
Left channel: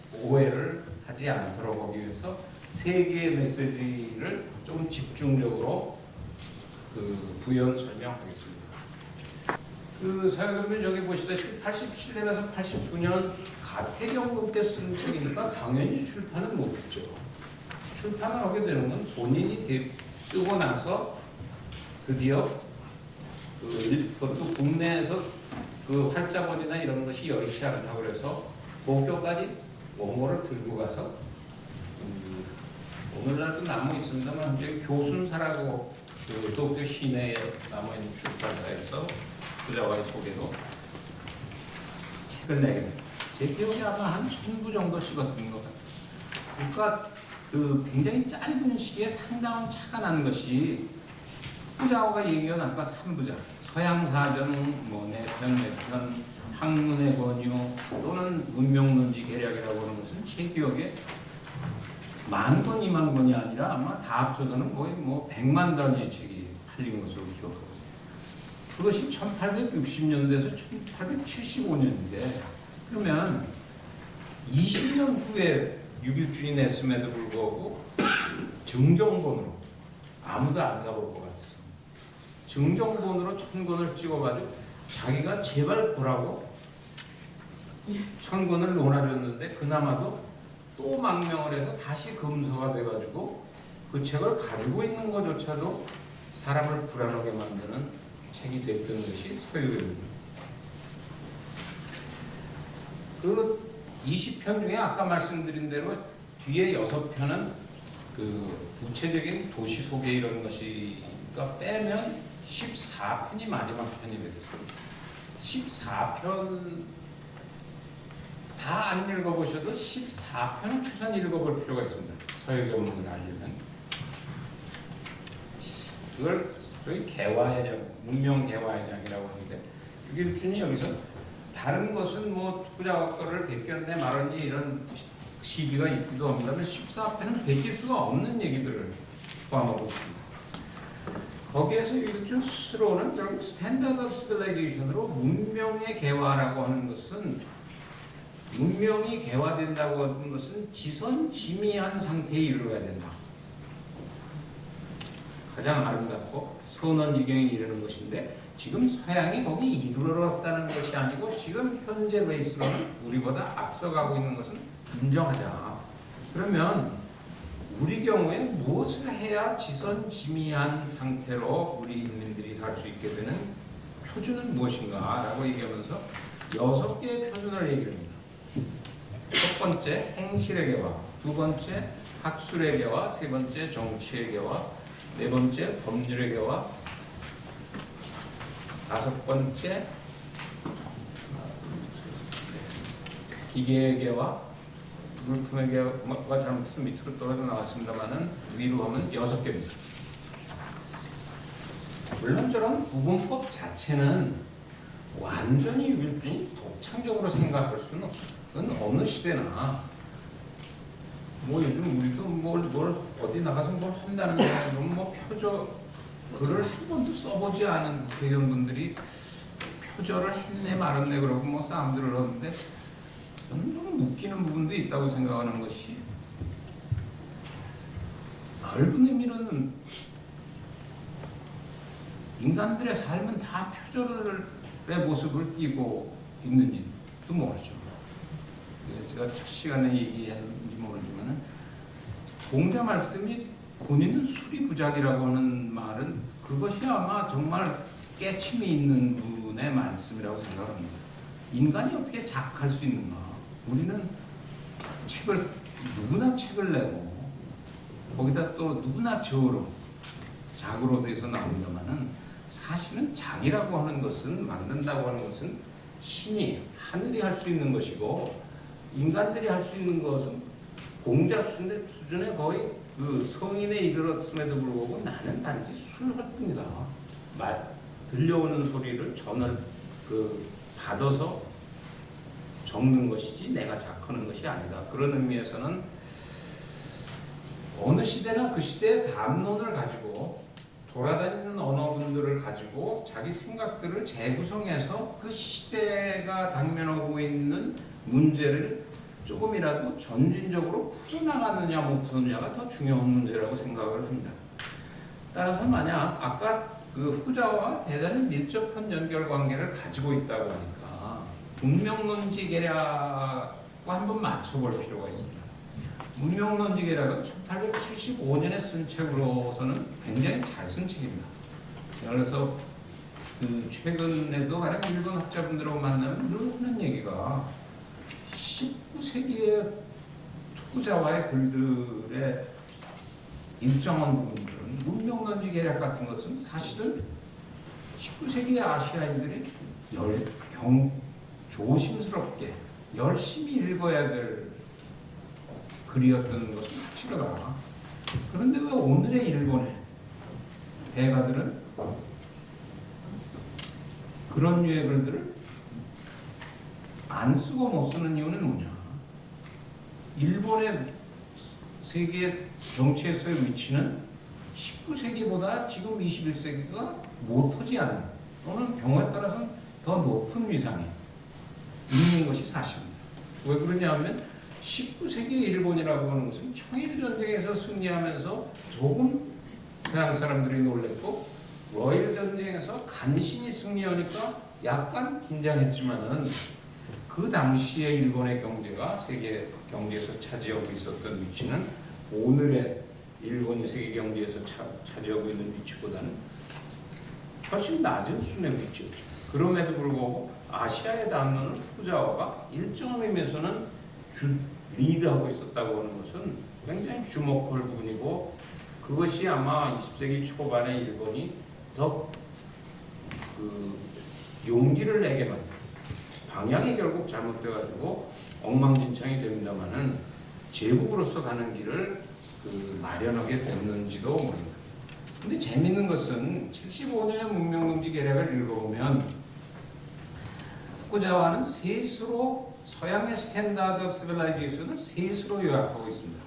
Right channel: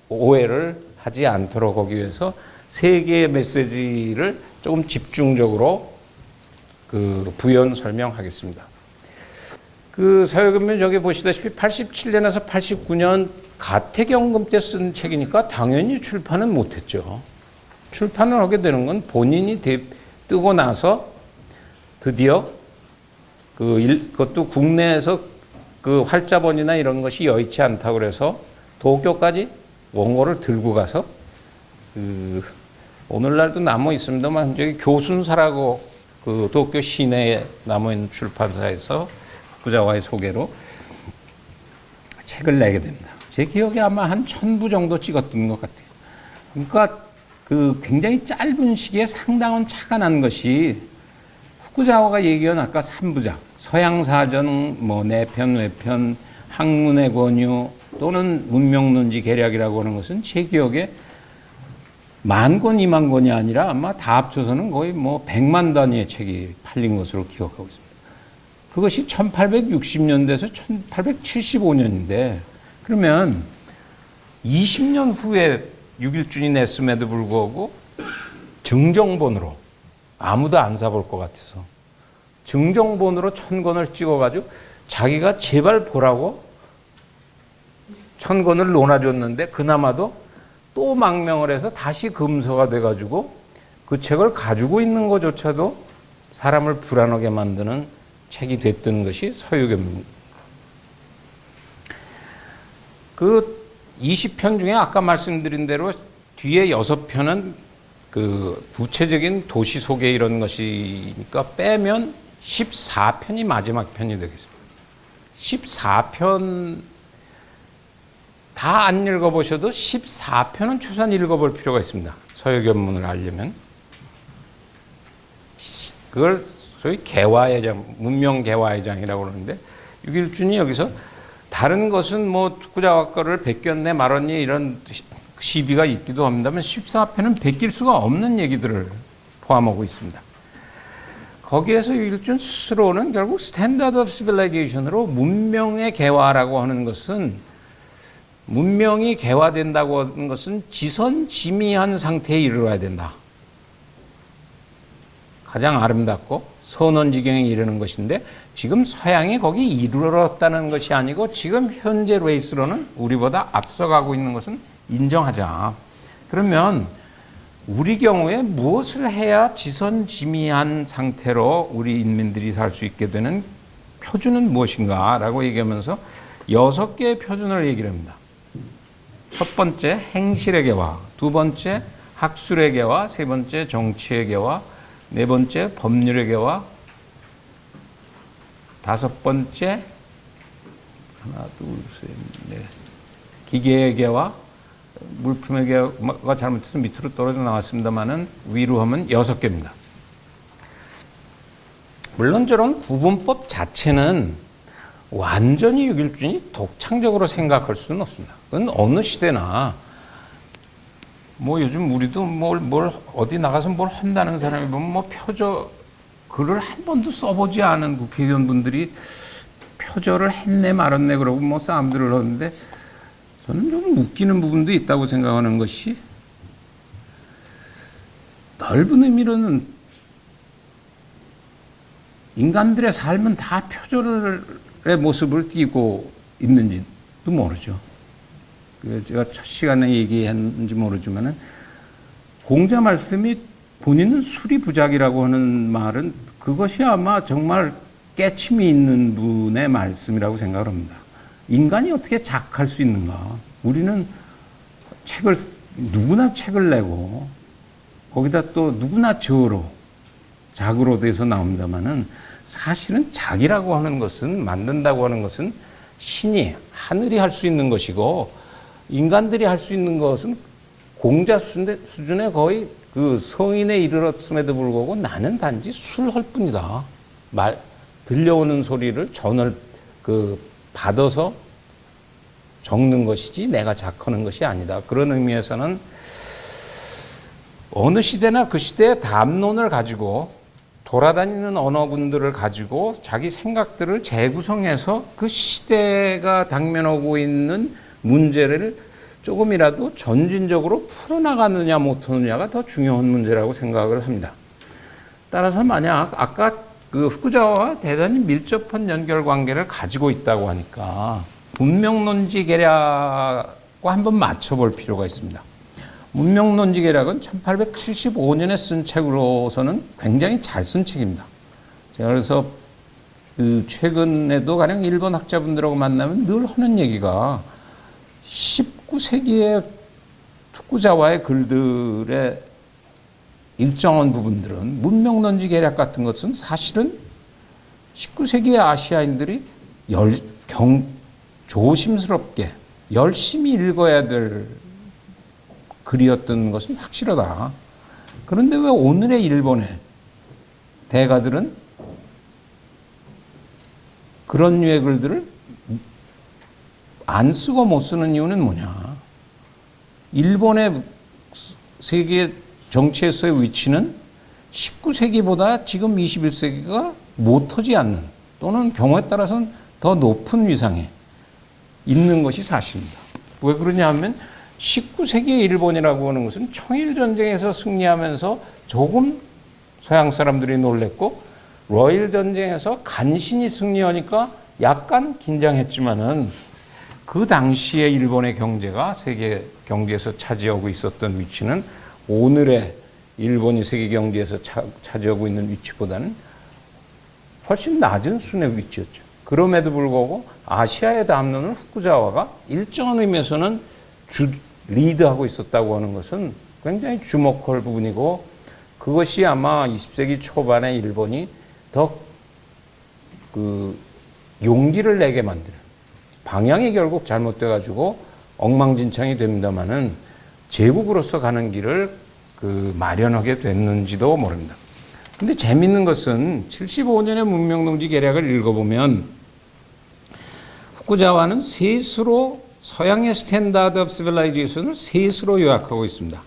오해를 하지 않도록 하기 위해서 세 개의 메시지를 조금 집중적으로 부연 설명하겠습니다. 그 서유견문 저기 보시다시피 87년에서 89년 가택연금 때 쓴 책이니까 당연히 출판은 못했죠. 출판을 하게 되는 건 본인이 뜨고 나서 드디어 그것도 국내에서 그 활자본이나 이런 것이 여의치 않다고 그래서 도쿄까지 원고를 들고 가서 오늘날도 남아 있습니다만 저기 교순사라고 그 도쿄 시내에 남아 있는 출판사에서 부자와의 소개로 책을 내게 됩니다. 제 기억에 아마 한 1000부 정도 찍었던 것 같아요. 그러니까 그 굉장히 짧은 시기에 상당한 차가 난 것이 후쿠자와가 얘기한 아까 3부작 서양사전, 내편, 외편, 학문의 권유 또는 문명론지 계략이라고 하는 것은 제 기억에 10,000권, 20,000권이 아니라 아마 다 합쳐서는 거의 100만 단위의 책이 팔린 것으로 기억하고 있습니다. 그것이 1860년대에서 1875년인데 그러면 20년 후에 육일준이 냈음에도 불구하고 증정본으로 아무도 안 사볼 것 같아서 증정본으로 1000권을 찍어가지고 자기가 제발 보라고 1000권을 논아줬는데 그나마도 또 망명을 해서 다시 금서가 돼가지고 그 책을 가지고 있는 것조차도 사람을 불안하게 만드는 책이 됐던 것이 서유견문. 그 20편 중에 아까 말씀드린 대로 뒤에 6편은 그 구체적인 도시 소개 이런 것이니까 빼면 14편이 마지막 편이 되겠습니다. 14편 다 안 읽어보셔도 14편은 최소한 읽어볼 필요가 있습니다. 서유견문을 알려면. 그걸 소위 개화의 장, 문명 개화의 장이라고 그러는데 육일준이 여기서 다른 것은 후쿠자와 거를 베꼈네 말았니 이런 시비가 있기도 합니다만 14편은 베낄 수가 없는 얘기들을 포함하고 있습니다. 거기에서 육일준 스스로는 결국 스탠다드 오브 시빌라이제이션으로 문명의 개화라고 하는 것은 문명이 개화된다고 하는 것은 지선지미한 상태에 이르러야 된다. 가장 아름답고 선원지경에 이르는 것인데 지금 서양이 거기 이르렀다는 것이 아니고 지금 현재 레이스로는 우리보다 앞서가고 있는 것은 인정하자. 그러면 우리 경우에 무엇을 해야 지선지미한 상태로 우리 인민들이 살 수 있게 되는 표준은 무엇인가 라고 얘기하면서 6개의 표준을 얘기를 합니다. 첫 번째 행실의 개화, 두 번째 학술의 개화, 세 번째 정치의 개화, 네 번째 법률의 개화, 다섯 번째 하나, 둘, 셋, 넷, 기계의 개화, 물품의 개화가 잘못해서 밑으로 떨어져 나왔습니다만은 위로 하면 6개입니다. 물론 저런 구분법 자체는 완전히 유길준이 독창적으로 생각할 수는 없습니다. 그건 어느 시대나 뭐 요즘 우리도 뭘 어디 나가서 뭘 한다는 사람이 보면 뭐 글을 한 번도 써보지 않은 국회의원분들이 표절을 했네 말았네 그러고 뭐 싸움들을 하는데 저는 좀 웃기는 부분도 있다고 생각하는 것이 넓은 의미로는 인간들의 삶은 다 표절의 모습을 띠고 있는지도 모르죠. 제가 첫 시간에 얘기했는지 모르지만은 공자 말씀이 본인은 수리부작이라고 하는 말은 그것이 아마 정말 깨침이 있는 분의 말씀이라고 생각을 합니다. 인간이 어떻게 작할 수 있는가? 우리는 누구나 책을 내고 거기다 또 누구나 작으로 돼서 나옵니다만은 사실은 작이라고 하는 것은 만든다고 하는 것은 신이 하늘이 할 수 있는 것이고 인간들이 할 수 있는 것은 공자 수준의 거의 그 성인에 이르렀음에도 불구하고 나는 단지 술할 뿐이다. 들려오는 소리를 받아서 적는 것이지 내가 작하는 것이 아니다. 그런 의미에서는 어느 시대나 그 시대의 담론을 가지고 돌아다니는 언어군들을 가지고 자기 생각들을 재구성해서 그 시대가 당면하고 있는 문제를 조금이라도 전진적으로 풀어나가느냐 못하느냐가 더 중요한 문제라고 생각을 합니다. 따라서 만약 아까 그 후쿠자와와 대단히 밀접한 연결관계를 가지고 있다고 하니까 문명론지 계략과 한번 맞춰볼 필요가 있습니다. 문명론지 계략은 1875년에 쓴 책으로서는 굉장히 잘 쓴 책입니다. 그래서 최근에도 가령 일본 학자분들하고 만나면 늘 하는 얘기가 19세기의 후쿠자와의 글들의 일정한 부분들은 문명론지 계략 같은 것은 사실은 19세기의 아시아인들이 조심스럽게 열심히 읽어야 될 글이었던 것은 확실하다. 그런데 왜 오늘의 일본의 대가들은 그런 류의 글들을 안 쓰고 못 쓰는 이유는 뭐냐? 일본의 세계 정치에서의 위치는 19세기보다 지금 21세기가 못하지 않는 또는 경우에 따라서는 더 높은 위상에 있는 것이 사실입니다. 왜 그러냐 하면 19세기의 일본이라고 하는 것은 청일전쟁에서 승리하면서 조금 서양 사람들이 놀랬고 러일 전쟁에서 간신히 승리하니까 약간 긴장했지만은 그 당시에 일본의 경제가 세계 경제에서 차지하고 있었던 위치는 오늘의 일본이 세계 경제에서 차지하고 있는 위치보다는 훨씬 낮은 수준의 위치였죠. 그럼에도 불구하고 아시아의 담론을 후쿠자와가 일정한 의미에서는 리드하고 있었다고 하는 것은 굉장히 주목할 부분이고 그것이 아마 20세기 초반에 일본이 더 용기를 내게 만든 방향이 결국 잘못돼가지고 엉망진창이 됩니다만은 제국으로서 가는 길을 마련하게 됐는지도 모릅니다. 근데 재밌는 것은 75년의 문명론지 계략을 읽어보면 후쿠자와는 셋으로 서양의 스탠다드 오브 시빌라이제이션을 셋으로 요약하고 있습니다.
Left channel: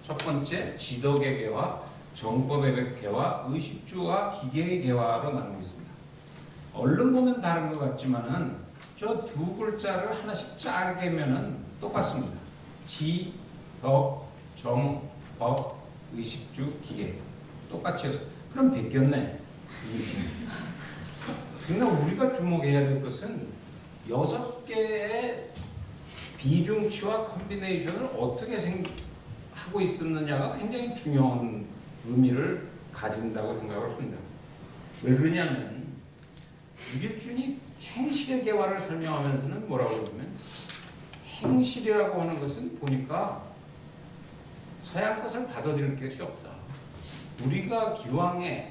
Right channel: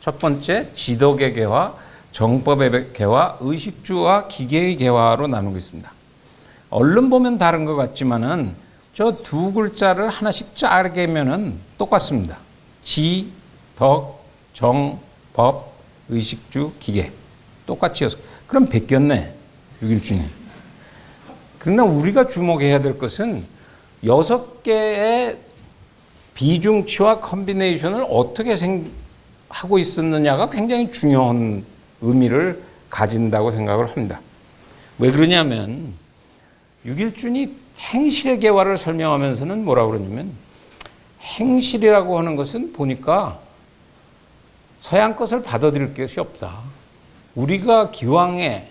첫 번째 지덕의 개화, 정법의 개화, 의식주와 기계의 개화로 나누고 있습니다. 얼른 보면 다른 것 같지만은 저 두 글자를 하나씩 짜게면은 똑같습니다. 지, 덕, 정, 법, 의식주, 기계. 똑같이 해서. 그럼 베꼈네. 6일준이. 그러나 우리가 주목해야 될 것은 6개의 비중치와 컨비네이션을 어떻게 하고 있었느냐가 굉장히 중요한 의미를 가진다고 생각을 합니다. 왜 그러냐면 6일준이 행실의 개화를 설명하면서는 뭐라고 그러냐면 행실이라고 하는 것은 보니까 서양 것을 받아들일 것이 없다. 우리가 기왕에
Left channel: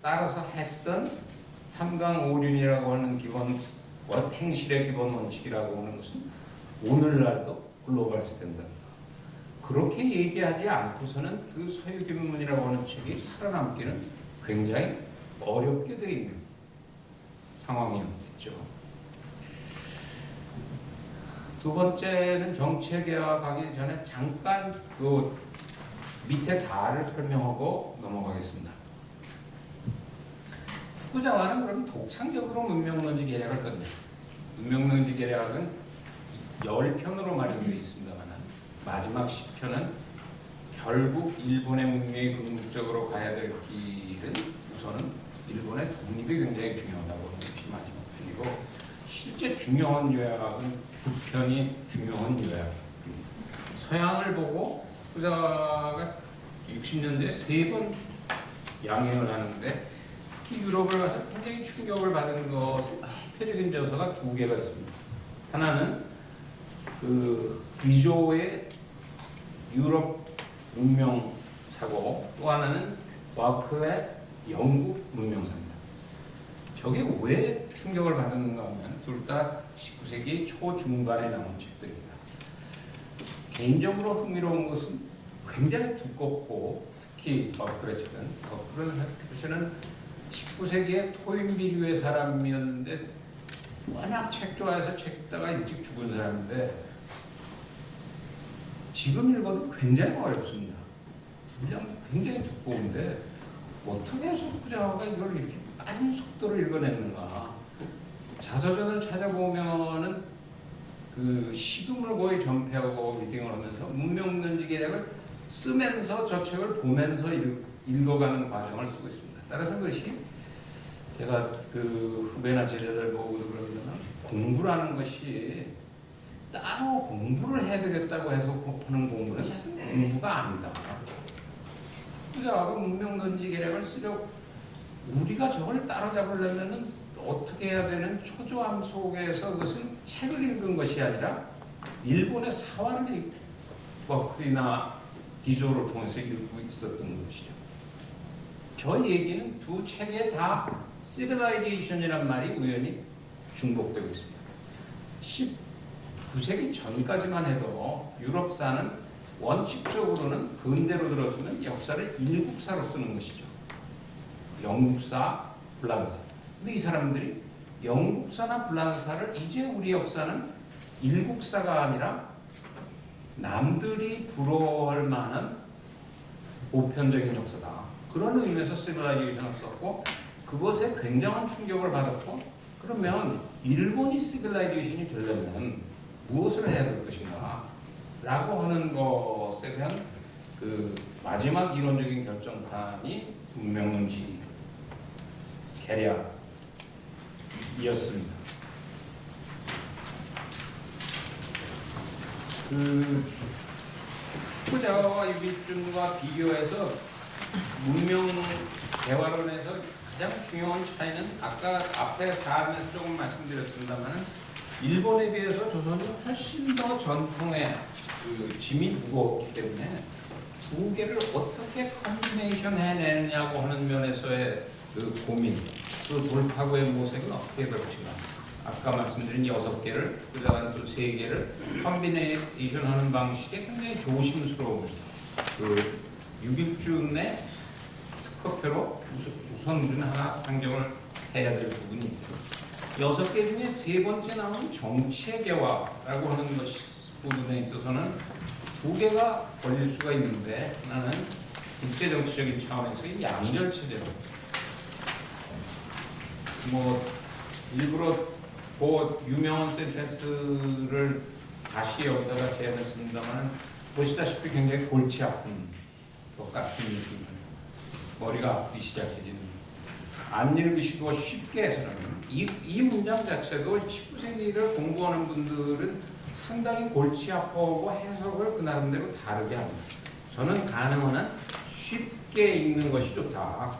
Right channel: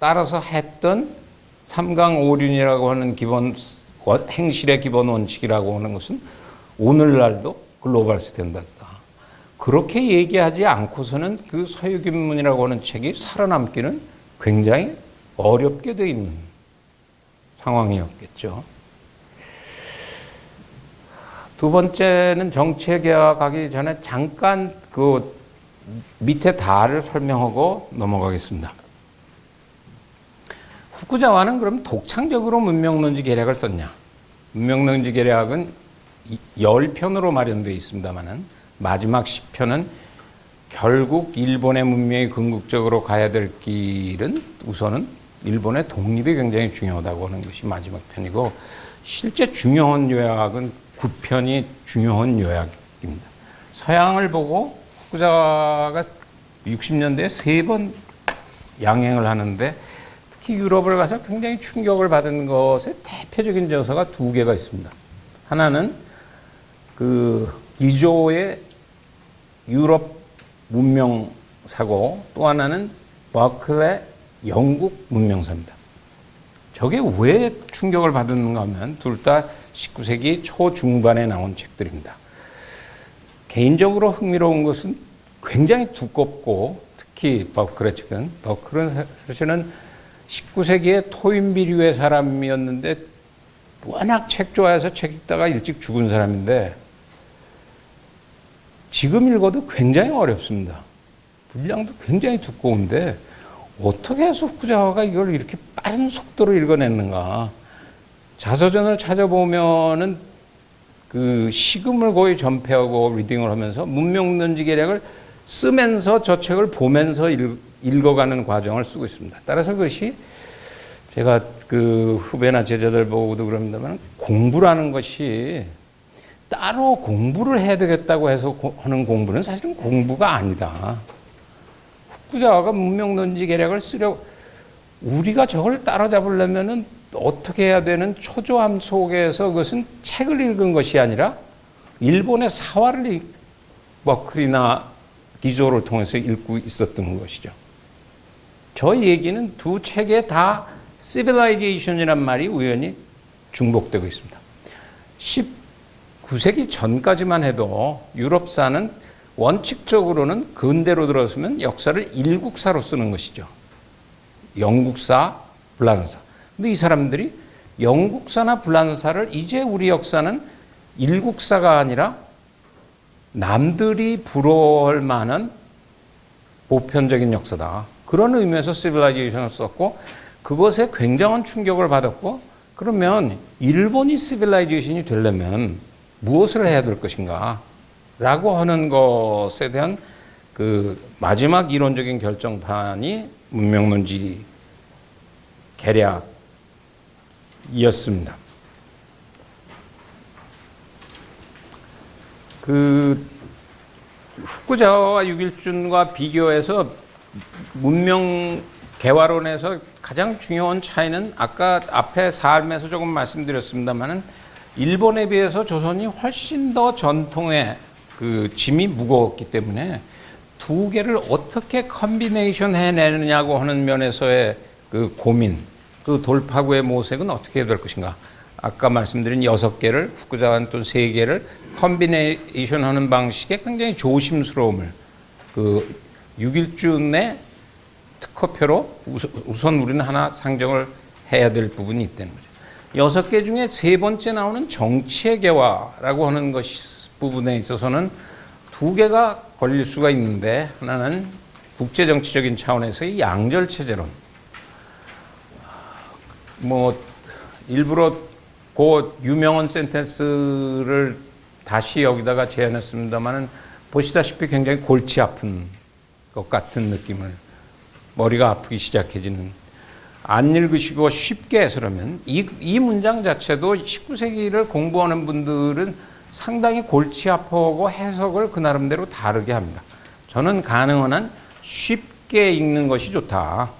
따라서 했던 삼강오륜이라고 하는 기본 행실의 기본 원칙이라고 하는 것은 오늘날도 글로벌 스탠다드다. 그렇게 얘기하지 않고서는 그 서유기문이라고 하는 책이 살아남기는 굉장히 어렵게 돼 있는 상황이었겠죠. 두 번째는 정치에 가기 전에 잠깐 그 밑에 다를 설명하고 넘어가겠습니다. 후쿠자와는 그럼 독창적으로 문명론지 계략을 썼냐? 문명론지 계략은 10편으로 마련되어 있습니다만은 마지막 10편은 결국 일본의 문명이 궁극적으로 가야 될 길은 우선은 일본의 독립이 굉장히 중요하다고 하는 것이 마지막 편이고 실제 중요한 요약은 9편이 중요한 요약입니다. 서양을 보고 후쿠자와가 60년대에 3번 양행을 하는데 특히 유럽을 가서 굉장히 충격을 받은 것의 대표적인 저서가 2개가 있습니다. 하나는 그 기조의 유럽 문명사고 또 하나는 버클의 영국 문명사입니다. 저게 왜 충격을 받았는가 하면 둘 다 19세기 초중반에 나온 책들입니다. 개인적으로 흥미로운 것은 굉장히 두껍고 특히 버클의 책은 버클은 사실은 19세기의 토인비류의 사람이었는데 워낙 책 좋아해서 책 읽다가 일찍 죽은 사람인데 지금 읽어도 굉장히 어렵습니다. 분량도 굉장히 두꺼운데 어떻게 해서 후쿠자와가 이걸 이렇게 빠른 속도로 읽어냈는가. 자서전을 찾아보면은 그 식음을 거의 전폐하고 리딩을 하면서 문명론지 계략을 쓰면서 저 책을 보면서 읽어가는 과정을 쓰고 있습니다. 따라서 그것이 제가 그 후배나 제자들 보고도 그럽니다만 공부라는 것이 따로 공부를 해야 되겠다고 해서 하는 공부는 사실은 공부가 아니다. 후쿠자와가 문명론지 계략을 쓰려고 우리가 저걸 따라잡으려면은 어떻게 해야 되는 초조함 속에서 그것은 책을 읽은 것이 아니라 일본의 사화를 버클이나 기조를 통해서 읽고 있었던 것이죠. 저 얘기는 두 책에 다 civilization이란 말이 우연히 중복되고 있습니다. 19세기 전까지만 해도 유럽사는 원칙적으로는 근대로 들어서면 역사를 일국사로 쓰는 것이죠. 영국사, 불란사. 근데 이 사람들이 영국사나 불란사를 이제 우리 역사는 일국사가 아니라 남들이 부러워할 만한 보편적인 역사다. 그런 의미에서 시빌라이제이션을 썼고 그것에 굉장한 충격을 받았고 그러면 일본이 시빌라이제이션이 되려면 무엇을 해야 될 것인가 라고 하는 것에 대한 그 마지막 이론적인 결정판이 문명론지 계략이었습니다. 그 후쿠자와와 유길준과 비교해서 문명 개화론에서 가장 중요한 차이는 아까 앞에 삶에서 조금 말씀드렸습니다만은 일본에 비해서 조선이 훨씬 더 전통의 그 짐이 무거웠기 때문에 두 개를 어떻게 컨비네이션 해내느냐고 하는 면에서의 그 고민, 그 돌파구의 모색은 어떻게 해야 될 것인가. 아까 말씀드린 6개를 후쿠자와는 또 3개를 컨비네이션 하는 방식에 굉장히 조심스러움을 그 6일준의 특허표로 우선 우리는 하나 상정을 해야 될 부분이 있다는 겁니다. 6개 중에 3번째 나오는 정치의 개화라고 하는 부분에 있어서는 2개가 걸릴 수가 있는데 하나는 국제정치적인 차원에서의 양절체제론. 뭐 일부러 그 유명한 센텐스를 다시 여기다가 제안했습니다만은 보시다시피 굉장히 골치 아픈 것 같은 느낌을, 머리가 아프기 시작해지는, 안 읽으시고 쉽게 해석하면 이 문장 자체도 19세기를 공부하는 분들은 상당히 골치 아파하고 해석을 그 나름대로 다르게 합니다. 저는 가능한 한 쉽게 읽는 것이 좋다.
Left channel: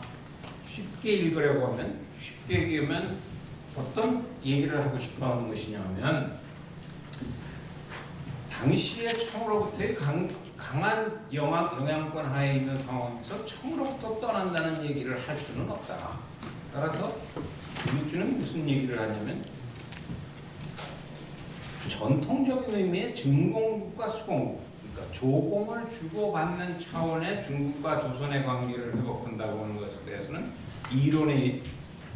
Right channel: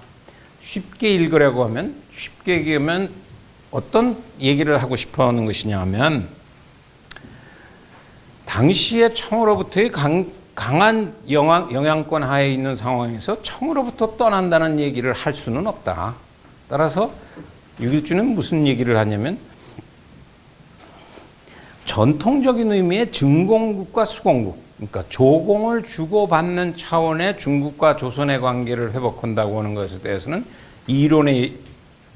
쉽게 읽으려고 하면, 쉽게 읽으면 어떤 얘기를 하고 싶어 하는 것이냐 하면, 당시에 청으로부터의 강한 영향권 하에 있는 상황에서 청으로부터 떠난다는 얘기를 할 수는 없다. 따라서 유길주는 무슨 얘기를 하냐면, 전통적인 의미의 증공국과 수공국, 그러니까 조공을 주고받는 차원의 중국과 조선의 관계를 회복한다고 하는 것에 대해서는 이론에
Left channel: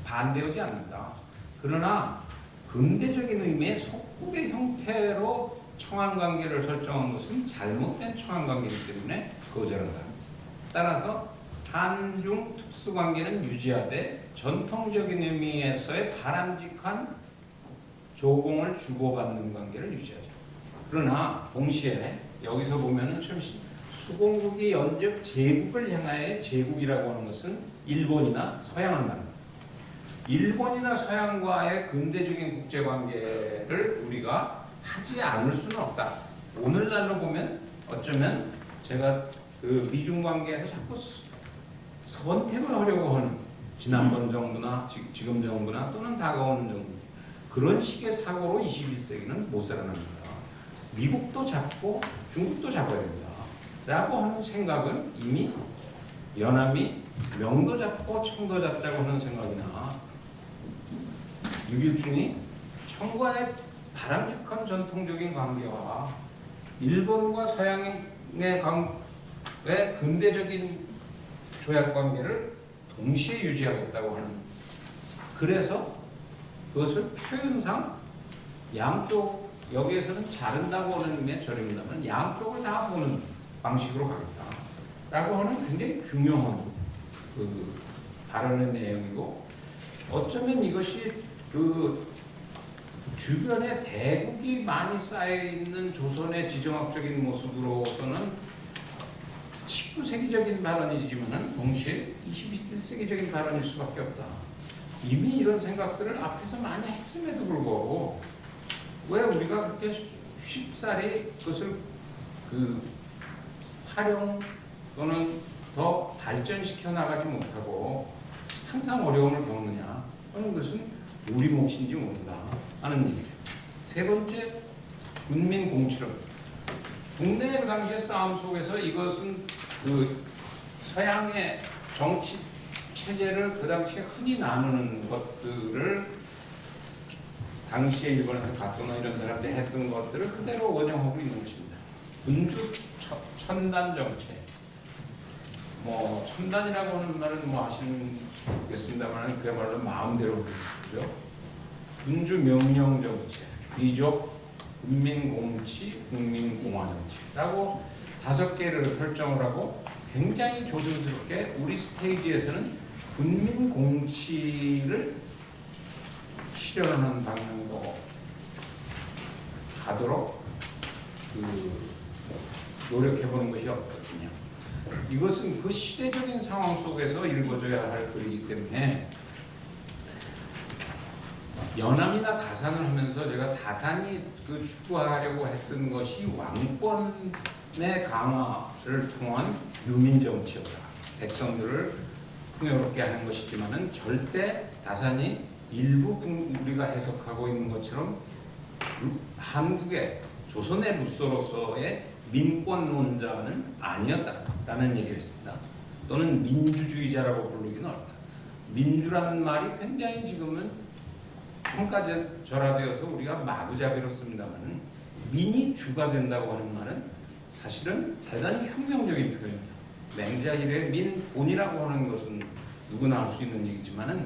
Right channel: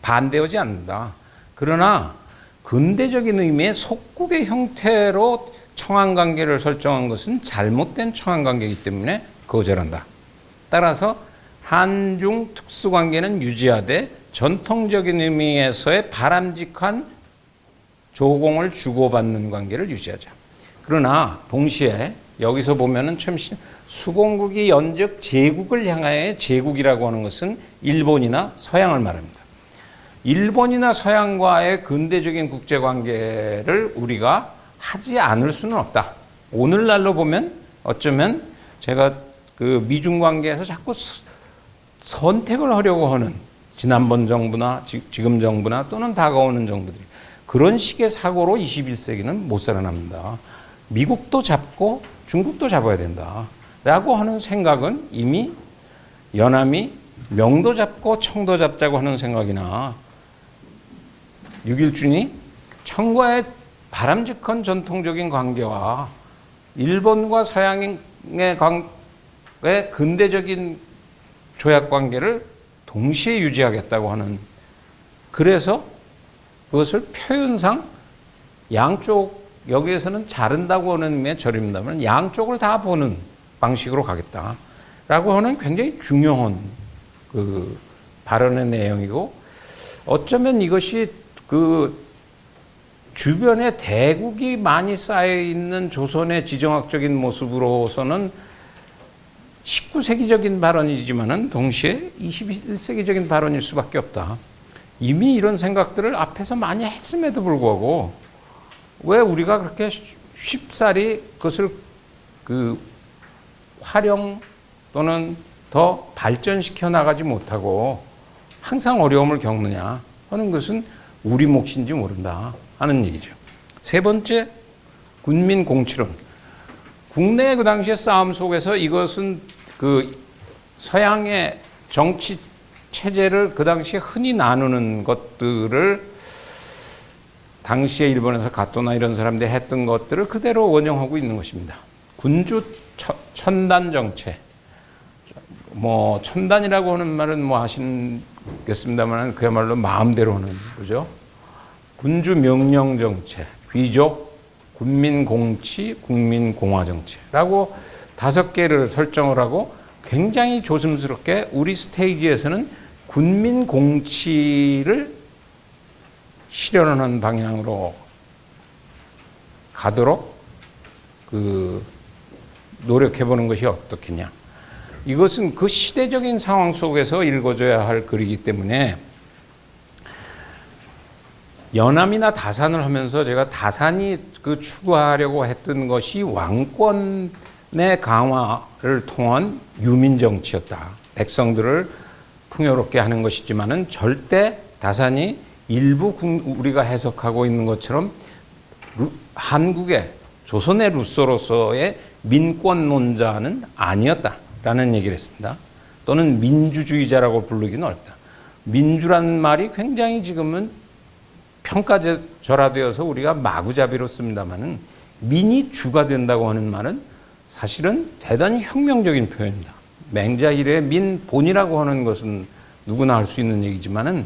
반대하지 않는다. 그러나 근대적인 의미의 속국의 형태로 청한관계를 설정한 것은 잘못된 청한관계이기 때문에 거절한다. 따라서 한중 특수관계는 유지하되 전통적인 의미에서의 바람직한 조공을 주고받는 관계를 유지하자. 그러나 동시에 여기서 보면은 참 수공국이 연적 제국을 향하여 제국이라고 하는 것은 일본이나 서양을 말합니다. 일본이나 서양과의 근대적인 국제관계를 우리가 하지 않을 수는 없다. 오늘날로 보면 어쩌면 제가 그 미중 관계에서 자꾸 선택을 하려고 하는 지난번 정부나 지금 정부나 또는 다가오는 정부들, 그런 식의 사고로 21세기는 못 살아납니다. 미국도 잡고 중국도 잡아야 된다 라고 하는 생각은 이미 연함이 명도 잡고 청도 잡자고 하는 생각이나 유길준이 청과의 바람직한 전통적인 관계와 일본과 서양의 근대적인 조약 관계를 동시에 유지하겠다고 하는, 그래서 그것을 표현상 양쪽, 여기에서는 자른다고 하는 의미의 절입니다만 양쪽을 다 보는 방식으로 가겠다라고 하는 굉장히 중요한 그 발언의 내용이고, 어쩌면 이것이 그 주변에 대국이 많이 쌓여 있는 조선의 지정학적인 모습으로서는 19세기적인 발언이지만은 동시에 21세기적인 발언일 수밖에 없다. 이미 이런 생각들을 앞에서 많이 했음에도 불구하고 왜 우리가 그렇게 쉽사리 그것을 그 활용 또는 더 발전시켜 나가지 못하고 항상 어려움을 겪느냐 하는 것은 우리 몫인지 모른다 하는 얘기죠. 세 번째, 군민 공치론. 국내 그 당시의 싸움 속에서 이것은 그 서양의 정치 체제를 그 당시에 흔히 나누는 것들을 당시에 일본에서 가토나 이런 사람들이 했던 것들을 그대로 원용하고 있는 것입니다. 군주 천단 정체. 뭐 천단이라고 하는 말은 뭐 아시겠습니다만 그야말로 마음대로 하는 거죠. 군주 명령 정체, 귀족, 군민 공치, 국민 공화 정체라고 5개를 설정을 하고 굉장히 조심스럽게 우리 스테이지에서는 군민 공치를 실현하는 방향으로 가도록 그 노력해 보는 것이 어떻겠냐. 이것은 그 시대적인 상황 속에서 읽어줘야 할 글이기 때문에 연암이나 다산을 하면서 제가 다산이 그 추구하려고 했던 것이 왕권의 강화를 통한 유민 정치였다. 백성들을 풍요롭게 하는 것이지만은 절대 다산이 일부 우리가 해석하고 있는 것처럼 한국의 조선의 루소로서의 민권론자는 아니었다라는 얘기를 했습니다. 또는 민주주의자라고 부르기는 어렵다. 민주라는 말이 굉장히 지금은 평가절하되어서 우리가 마구잡이로 씁니다만은 민이 주가 된다고 하는 말은 사실은 대단히 혁명적인 표현입니다. 맹자일의 민본이라고 하는 것은 누구나 할 수 있는 얘기지만은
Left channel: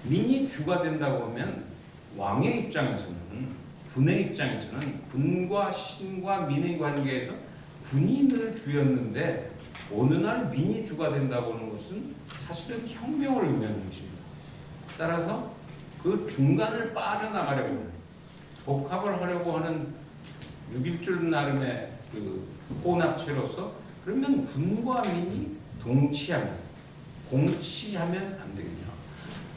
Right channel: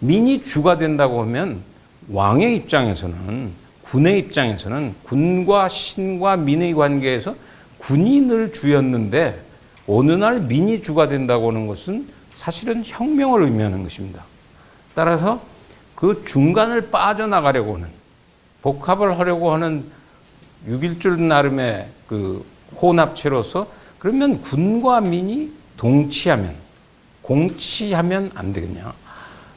민이 주가 된다고 하면 왕의 입장에서는, 군의 입장에서는 군과 신과 민의 관계에서 군이 늘 주였는데 어느 날 민이 주가 된다고 하는 것은 사실은 혁명을 의미하는 것입니다. 따라서 그 중간을 빠져나가려고 하는, 복합을 하려고 하는 6.1줄 나름의 그 혼합체로서, 그러면 군과 민이 동치하면, 공치하면 안 되겠냐.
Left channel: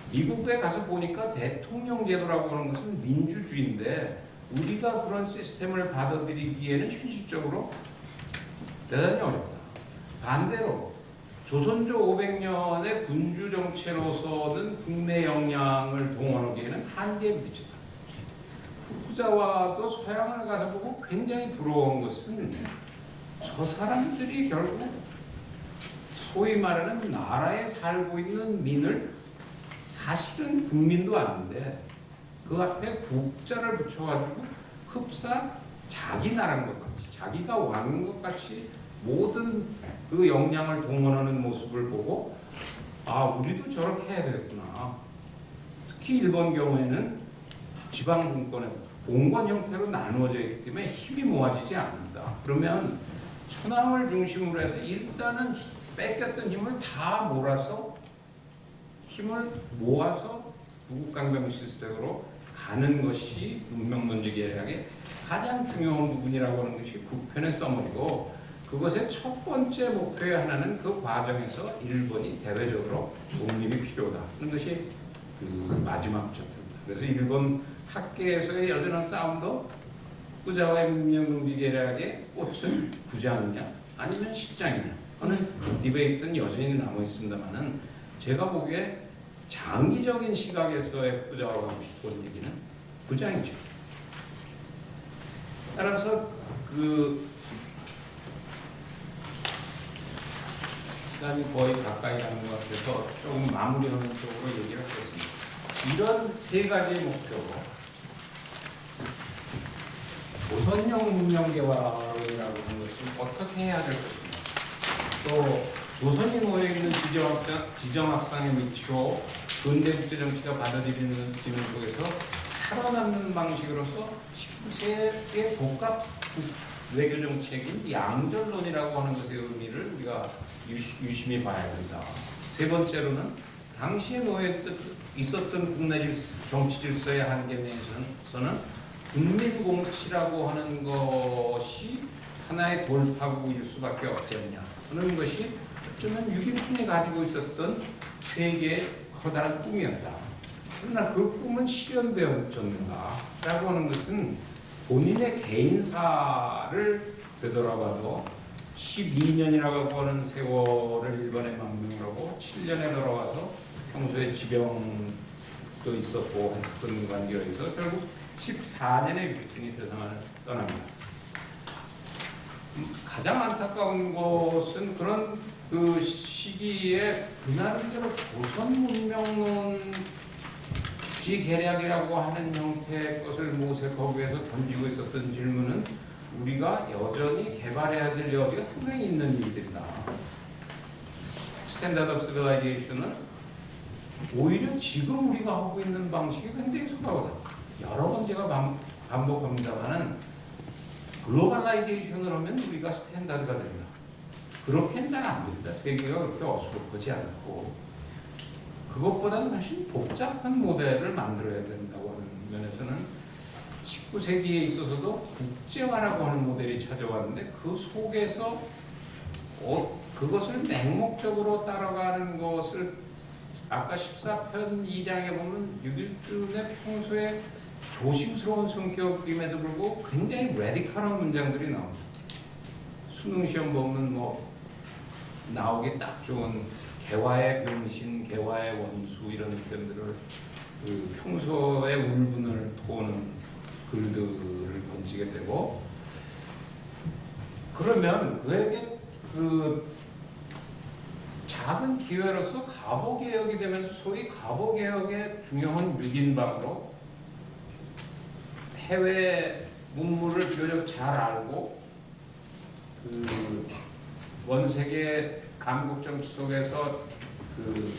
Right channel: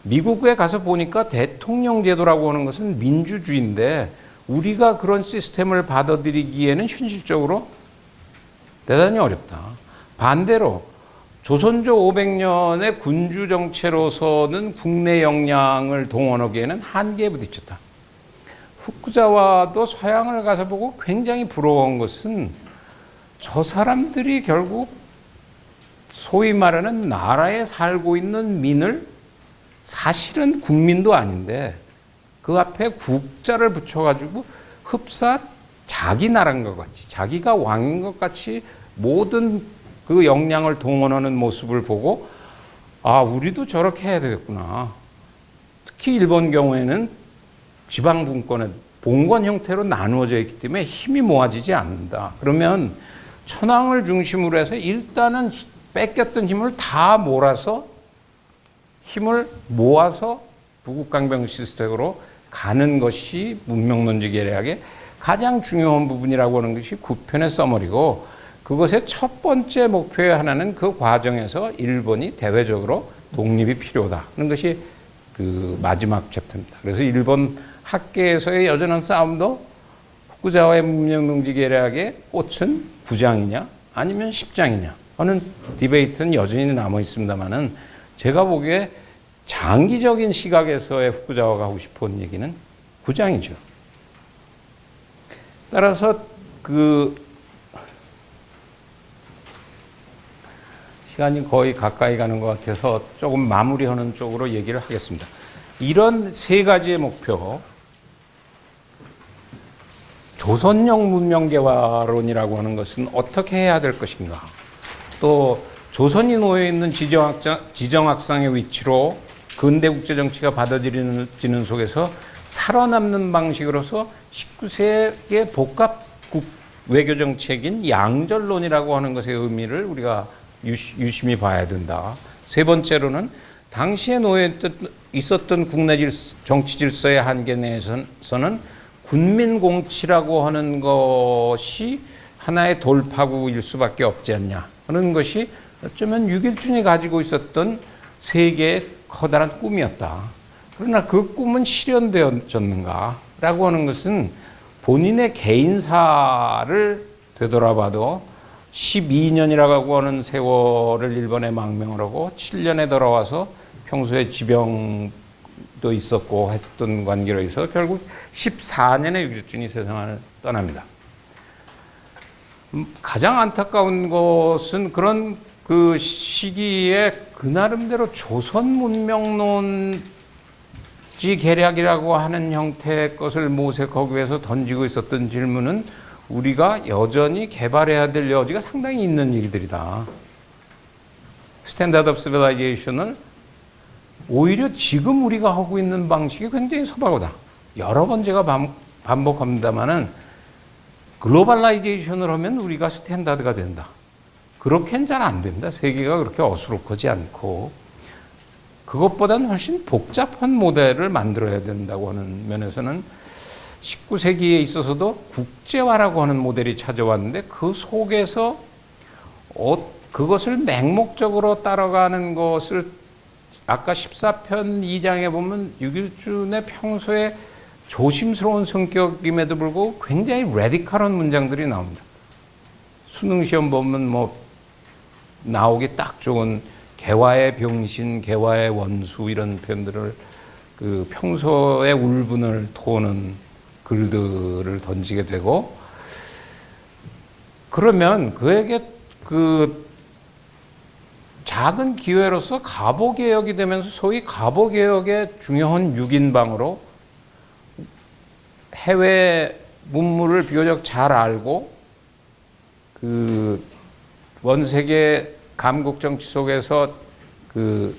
미국에 가서 보니까 대통령 제도라고 하는 것은 민주주의인데 우리가 그런 시스템을 받아들이기에는 현실적으로 대단히 어렵다. 반대로 조선조 500년의 군주 정체로서는 국내 역량을 동원하기에는 한계에 부딪혔다. 후쿠자와도 서양을 가서 보고 굉장히 부러운 것은 저 사람들이 결국 소위 말하는 나라에 살고 있는 민을 사실은 국민도 아닌데 그 앞에 국자를 붙여가지고 흡사 자기 나라인 것 같이, 자기가 왕인 것 같이 모든 그 역량을 동원하는 모습을 보고 아, 우리도 저렇게 해야 되겠구나. 특히 일본 경우에는 지방 분권은 봉건 형태로 나누어져 있기 때문에 힘이 모아지지 않는다. 그러면 천황을 중심으로 해서 일단은 뺏겼던 힘을 다 몰아서 힘을 모아서 부국강병 시스템으로 가는 것이 문명론지 계략의 가장 중요한 부분이라고 하는 것이 9편의 서머리고, 그것의 첫 번째 목표의 하나는 그 과정에서 일본이 대외적으로 독립이 필요하다 하는 것이 그 마지막 챕터입니다. 그래서 일본 학계에서의 여전한 싸움도 후쿠자와의 문명론지 계략의 꽃은 9장이냐 아니면 10장이냐 하는 디베이트는 여전히 남아 있습니다만은, 제가 보기에 장기적인 시각에서의 후쿠자와가 하고 싶은 얘기는 9장이죠. 따라서 그 시간이 거의 가까이 가는 것 같아서 조금 마무리하는 쪽으로 얘기를 하겠습니다. 이런 세 가지의 목표, 조선형 문명개화론이라고 하는 것은 어떻게 해야 될 것인가, 또 조선이 놓여 있는 지정학상의 위치로 근대 국제정치가 받아들이는 속에서 살아남는 방식으로서 19세기의 복합 외교정책인 양절론이라고 하는 것의 의미를 우리가 유심히 봐야 된다. 세 번째로는 당시에 놓여 있었던 국내 정치 질서의 한계 내에서는 군민공치라고 하는 것이 하나의 돌파구일 수밖에 없지 않냐 하는 것이 어쩌면 6.1준이 가지고 있었던 세계의 커다란 꿈이었다. 그러나 그 꿈은 실현되었는가 라고 하는 것은 본인의 개인사를 되돌아봐도 12년이라고 하는 세월을 일본에 망명을 하고 7년에 돌아와서 평소에 지병도 있었고 했던 관계로 해서 결국 14년에 6.1준이 세상을 떠납니다. 가장 안타까운 것은 그런 그 시기에 그 나름대로 조선 문명론지 계략이라고 하는 형태의 것을 모색하기 위해서 던지고 있었던 질문은 우리가 여전히 개발해야 될 여지가 상당히 있는 일들이다. 스탠다드 오브 시빌라이제이션을 오히려 지금 우리가 하고 있는 방식이 굉장히 소박하다. 여러 번 제가 반복합니다만은 글로벌라이제이션을 하면 우리가 스탠다드가 된다. 그렇게는 잘 안 됩니다. 세계가 그렇게 어수룩하지 않고 그것보다는 훨씬 복잡한 모델을 만들어야 된다고 하는 면에서는 19세기에 있어서도 국제화라고 하는 모델이 찾아왔는데 그 속에서 그것을 맹목적으로 따라가는 것을 아까 14편 2장에 보면 6.1준의 평소에 조심스러운 성격임에도 불구하고 굉장히 레디컬한 문장들이 나옵니다. 수능 시험 보면 뭐 나오기 딱 좋은 개화의 병신, 개화의 원수 이런 표현들을 그 평소에 울분을 토하는 글들을 던지게 되고, 그러면 그에게 그 작은 기회로서 가보개혁이 되면서 소위 가보개혁의 중요한 6인방으로 해외 문물을 비교적 잘 알고 그 원세계 감국 정치 속에서 그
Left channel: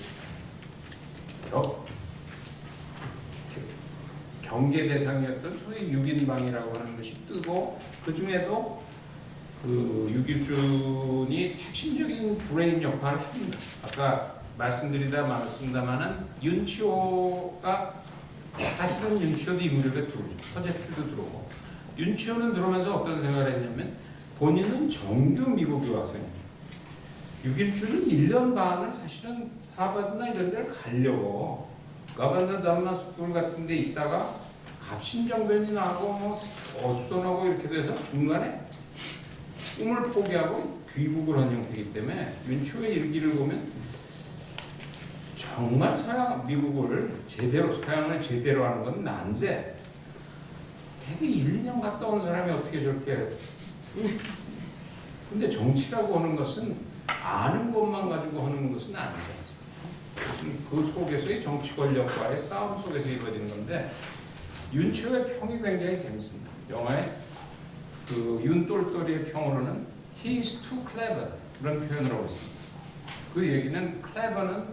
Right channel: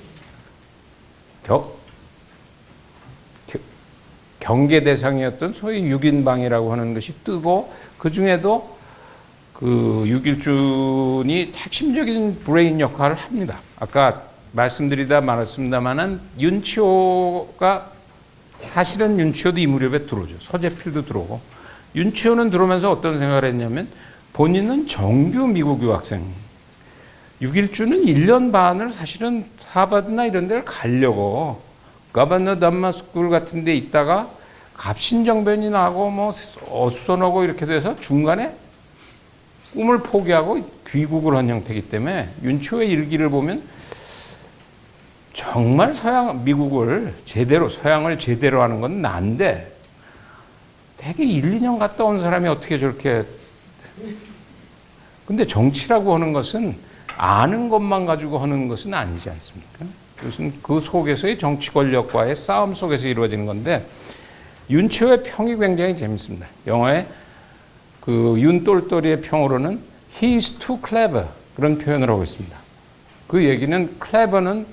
경계 대상이었던 소위 6인방이라고 하는 것이 뜨고, 그 중에도 그 6.1준이 핵심적인 브레인 역할을 합니다. 아까 말씀드리다 말았습니다만은 윤치호가 사실은 윤치호도 이 무렵에 들어오죠. 서재필도 들어오고. 윤치호는 들어오면서 어떤 생각을 했냐면 본인은 정규 미국 유학생. 6일주는 1년 반을 사실은 하버드나 이런 데를 가려고 가바나 담마스쿨 같은 데 있다가 갑신정변이 나고 뭐 어수선하고 이렇게 돼서 중간에 꿈을 포기하고 귀국을 한 형태이기 때문에 윤치호의 일기를 보면 정말 미국을 제대로, 서양을 제대로 하는 건 난데 되게 1, 2년 갔다 온 사람이 어떻게 저렇게. 근데 정치라고 하는 것은 아는 것만 가지고 하는 것은 아니지 않습니까? 그래서 그 속에서의 정치 권력과의 싸움 속에서 이루어지는 건데 윤치호의 평이 굉장히 재밌습니다. 영어에 그 윤똘똘이의 평으로는 he is too clever 그런 표현을 하고 있습니다. 그 얘기는 clever는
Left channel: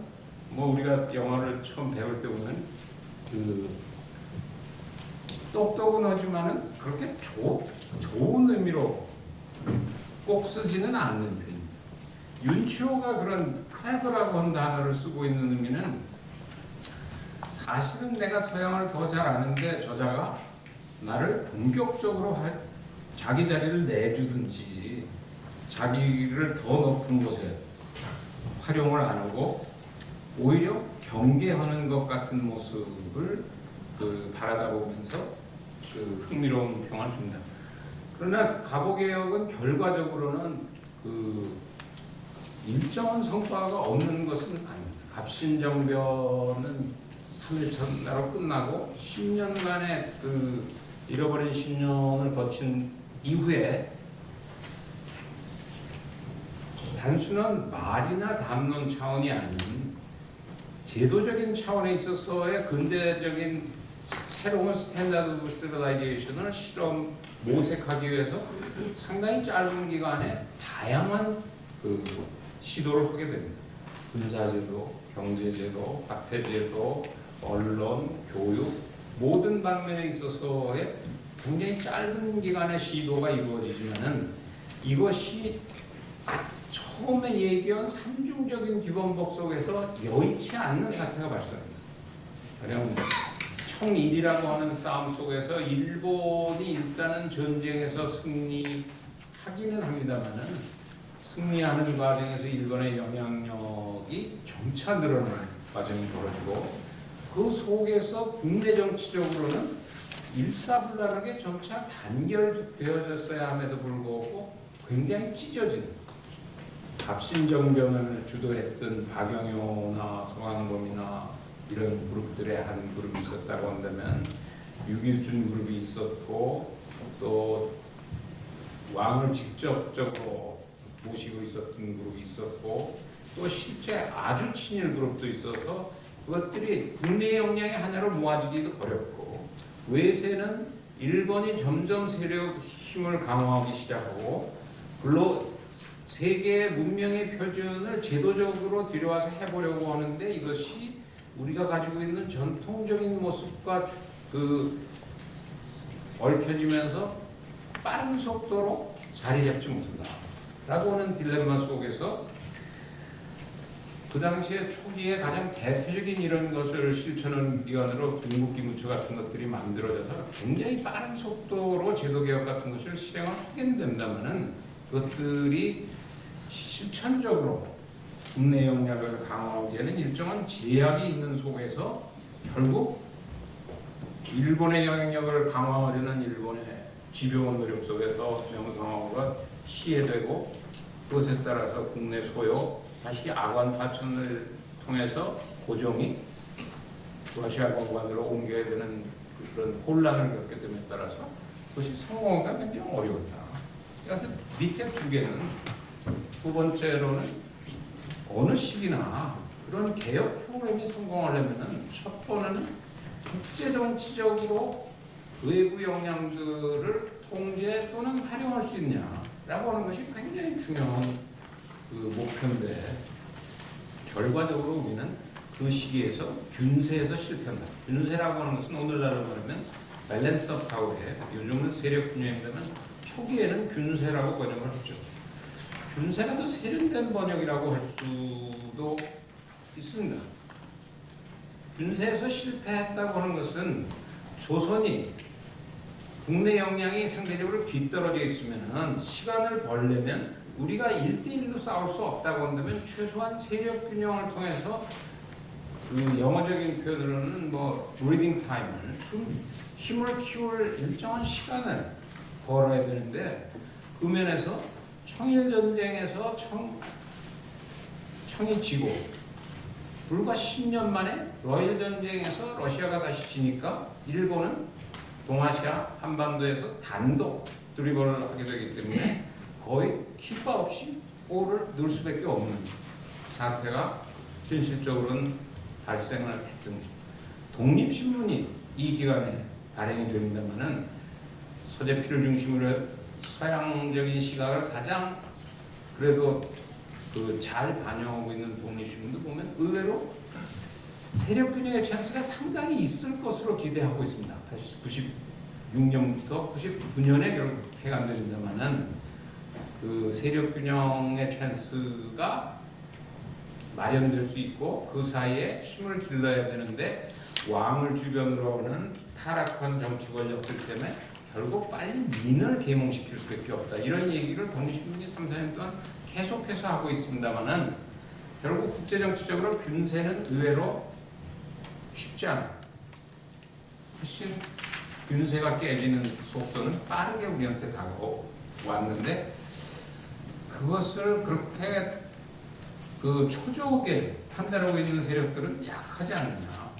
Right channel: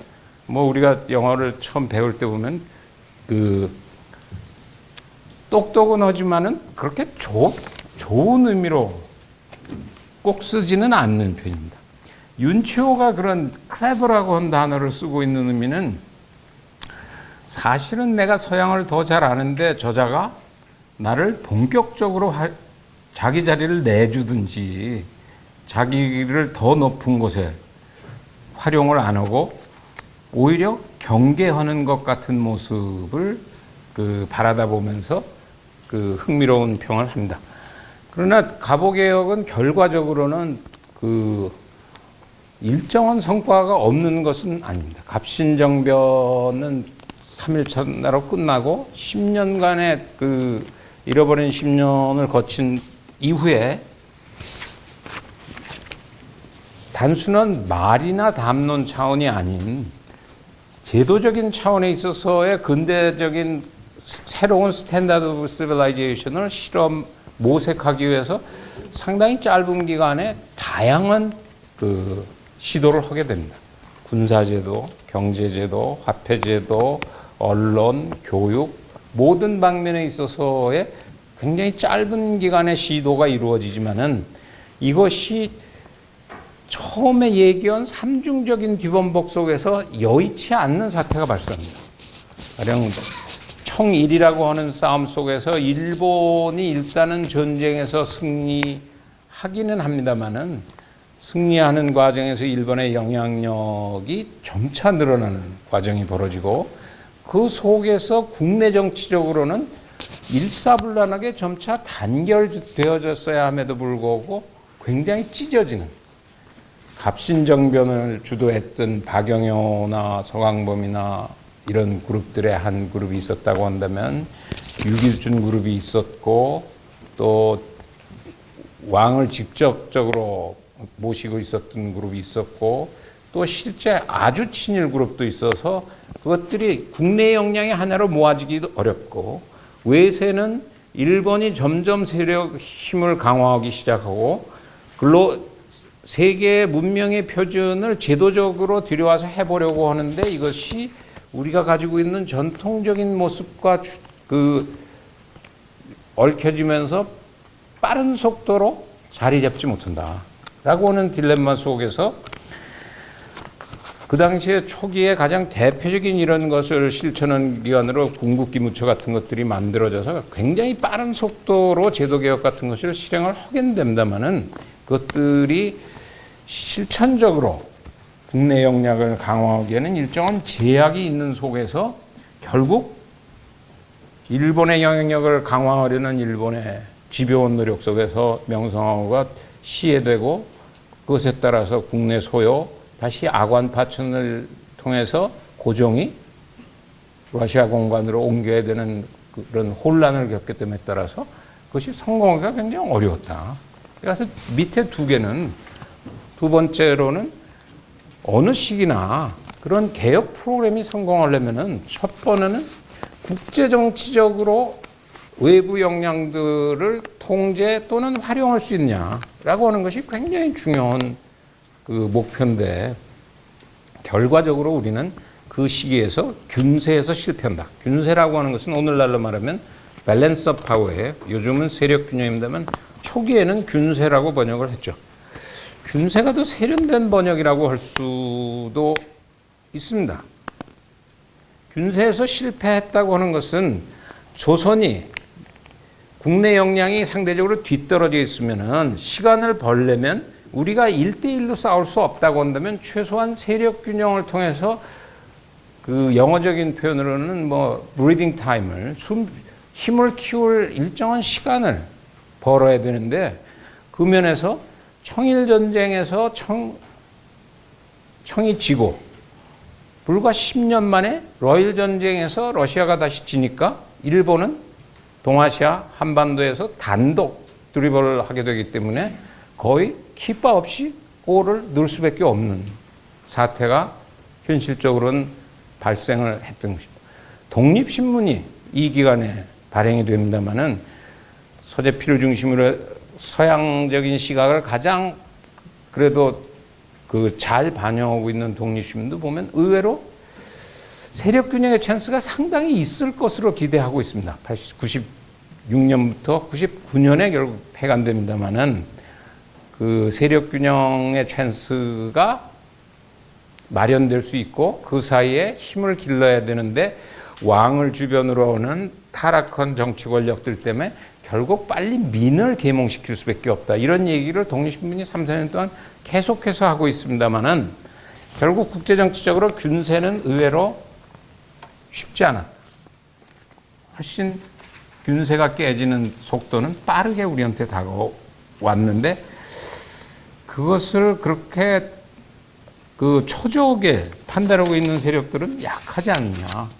뭐 우리가 영어를 처음 배울 때 보면 그 똑똑은 하지만은 그렇게 좋은 의미로 꼭 쓰지는 않는 편입니다. 윤치호가 그런 clever라고 한 단어를 쓰고 있는 의미는 사실은 내가 서양을 더 잘 아는데 저자가 나를 본격적으로 자기 자리를 내주든지 자기를 더 높은 곳에 활용을 안 하고 오히려 경계하는 것 같은 모습을 바라다 보면서 흥미로운 평을 합니다. 그러나 가보개혁은 결과적으로는 일정한 성과가 없는 것은 아닙니다. 갑신정변은 3일 첫날로 끝나고 10년간의 잃어버린 10년을 거친 이후에 단순한 말이나 담론 차원이 아닌 제도적인 차원에 있어서의 근대적인 새로운 스탠다드 오브 시빌라이제이션을 모색하기 위해서 상당히 짧은 기간에 다양한 시도를 하게 됩니다. 군사제도, 경제제도, 화폐제도, 언론, 교육 모든 방면에 있어서의 굉장히 짧은 기간의 시도가 이루어지지만은 이것이 처음에 얘기한 삼중적인 뒤범벅 속에서 여의치 않는 사태가 발생합니다. 가령 청일이라고 하는 싸움 속에서 일본이 일단은 전쟁에서 승리하기는 합니다만은 승리하는 과정에서 일본의 영향력이 점차 늘어나는 과정이 벌어지고 그 속에서 국내 정치적으로는 일사불란하게 점차 단결되어졌어야 함에도 불구하고 굉장히 찢어지는 갑신정변을 주도했던 박영효나 서강범이나 이런 그룹들의 한 그룹이 있었다고 한다면 유길준 그룹이 있었고 또 왕을 직접적으로 모시고 있었던 그룹이 있었고 또 실제 아주 친일 그룹도 있어서 그것들이 국내 역량의 하나로 모아지기도 어렵고 외세는 일본이 점점 세력 힘을 강화하기 시작하고 세계의 문명의 표준을 제도적으로 들여와서 해보려고 하는데 이것이 우리가 가지고 있는 전통적인 모습과 얽혀지면서 빠른 속도로 자리 잡지 못한다 라고 하는 딜레마 속에서 그 당시에 초기에 가장 대표적인 이런 것을 실천한 기관으로 궁극기무처 같은 것들이 만들어져서 굉장히 빠른 속도로 제도개혁 같은 것을 실행을 하게 된다면은 그것들이 실천적으로 국내 역량을 강화하기에는 일정한 제약이 있는 속에서 결국 일본의 영향력을 강화하려는 일본의 집요한 노력 속에서 명성황후가 시해되고 그것에 따라서 국내 소요 다시 아관 파천을 통해서 고종이 러시아 공관으로 옮겨야 되는 그런 혼란을 겪기 때문에 따라서 그것이 성공하기가 굉장히 어려웠다. 그래서 밑에 두 개는 두 번째로는 어느 시기나 그런 개혁 프로그램이 성공하려면은 첫 번째는 국제 정치적으로 외부 역량들을 통제 또는 활용할 수 있냐라고 하는 것이 굉장히 중요한 목표인데 결과적으로 우리는 그 시기에서 균세에서 실패한다. 균세라고 하는 것은 오늘날로 말하면 밸런스 오브 파워에 요즘은 세력 균형입니다만 초기에는 균세라고 번역을 했죠. 균세가 더 세련된 번역이라고 할 수도 있습니다. 균세에서 실패했다고 하는 것은 조선이 국내 역량이 상대적으로 뒤떨어져 있으면은 시간을 벌려면 우리가 1대1로 싸울 수 없다고 한다면 최소한 세력 균형을 통해서 그 영어적인 표현으로는 뭐 브리딩 타임을 힘을 키울 일정한 시간을 벌어야 되는데 그 면에서 청일 전쟁에서 청이 지고 불과 10년 만에 러일 전쟁에서 러시아가 다시 지니까 일본은 동아시아 한반도에서 단독 드리블을 하게 되기 때문에 거의 키바 없이 골을 넣을 수밖에 없는 사태가 현실적으로는 발생을 했던 것입니다. 독립신문이 이 기간에 발행이 됩니다마는 서재필을 중심으로 서양적인 시각을 가장 그래도 그 잘 반영하고 있는 독립신문도 보면 의외로 세력 균형의 찬스가 상당히 있을 것으로 기대하고 있습니다. 96년부터 99년에 결국 폐간됩니다만은 그 세력 균형의 찬스가 마련될 수 있고 그 사이에 힘을 길러야 되는데 왕을 주변으로 오는 타락한 정치 권력들 때문에 결국 빨리 민을 계몽시킬 수밖에 없다. 이런 얘기를 독립신문이 3, 4년 동안 계속해서 하고 있습니다만은 결국 국제정치적으로 균세는 의외로 쉽지 않아. 훨씬 균세가 깨지는 속도는 빠르게 우리한테 다가왔는데 그것을 그렇게 그 초조하게 판단하고 있는 세력들은 약하지 않느냐.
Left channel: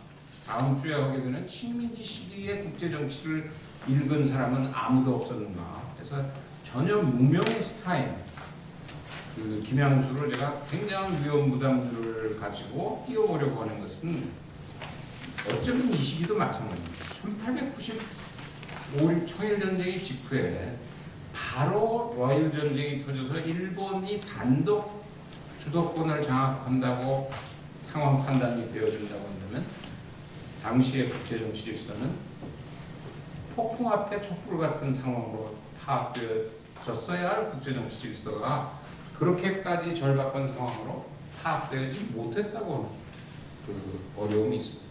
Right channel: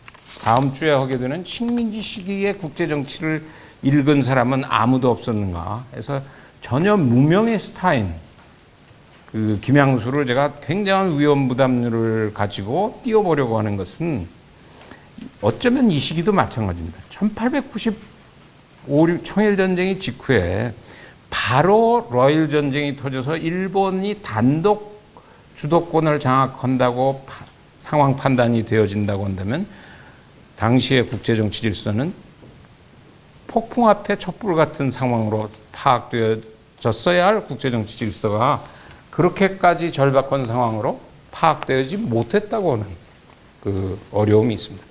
다음 주에 하게 되는 식민지 시기의 국제정치를 읽은 사람은 아무도 없었는가. 그래서 전혀 무명의 스타인 그 김양수를 제가 굉장한 위험 부담률을 가지고 띄워보려고 하는 것은 어쩌면 이 시기도 마찬가지입니다. 1895 청일전쟁이 직후에 바로 러일 전쟁이 터져서 일본이 단독 주도권을 장악한다고 상황 판단이 되어진다고 한다면 당시의 국제정치 질서는 폭풍 앞에 촛불 같은 상황으로 파악되어졌어야 할 국제정치 질서가 그렇게까지 절박한 상황으로 파악되지 못했다고 하는 그 어려움이 있습니다.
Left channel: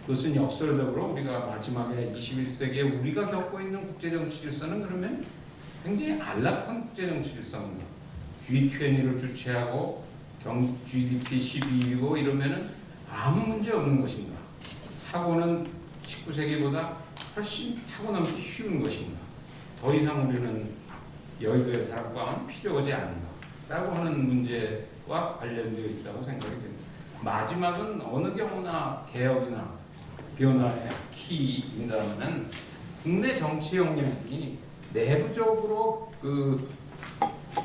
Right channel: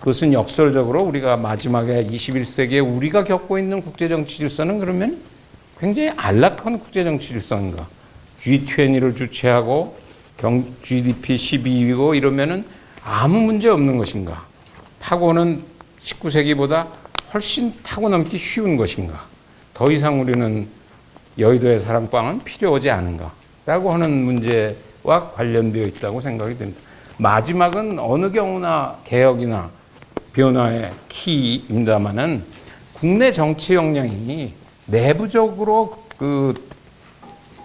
그것은 역설적으로 우리가 마지막에 21세기에 우리가 겪고 있는 국제정치 질서는 그러면 굉장히 안락한 국제정치 질서인가? G20를 주최하고 GDP 12위고 이러면은 아무 문제 없는 것인가? 타고는 19세기보다 훨씬 타고 넘기 쉬운 것인가? 더 이상 우리는 여의도의 사랑방은 필요하지 않은가? 라고 하는 문제와 관련되어 있다고 생각이 됩니다. 마지막은 어느 경우나 개혁이나 변화의 키입니다만은 국내 정치 역량이 내부적으로 그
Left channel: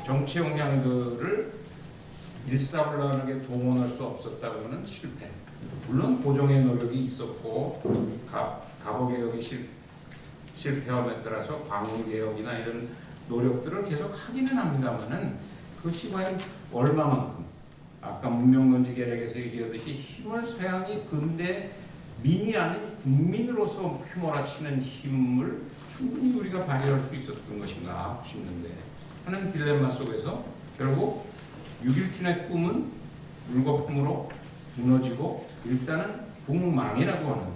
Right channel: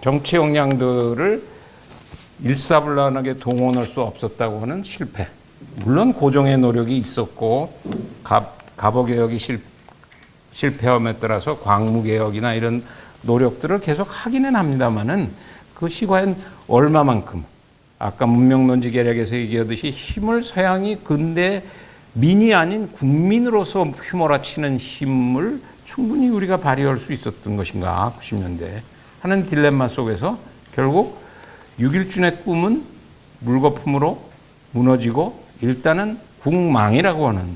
정치 역량들을 일사불란하게 동원할 수 없었다고 하는 실패. 물론 고정의 노력이 있었고 갑오개혁이 실패함에 따라서 광무개혁이나 이런 노력들을 계속 하기는 합니다만은 그것이 과연 얼마만큼 아까 문명론지 계략에서 얘기하듯이 힘을 서양이 근대 민이 아닌 국민으로서 휘몰아치는 힘을 충분히 우리가 발휘할 수 있었던 것인가 90년대 하는 딜레마 속에서 결국 6.1준의 꿈은 물거품으로 무너지고 일단은 국망이라고 하는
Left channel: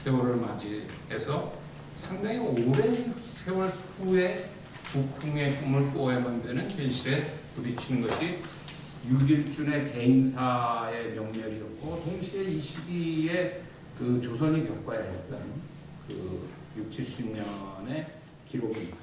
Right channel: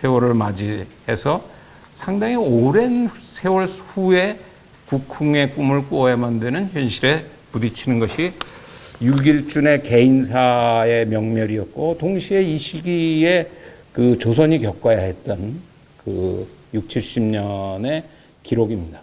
세월을 맞이해서 상당히 오랜 세월 후에 국흥의 꿈을 꾸어야만 되는 현실에 부딪히는 것이 6.1준의 개인사의 명멸이었고 동시에 이 시기에 그 조선이 겪어야 했던 그 60, 70년의 기록입니다.